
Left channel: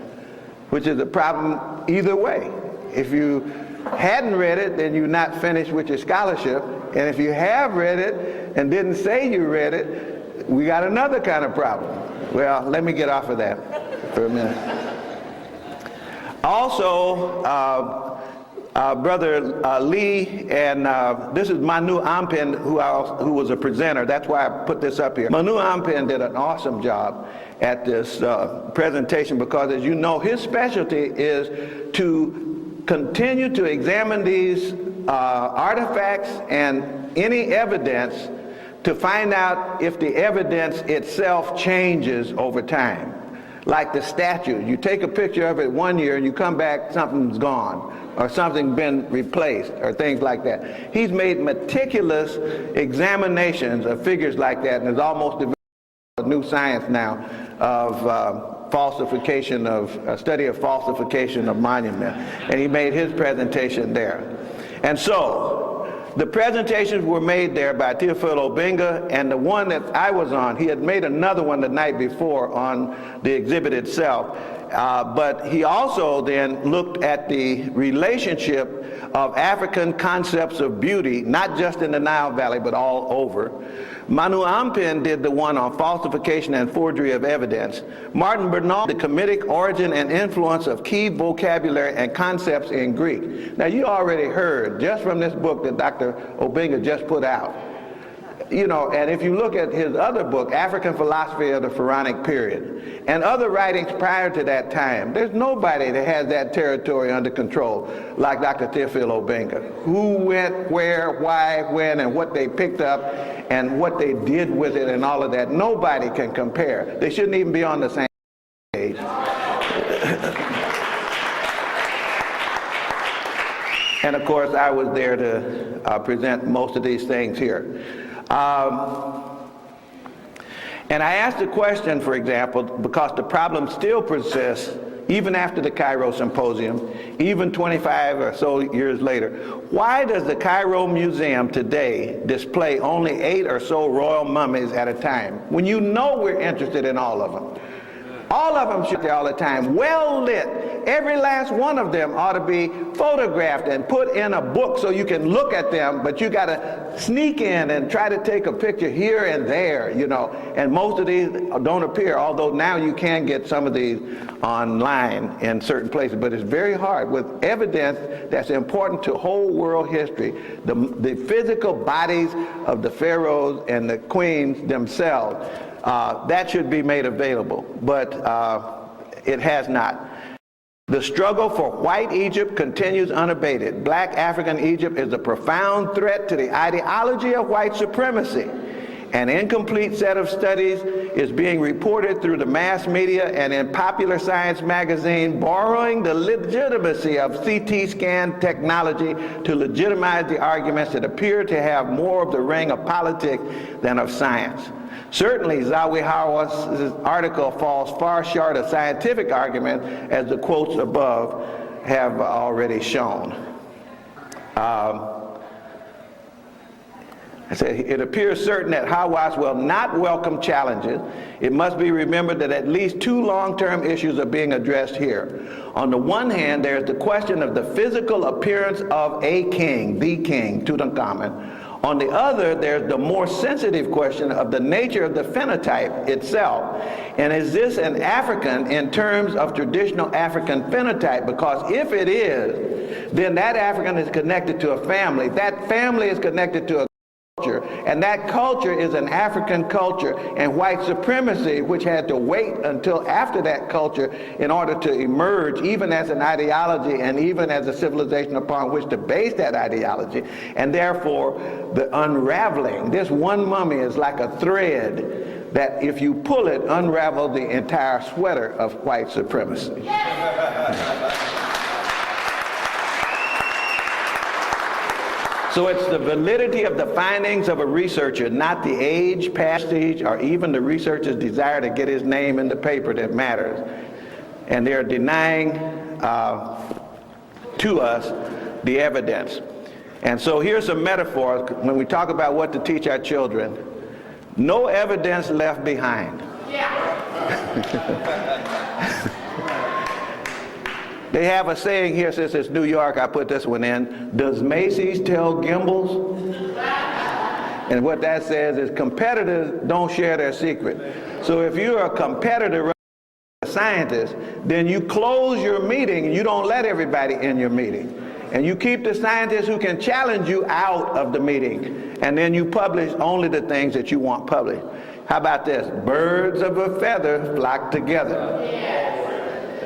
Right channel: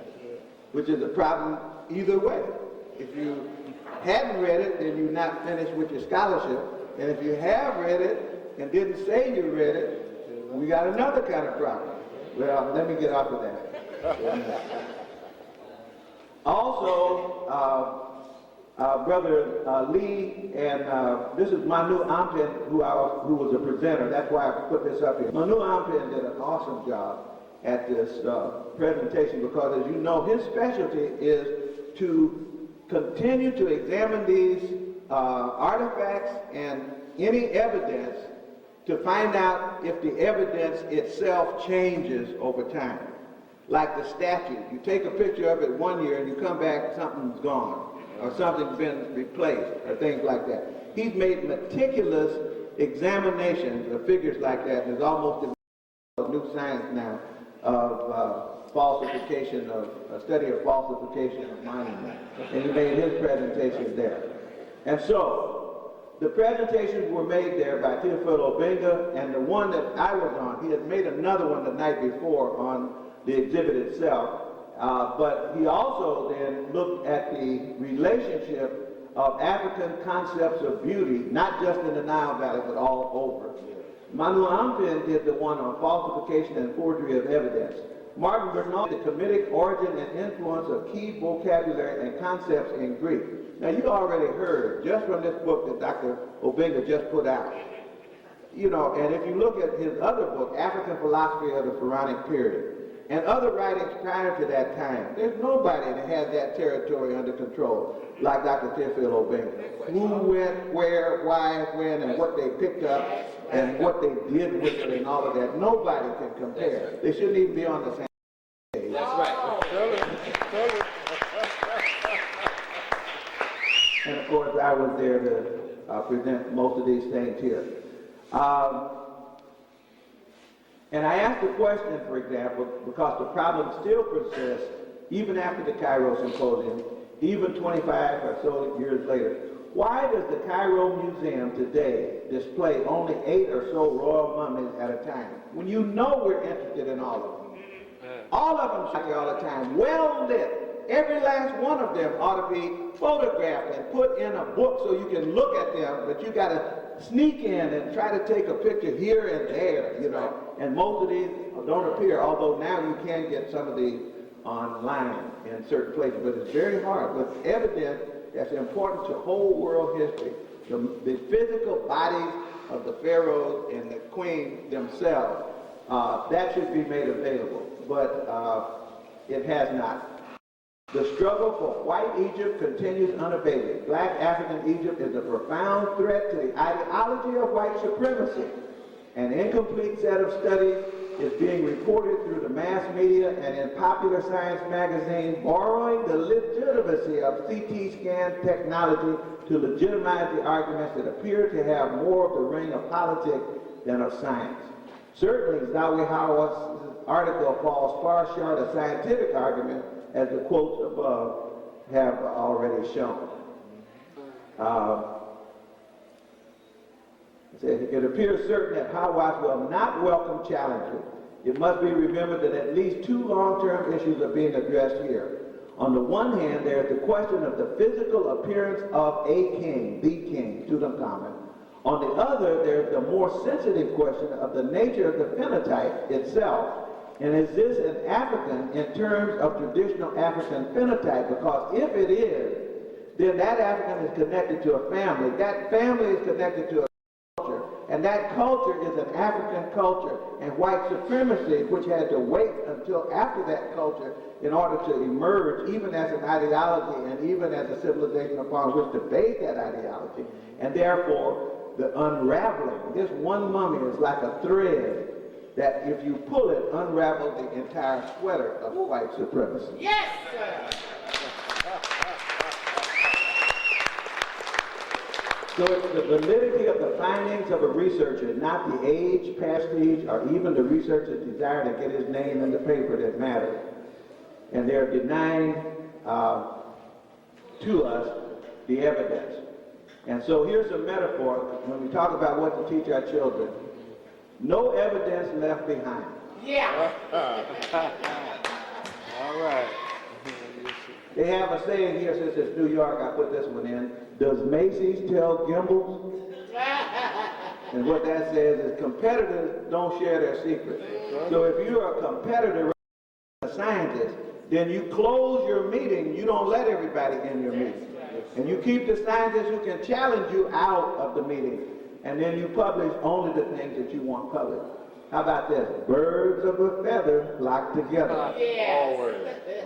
which is a problem either way. If you hadn't read it, then you're not finished with your scholarship. And if you have read it and didn't say you read it, we got another kind of problem. Well, let me get off of that for a minute. Also, Brother Lee, and this is Manu Ampin, who was a presenter. That's why I put this up here. Manu Ampin did an awesome job at this presentation because, as you know, his specialty is to continue to examine these artifacts and any evidence to find out if the evidence itself changes over time. Like the statue, you take a picture of it one year and you come back, something's gone, or something's been replaced, or things like that. He's made meticulous examinations of figures like that, and has almost developed a new science now of falsification of, study of falsification of monument. And he made his presentation there. And so, the presentations were made there by Theophile Obenja, and the one that I was on, he had made another one the night before on the exhibit itself. But he also then looked at the relationship of African concepts of beauty, not just in the Nile Valley, but all over. Manu Ampin did the one on falsification and forgery of evidence. Martin Bernal, the Kemetic origin and influence of key vocabulary and concepts in Greek. Now you already heard, just from this book that Dr. Obenja just put out, you know, and if you look at his other book, African Philosophy of the Pharaonic Period, and other writings prior to that time, there's nobody that has that territory under control like Dr. Theophile Obenja. Who went, where, why, when, and what they picked up, and what they did with it, and all of that. Nobody can compare. They shouldn't even be on the same page. And of course, I was there to present most of these things here. And I asked a question, for example, because the problem still persists even after the Cairo Symposium, even 25 or so years later. Why does the Cairo Museum today display only 8 or so royal mummies at a time, when you know we're interested in all of them? All of them should be all the time, well lit. Every last one of them ought to be photographed and put in a book so you can look at them, but you gotta sneak in and try to take a picture here and there, you know. And most of these don't appear, although now you can get some of these online in certain places, but it's very hard with evidence that's important to whole world history. The physical bodies of the pharaohs and the queens themselves, that should be made available, but it has not. The struggle for white Egypt continues unabated. Black African Egypt is a profound threat to the ideology of white supremacy. An incomplete set of studies is being reported through the mass media and in Popular Science magazine, borrowing the legitimacy of CT scan technology to legitimize the arguments that appear to have more of the ring of politics than of science. Certainly, Zawi Hawass' article falls far short of scientific argument, as the quotes above have already shown. I say, it appears certain that Hawass will not welcome challenges. It must be remembered that at least 2 long-term issues are being addressed here. On the one hand, there's the question of the physical appearance of a king, the king, Tutankhamun. On the other, there's the more sensitive question of the nature of the phenotype itself. And is this an African in terms of traditional African phenotype? Because if it is, then that African is connected to a family. That family is connected to a culture, and that culture is an African culture, and white supremacy, which had to wait until after that culture in order to emerge, even as an ideology and even as a civilization upon which to base that ideology, and therefore the unraveling. This one mummy is like a thread that if you pull it, unravels the entire sweater of white supremacy. Yes. So it's the validity of the findings of a researcher, not the age, prestige, or even the researcher's desire to get his name in the paper that matters. And they're denying to us the evidence. And so here's a metaphor when we talk about what to teach our children. No evidence left behind. Yeah. They have a saying here, since it's New York, I put this one in. Does Macy's tell Gimbels? And what that says is competitors don't share their secret. So if you're a competitor, a scientist, then you close your meeting and you don't let everybody in your meeting. And you keep the scientists who can challenge you out of the meeting. And then you publish only the things that you want published. How about this? Birds of a feather flock together. Yes.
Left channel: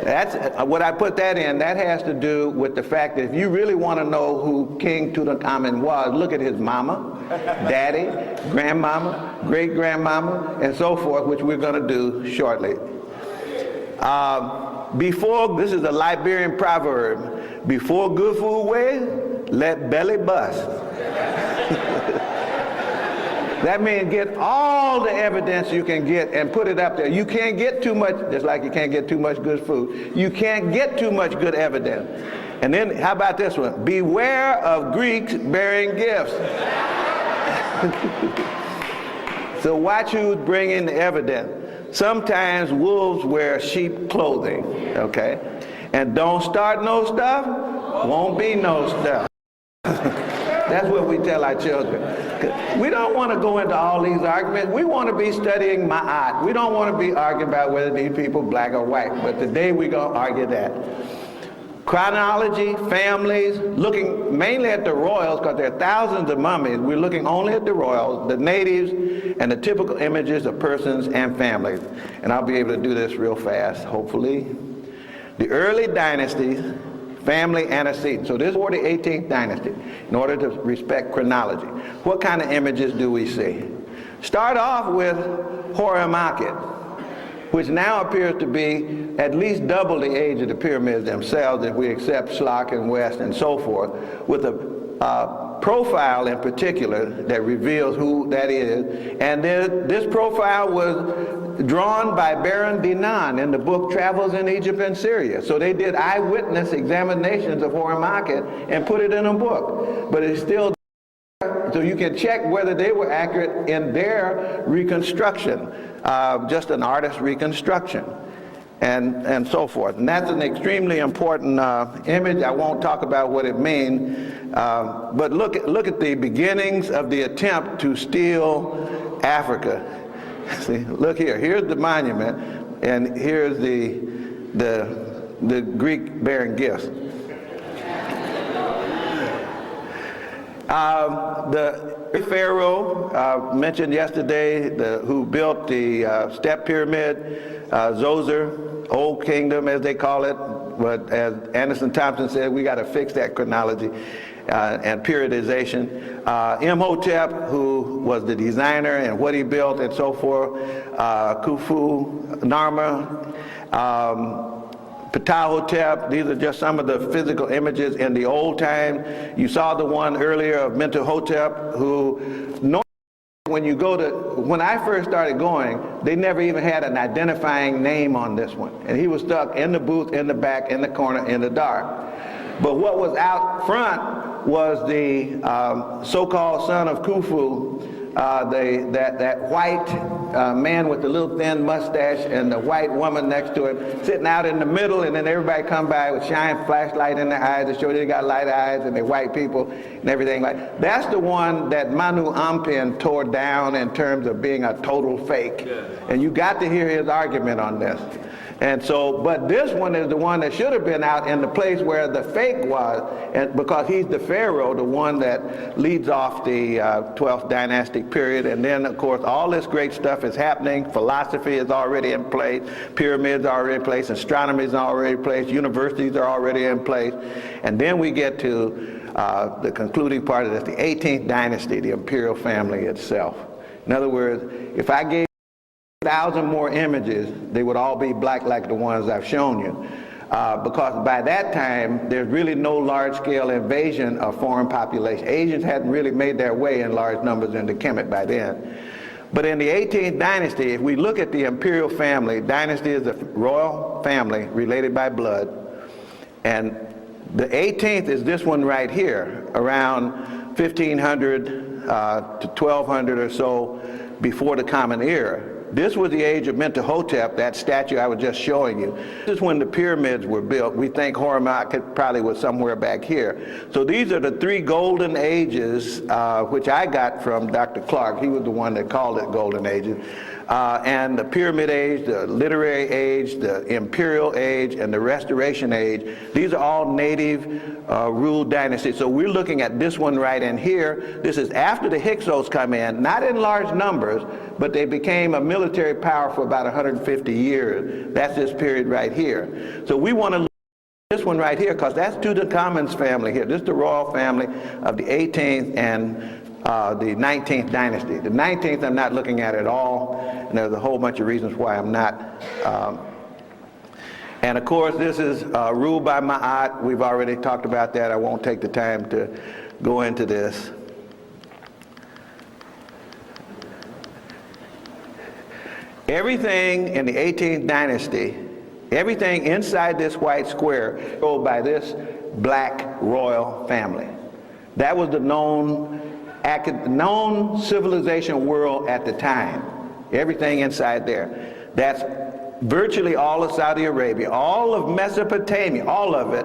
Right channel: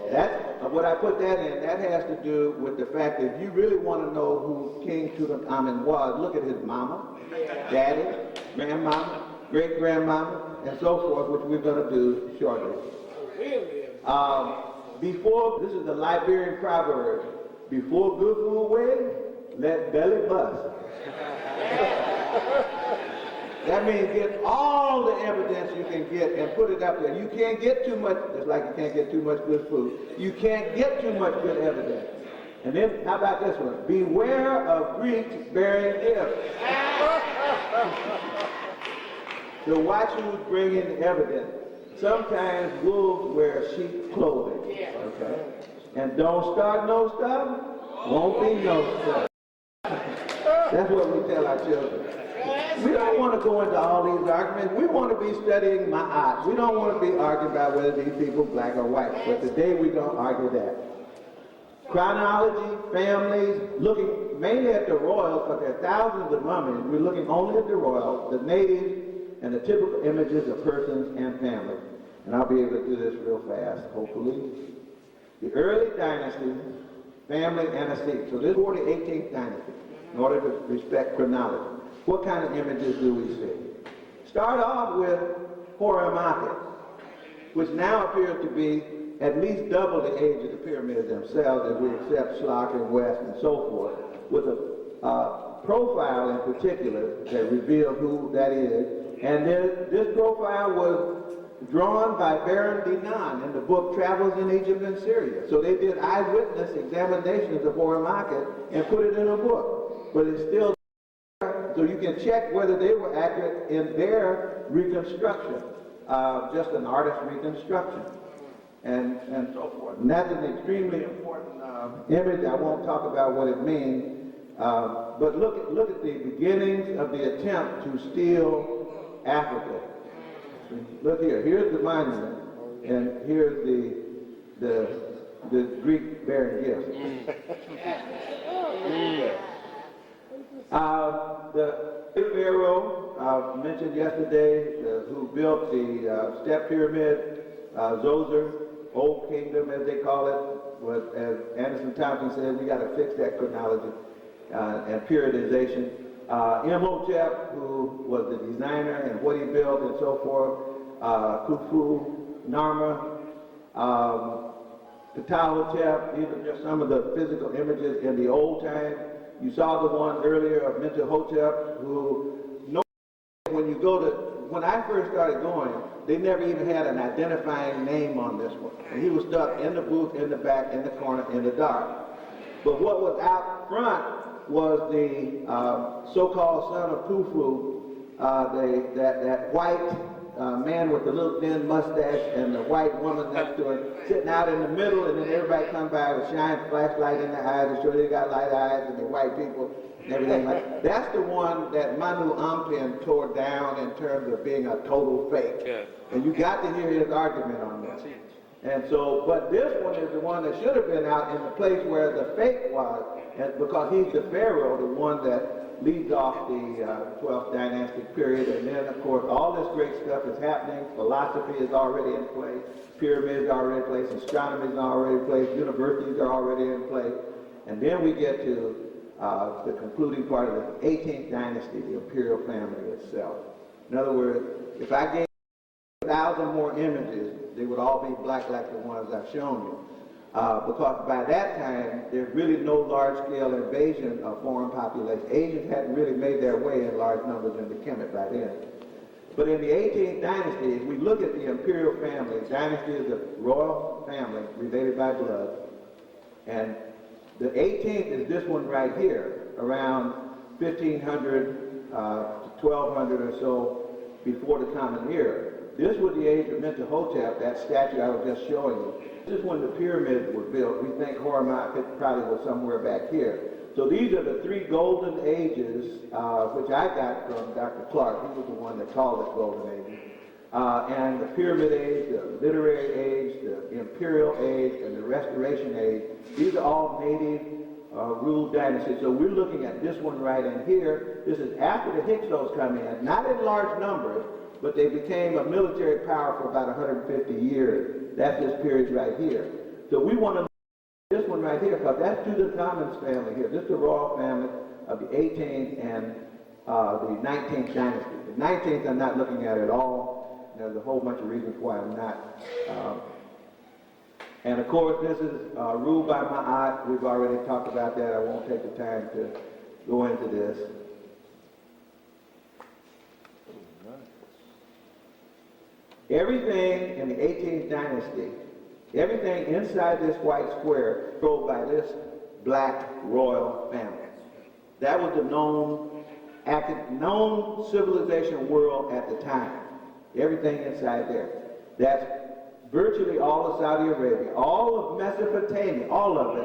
That's what I put that in. That has to do with the fact that if you really want to know who King Tutankhamun was, look at his mama, daddy, grandmama, great-grandmama, and so forth, which we're going to do shortly. This is a Liberian proverb, before good food weigh, let belly bust. That means get all the evidence you can get and put it up there. You can't get too much, just like you can't get too much good food. You can't get too much good evidence. And then, how about this one? Beware of Greeks bearing gifts. So watch who's bringing the evidence. Sometimes wolves wear sheep clothing, okay? And don't start no stuff, won't be no stuff. That's what we tell our children. We don't want to go into all these arguments. We want to be studying ma'at. We don't want to be arguing about whether these people black or white. But today we're going to argue that. Chronology, families, looking mainly at the royals, because there are thousands of mummies. We're looking only at the royals, the natives, and the typical images of persons and families. And I'll be able to do this real fast, hopefully. The early dynasties, family antecedents. So this is for the 18th dynasty, in order to respect chronology. What kind of images do we see? Start off with Horimakhet, which now appears to be at least double the age of the pyramids themselves if we accept Schlock and West and so forth, with a profile in particular that reveals who that is. And this profile was drawn by Baron Dinan in the book Travels in Egypt and Syria. So they did eyewitness examinations of Horimakhet and put it in a book. But it's still so you can check whether they were accurate in their reconstruction, just an artist's reconstruction, and so forth. And that's an extremely important image. I won't talk about what it means, but look at the beginnings of the attempt to steal Africa. See, look here. Here's the monument, and here's the Greek bearing gifts. The pharaoh mentioned yesterday, who built the step pyramid, Zoser, Old Kingdom as they call it, but as Anderson Thompson said, we got to fix that chronology and periodization. Imhotep, who was the designer and what he built and so forth, Khufu, Narmer, Ptahhotep. These are just some of the physical images in the old time. You saw the one earlier of Mentuhotep, who when I first started going, they never even had an identifying name on this one. And he was stuck in the booth, in the back, in the corner, in the dark. But what was out front was the so-called son of Khufu, that white man with the little thin mustache and the white woman next to him sitting out in the middle, and then everybody come by with shine flashlight in their eyes to show they got light eyes and they're white people and everything like that. That's the one that Manu Ampin tore down in terms of being a total fake. Yeah. And you got to hear his argument on this. And so, but this one is the one that should have been out in the place where the fake was, and because he's the pharaoh, the one that leads off the 12th dynastic period. And then, of course, all this great stuff is happening. Philosophy is already in place. Pyramids are already in place. Astronomy is already in place. Universities are already in place. And then we get to the concluding part of this, the 18th dynasty, the imperial family itself. In other words, if I gave 1,000 more images, they would all be black like the ones I've shown you. Because by that time, there's really no large-scale invasion of foreign population. Asians hadn't really made their way in large numbers into Kemet by then. But in the 18th dynasty, if we look at the imperial family, dynasty is a royal family related by blood, and the 18th is this one right here, around 1500 to 1200 or so before the Common Era. This was the age of Mentuhotep, that statue I was just showing you. This is when the pyramids were built. We think Horimakhet probably was somewhere back here. So these are the three golden ages, which I got from Dr. Clark. He was the one that called it golden ages. And the pyramid age, the literary age, the imperial age, and the restoration age. These are all native ruled dynasties. So we're looking at this one right in here. This is after the Hyksos come in, not in large numbers, but they became a military power for about 150 years. That's this period right here. So we want to look at this one right here, because that's Tutankhamun's family here. This is the royal family of the 18th and the 19th dynasty. The 19th I'm not looking at all, and there's a whole bunch of reasons why I'm not. And of course, this is ruled by Ma'at. We've already talked about that. I won't take the time to go into this. Everything in the 18th dynasty, everything inside this white square, controlled by this black royal family. That was the known civilization world at the time. Everything inside there. That's virtually all of Saudi Arabia, all of Mesopotamia, all of it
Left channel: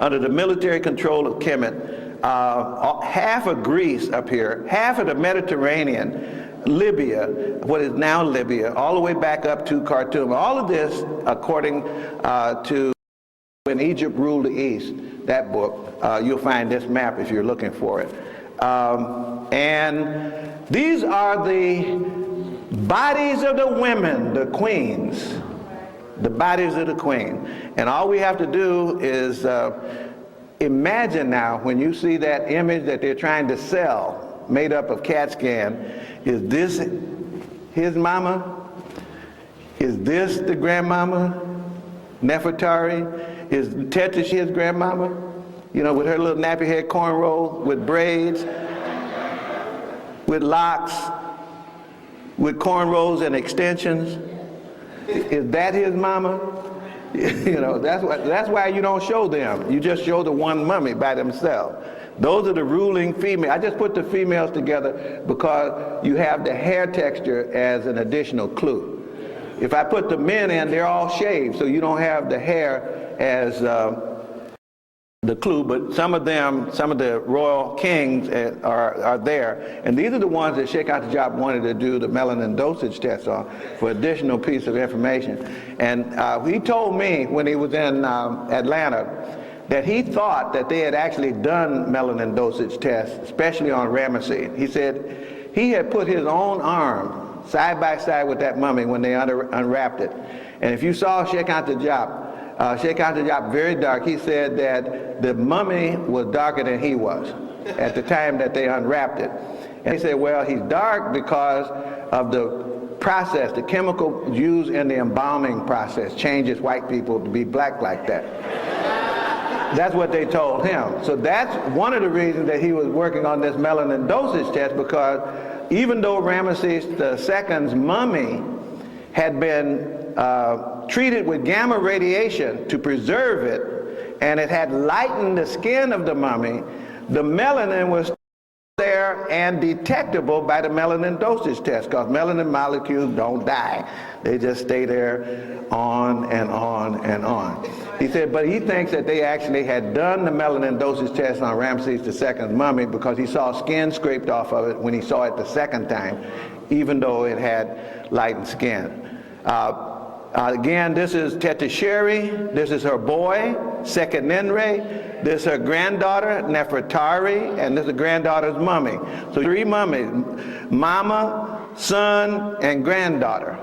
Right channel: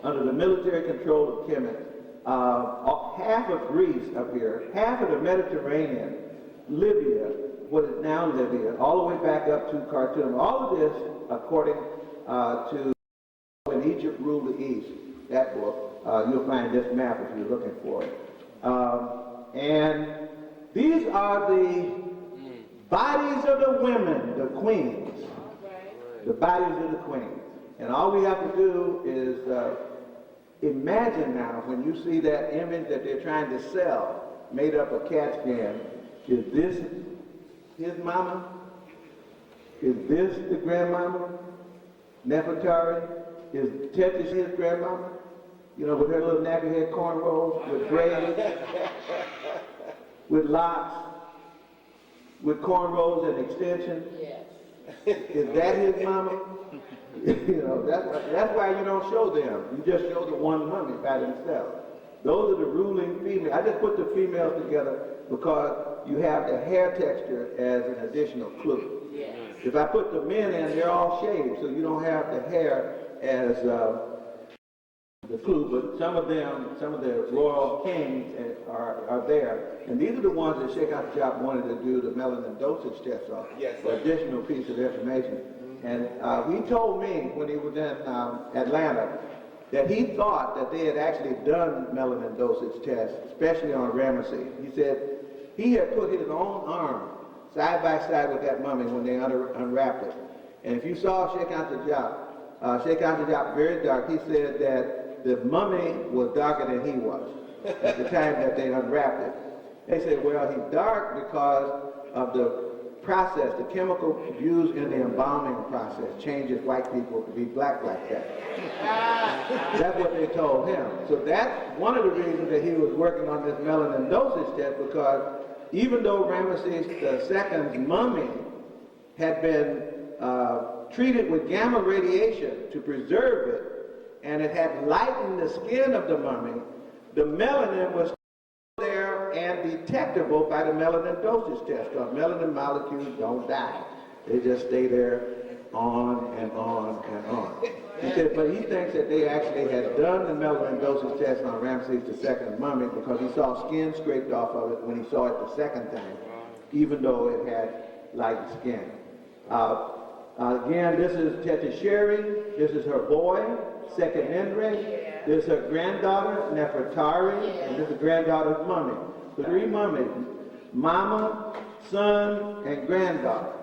under the military control of Kemet, half of Greece up here, half of the Mediterranean, Libya, what is now Libya, all the way back up to Khartoum. All of this, according to When Egypt Ruled the East, that book, you'll find this map if you're looking for it. And these are the bodies of the women, the queens, the bodies of the queen. And all we have to do is imagine now when you see that image that they're trying to sell, made up of CAT scan, is this his mama? Is this the grandmama, Nefertari? Is Tetra his grandmama? You know, with her little nappy head cornrow, with braids, with locks, with cornrows and extensions. Is that his mama? You know, that's why you don't show them. You just show the one mummy by themselves. Those are the ruling females. I just put the females together because you have the hair texture as an additional clue. If I put the men in, they're all shaved, so you don't have the hair as the clue, but some of them, some of the royal kings are there. And these are the ones that Sheikh Anta wanted to do the melanin dosage test on for additional piece of information. And he told me when he was in Atlanta that he thought that they had actually done melanin dosage tests, especially on Ramesses. He said he had put his own arm side by side with that mummy when they unwrapped it. And if you saw Sheikh Anta very dark, he said that the mummy was darker than he was at the time that they unwrapped it. And he said, well, he's dark because of the process, the chemical used in the embalming process changes white people to be black like that. That's what they told him. So that's one of the reasons that he was working on this melanin dosage test, because even though Ramesses II's mummy had been treated with gamma radiation to preserve it, and it had lightened the skin of the mummy, the melanin was there and detectable by the melanin dosage test, because melanin molecules don't die. They just stay there on and on and on. He said, but he thinks that they actually had done the melanin dosage test on Ramesses II's mummy because he saw skin scraped off of it when he saw it the second time, even though it had lightened skin. Again, this is Tetisheri, this is her boy, Sekenenre, this is her granddaughter, Nefertari, and this is the granddaughter's mummy. So 3 mummies, mama, son, and granddaughter.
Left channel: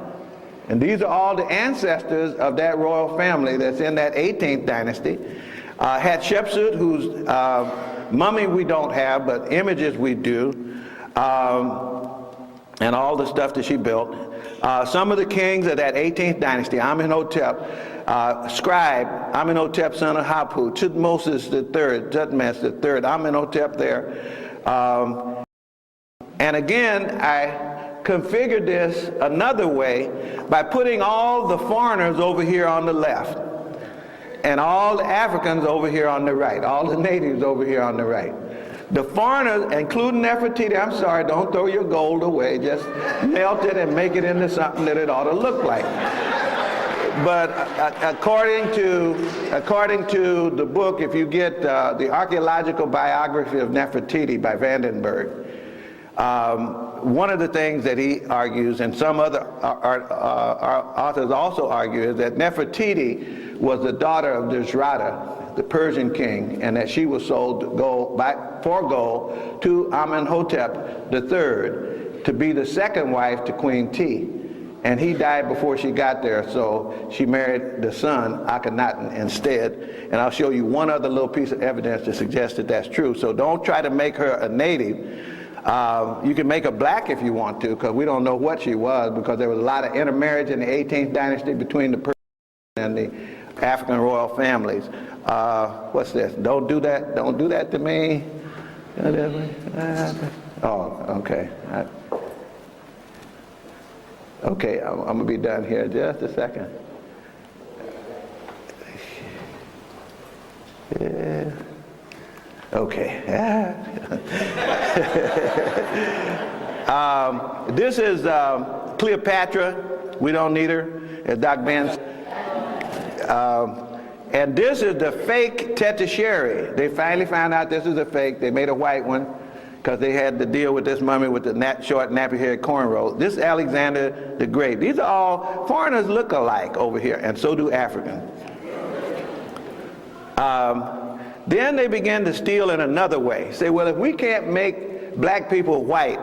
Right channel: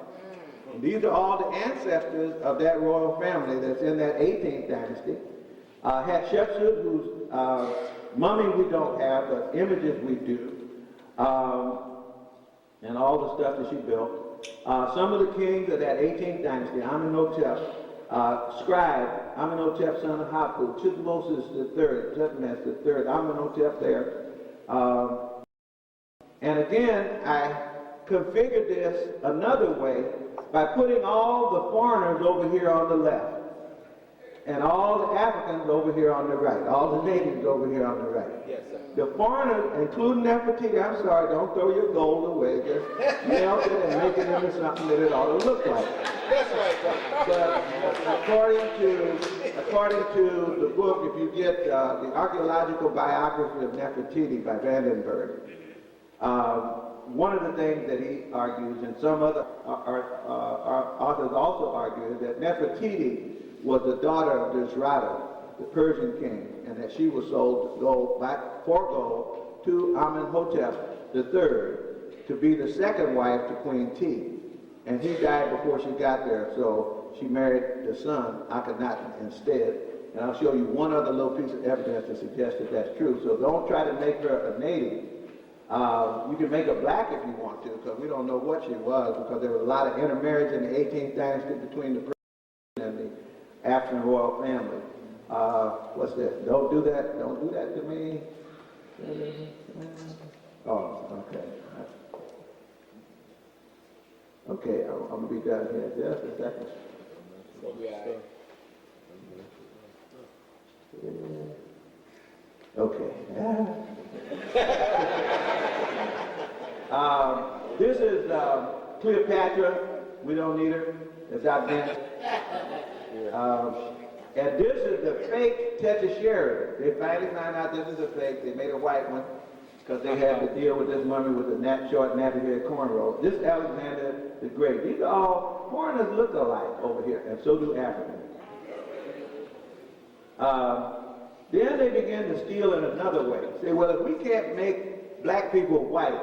And these are all the ancestors of that royal family that's in that 18th dynasty. Hatshepsut, whose mummy we don't have, but images we do, and all the stuff that she built. Some of the kings of that 18th dynasty, Amenhotep, scribe, Amenhotep son of Hapu, Tutmosis III, Tutmes III, Amenhotep there. And again, I configured this another way by putting all the foreigners over here on the left and all the Africans over here on the right, all the natives over here on the right. The foreigners, including Nefertiti, I'm sorry, don't throw your gold away, just melt it and make it into something that it ought to look like. But according to the book, if you get the archaeological biography of Nefertiti by Vandenberg, one of the things that he argues, and some other authors also argue, is that Nefertiti was the daughter of Dushrata, the Persian king, and that she was sold for gold to Amenhotep III to be the second wife to Queen T. And he died before she got there, so she married the son, Akhenaten, instead. And I'll show you one other little piece of evidence to suggest that that's true. So don't try to make her a native. You can make her black if you want to, because we don't know what she was, because there was a lot of intermarriage in the 18th dynasty between the Persian and the African royal families. What's this? Don't do that. Don't do that to me. Oh, okay. Okay, I'm gonna be done here in just a second. Yeah. Okay. This is Cleopatra. We don't need her, as Doc Ben. And this is the fake Tetisheri. They finally found out this is a fake. They made a white one because they had to deal with this mummy with the short nappy-haired cornrows. This is Alexander the Great. These are all foreigners look alike over here, and so do Africans. Then they began to steal in another way. Say, well, if we can't make black people white,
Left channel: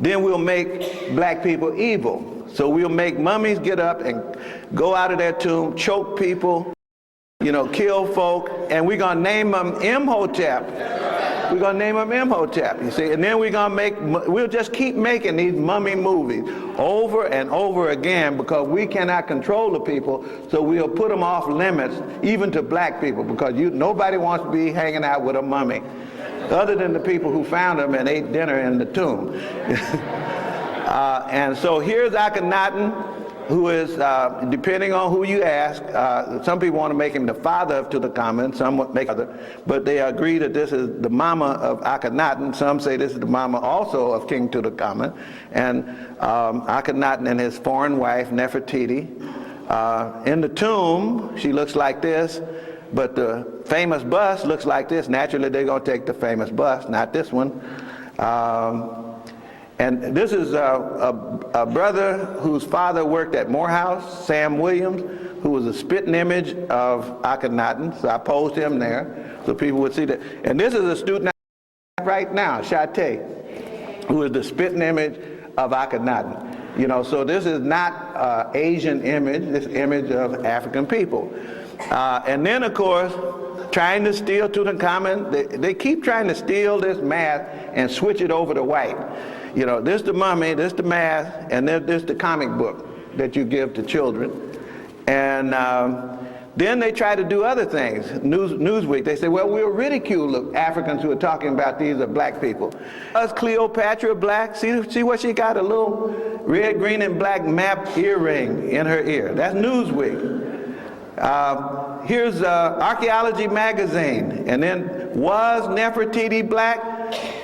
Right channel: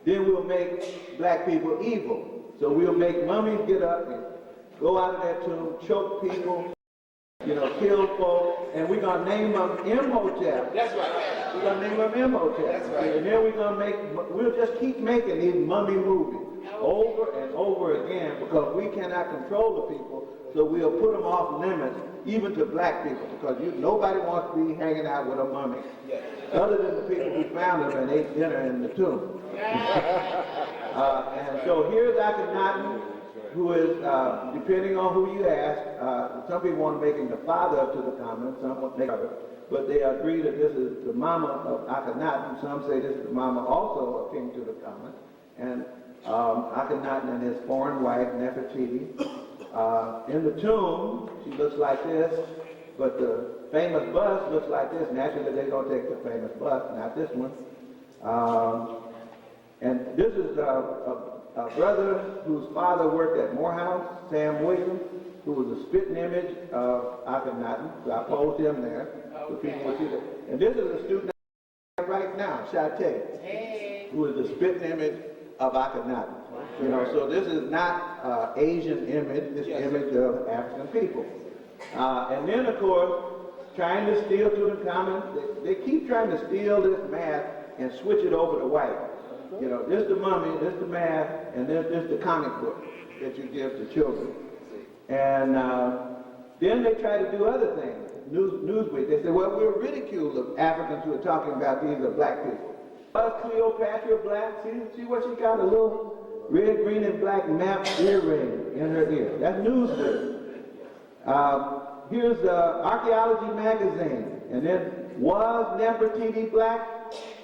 then we'll make black people evil. So we'll make mummies get up and go out of their tomb, choke people, you know, kill folk, and we're gonna name them Imhotep. We're gonna name them Imhotep, you see, and then we'll just keep making these mummy movies over and over again because we cannot control the people, so we'll put them off limits, even to black people, because nobody wants to be hanging out with a mummy, other than the people who found them and ate dinner in the tomb. And so here's Akhenaten, who is, depending on who you ask, some people want to make him the father of Tutankhamun, some want to make other, but they agree that this is the mama of Akhenaten. Some say this is the mama also of King Tutankhamun. And Akhenaten and his foreign wife, Nefertiti. In the tomb, she looks like this, but the famous bust looks like this. Naturally, they're going to take the famous bust, not this one. And this is a brother whose father worked at Morehouse, Sam Williams, who was a spitting image of Akhenaten. So I posed him there so people would see that. And this is a student right now, Shate, who is the spitting image of Akhenaten. You know, so this is not Asian image, this image of African people. And then, of course, trying to steal Tutankhamun, they keep trying to steal this math and switch it over to white. You know, this the mummy, this the math, and this the comic book that you give to children. And then they try to do other things. Newsweek, they say, well, we'll ridicule Africans who are talking about these are black people. Was Cleopatra black? See what she got? A little red, green, and black map earring in her ear. That's Newsweek. Here's Archaeology magazine. And then, was Nefertiti black?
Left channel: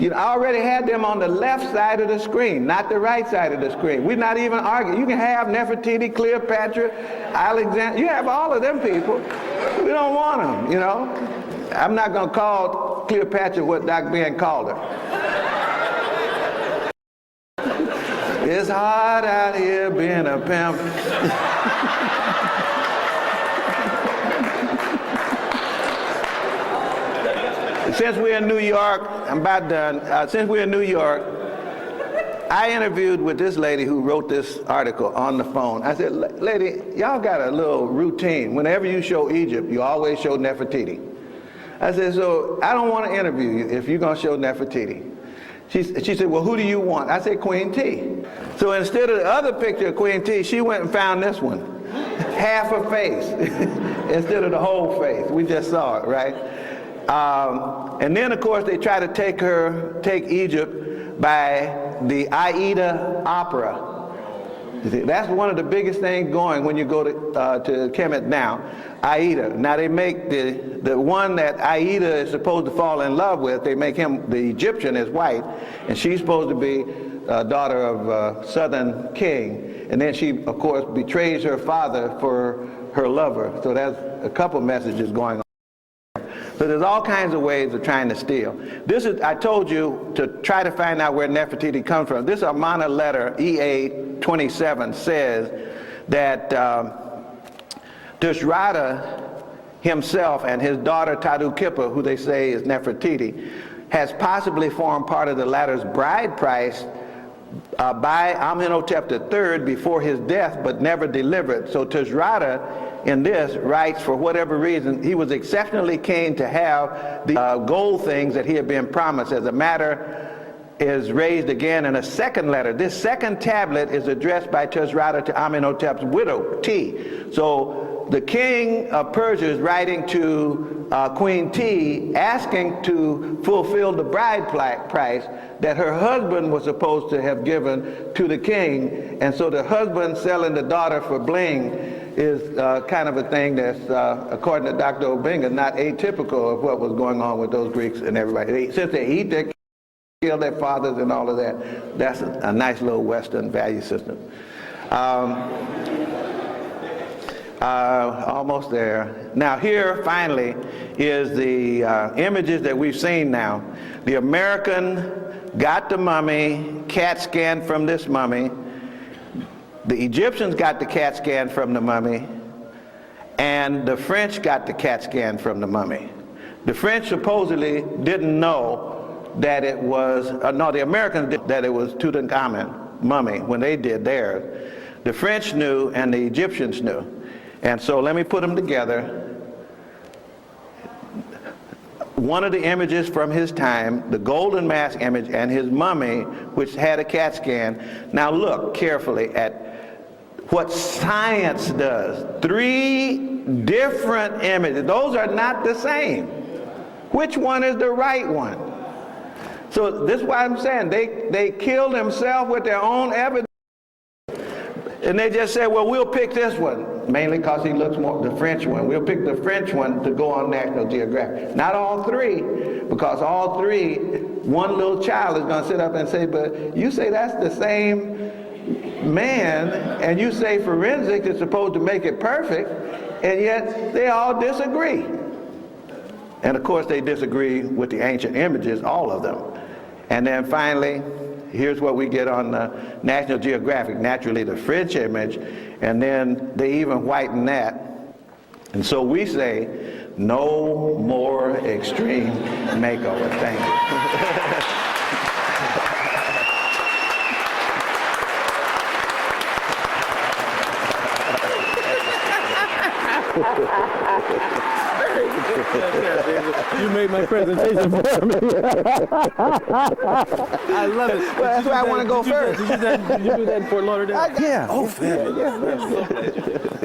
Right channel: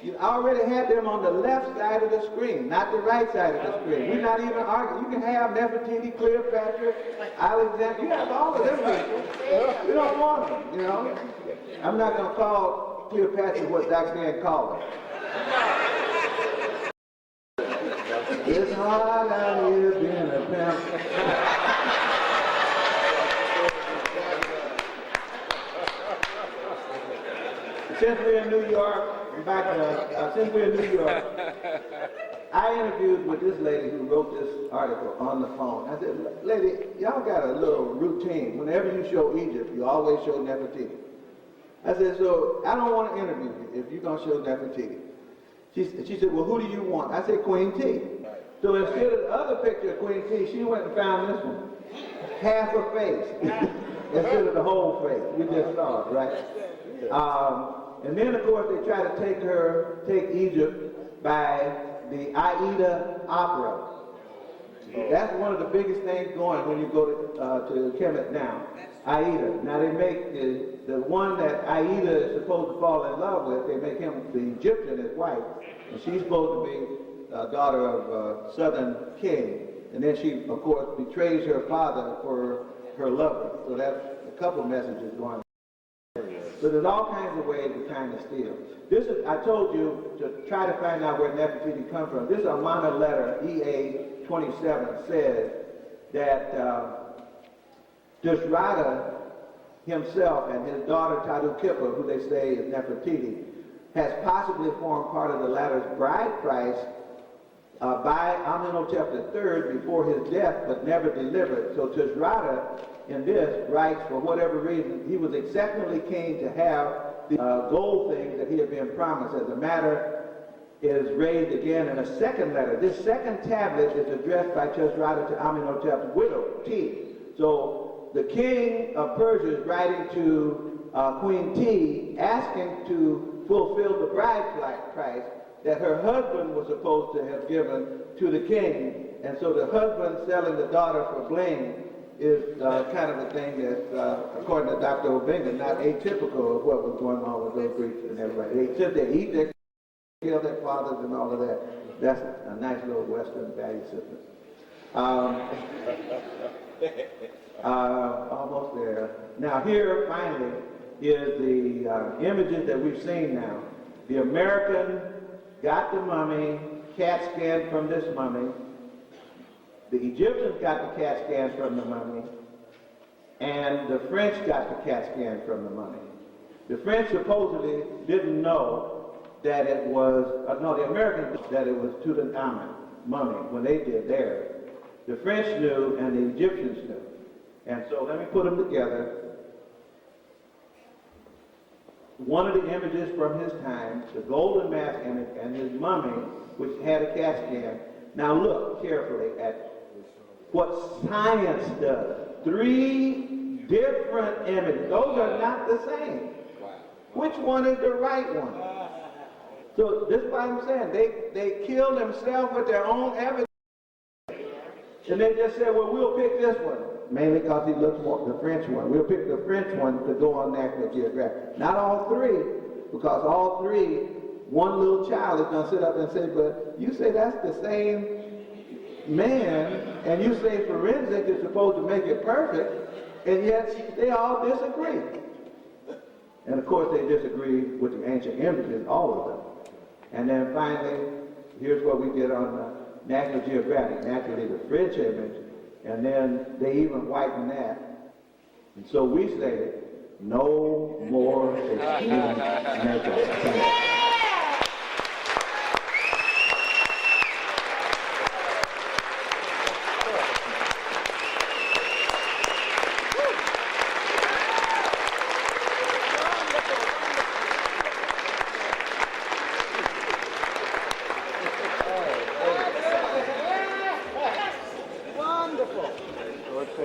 You know, I already had them on the left side of the screen, not the right side of the screen. We're not even arguing. You can have Nefertiti, Cleopatra, Alexander. You have all of them people. We don't want them, you know. I'm not going to call Cleopatra what Doc Ben called her. It's hard out here being a pimp. Since we're in New York, I'm about done. Since we're in New York, I interviewed with this lady who wrote this article on the phone. I said, lady, y'all got a little routine. Whenever you show Egypt, you always show Nefertiti. I said, so I don't want to interview you if you're going to show Nefertiti. She said, well, who do you want? I said, Queen T. So instead of the other picture of Queen T, she went and found this one. Half her face instead of the whole face. We just saw it, right? And then, of course, they try to take Egypt by the Aida opera. You see, that's one of the biggest things going when you go to Kemet now, Aida. Now they make the one that Aida is supposed to fall in love with, they make him, the Egyptian, is white, and she's supposed to be daughter of a southern king. And then she, of course, betrays her father for her lover. So that's a couple messages going on. So there's all kinds of ways of trying to steal. This is, I told you to try to find out where Nefertiti comes from. This Amana letter, EA 27, says that Tushratta himself and his daughter Tadu Kippa, who they say is Nefertiti, has possibly formed part of the latter's bride price by Amenhotep III before his death, but never delivered. So Tushratta in this writes, for whatever reason, he was exceptionally keen to have the gold things that he had been promised. As a matter is raised again in a second letter. This second tablet is addressed by Tushratta to Amenhotep's widow, T. So the king of Persia is writing to Queen T asking to fulfill the bride price that her husband was supposed to have given to the king. And so the husband selling the daughter for bling is kind of a thing that's, according to Dr. Obenja, not atypical of what was going on with those Greeks and everybody. Since they eat their kill their fathers and all of that, that's a nice little Western value system. Almost there. Now here, finally, is the images that we've seen now. The American got the mummy, CAT scan from this mummy. The Egyptians got the CAT scan from the mummy, and the French got the CAT scan from the mummy. The French supposedly didn't know that it was, no, the Americans did, that it was Tutankhamun mummy when they did theirs. The French knew and the Egyptians knew. And so let me put them together. One of the images from his time, the golden mask image, and his mummy, which had a CAT scan. Now look carefully at what science does. 3 different images. Those are not the same. Which one is the right one? So this is why I'm saying they killed themselves with their own evidence. And they just said, well, we'll pick this one, mainly because he looks more the French one. We'll pick the French one to go on National Geographic. Not all 3, because all 3, one little child is going to sit up and say, but you say that's the same man, and you say forensics is supposed to make it perfect, and yet they all disagree. And of course they disagree with the ancient images, all of them. And then finally, here's what we get on National Geographic, naturally the French image, and then they even whiten that. And so we say, no more extreme makeover. Thank you. You made my presentation. I love it. That's why I want to go first. Did you do that in Fort Lauderdale? Yeah. Oh, man. Yeah.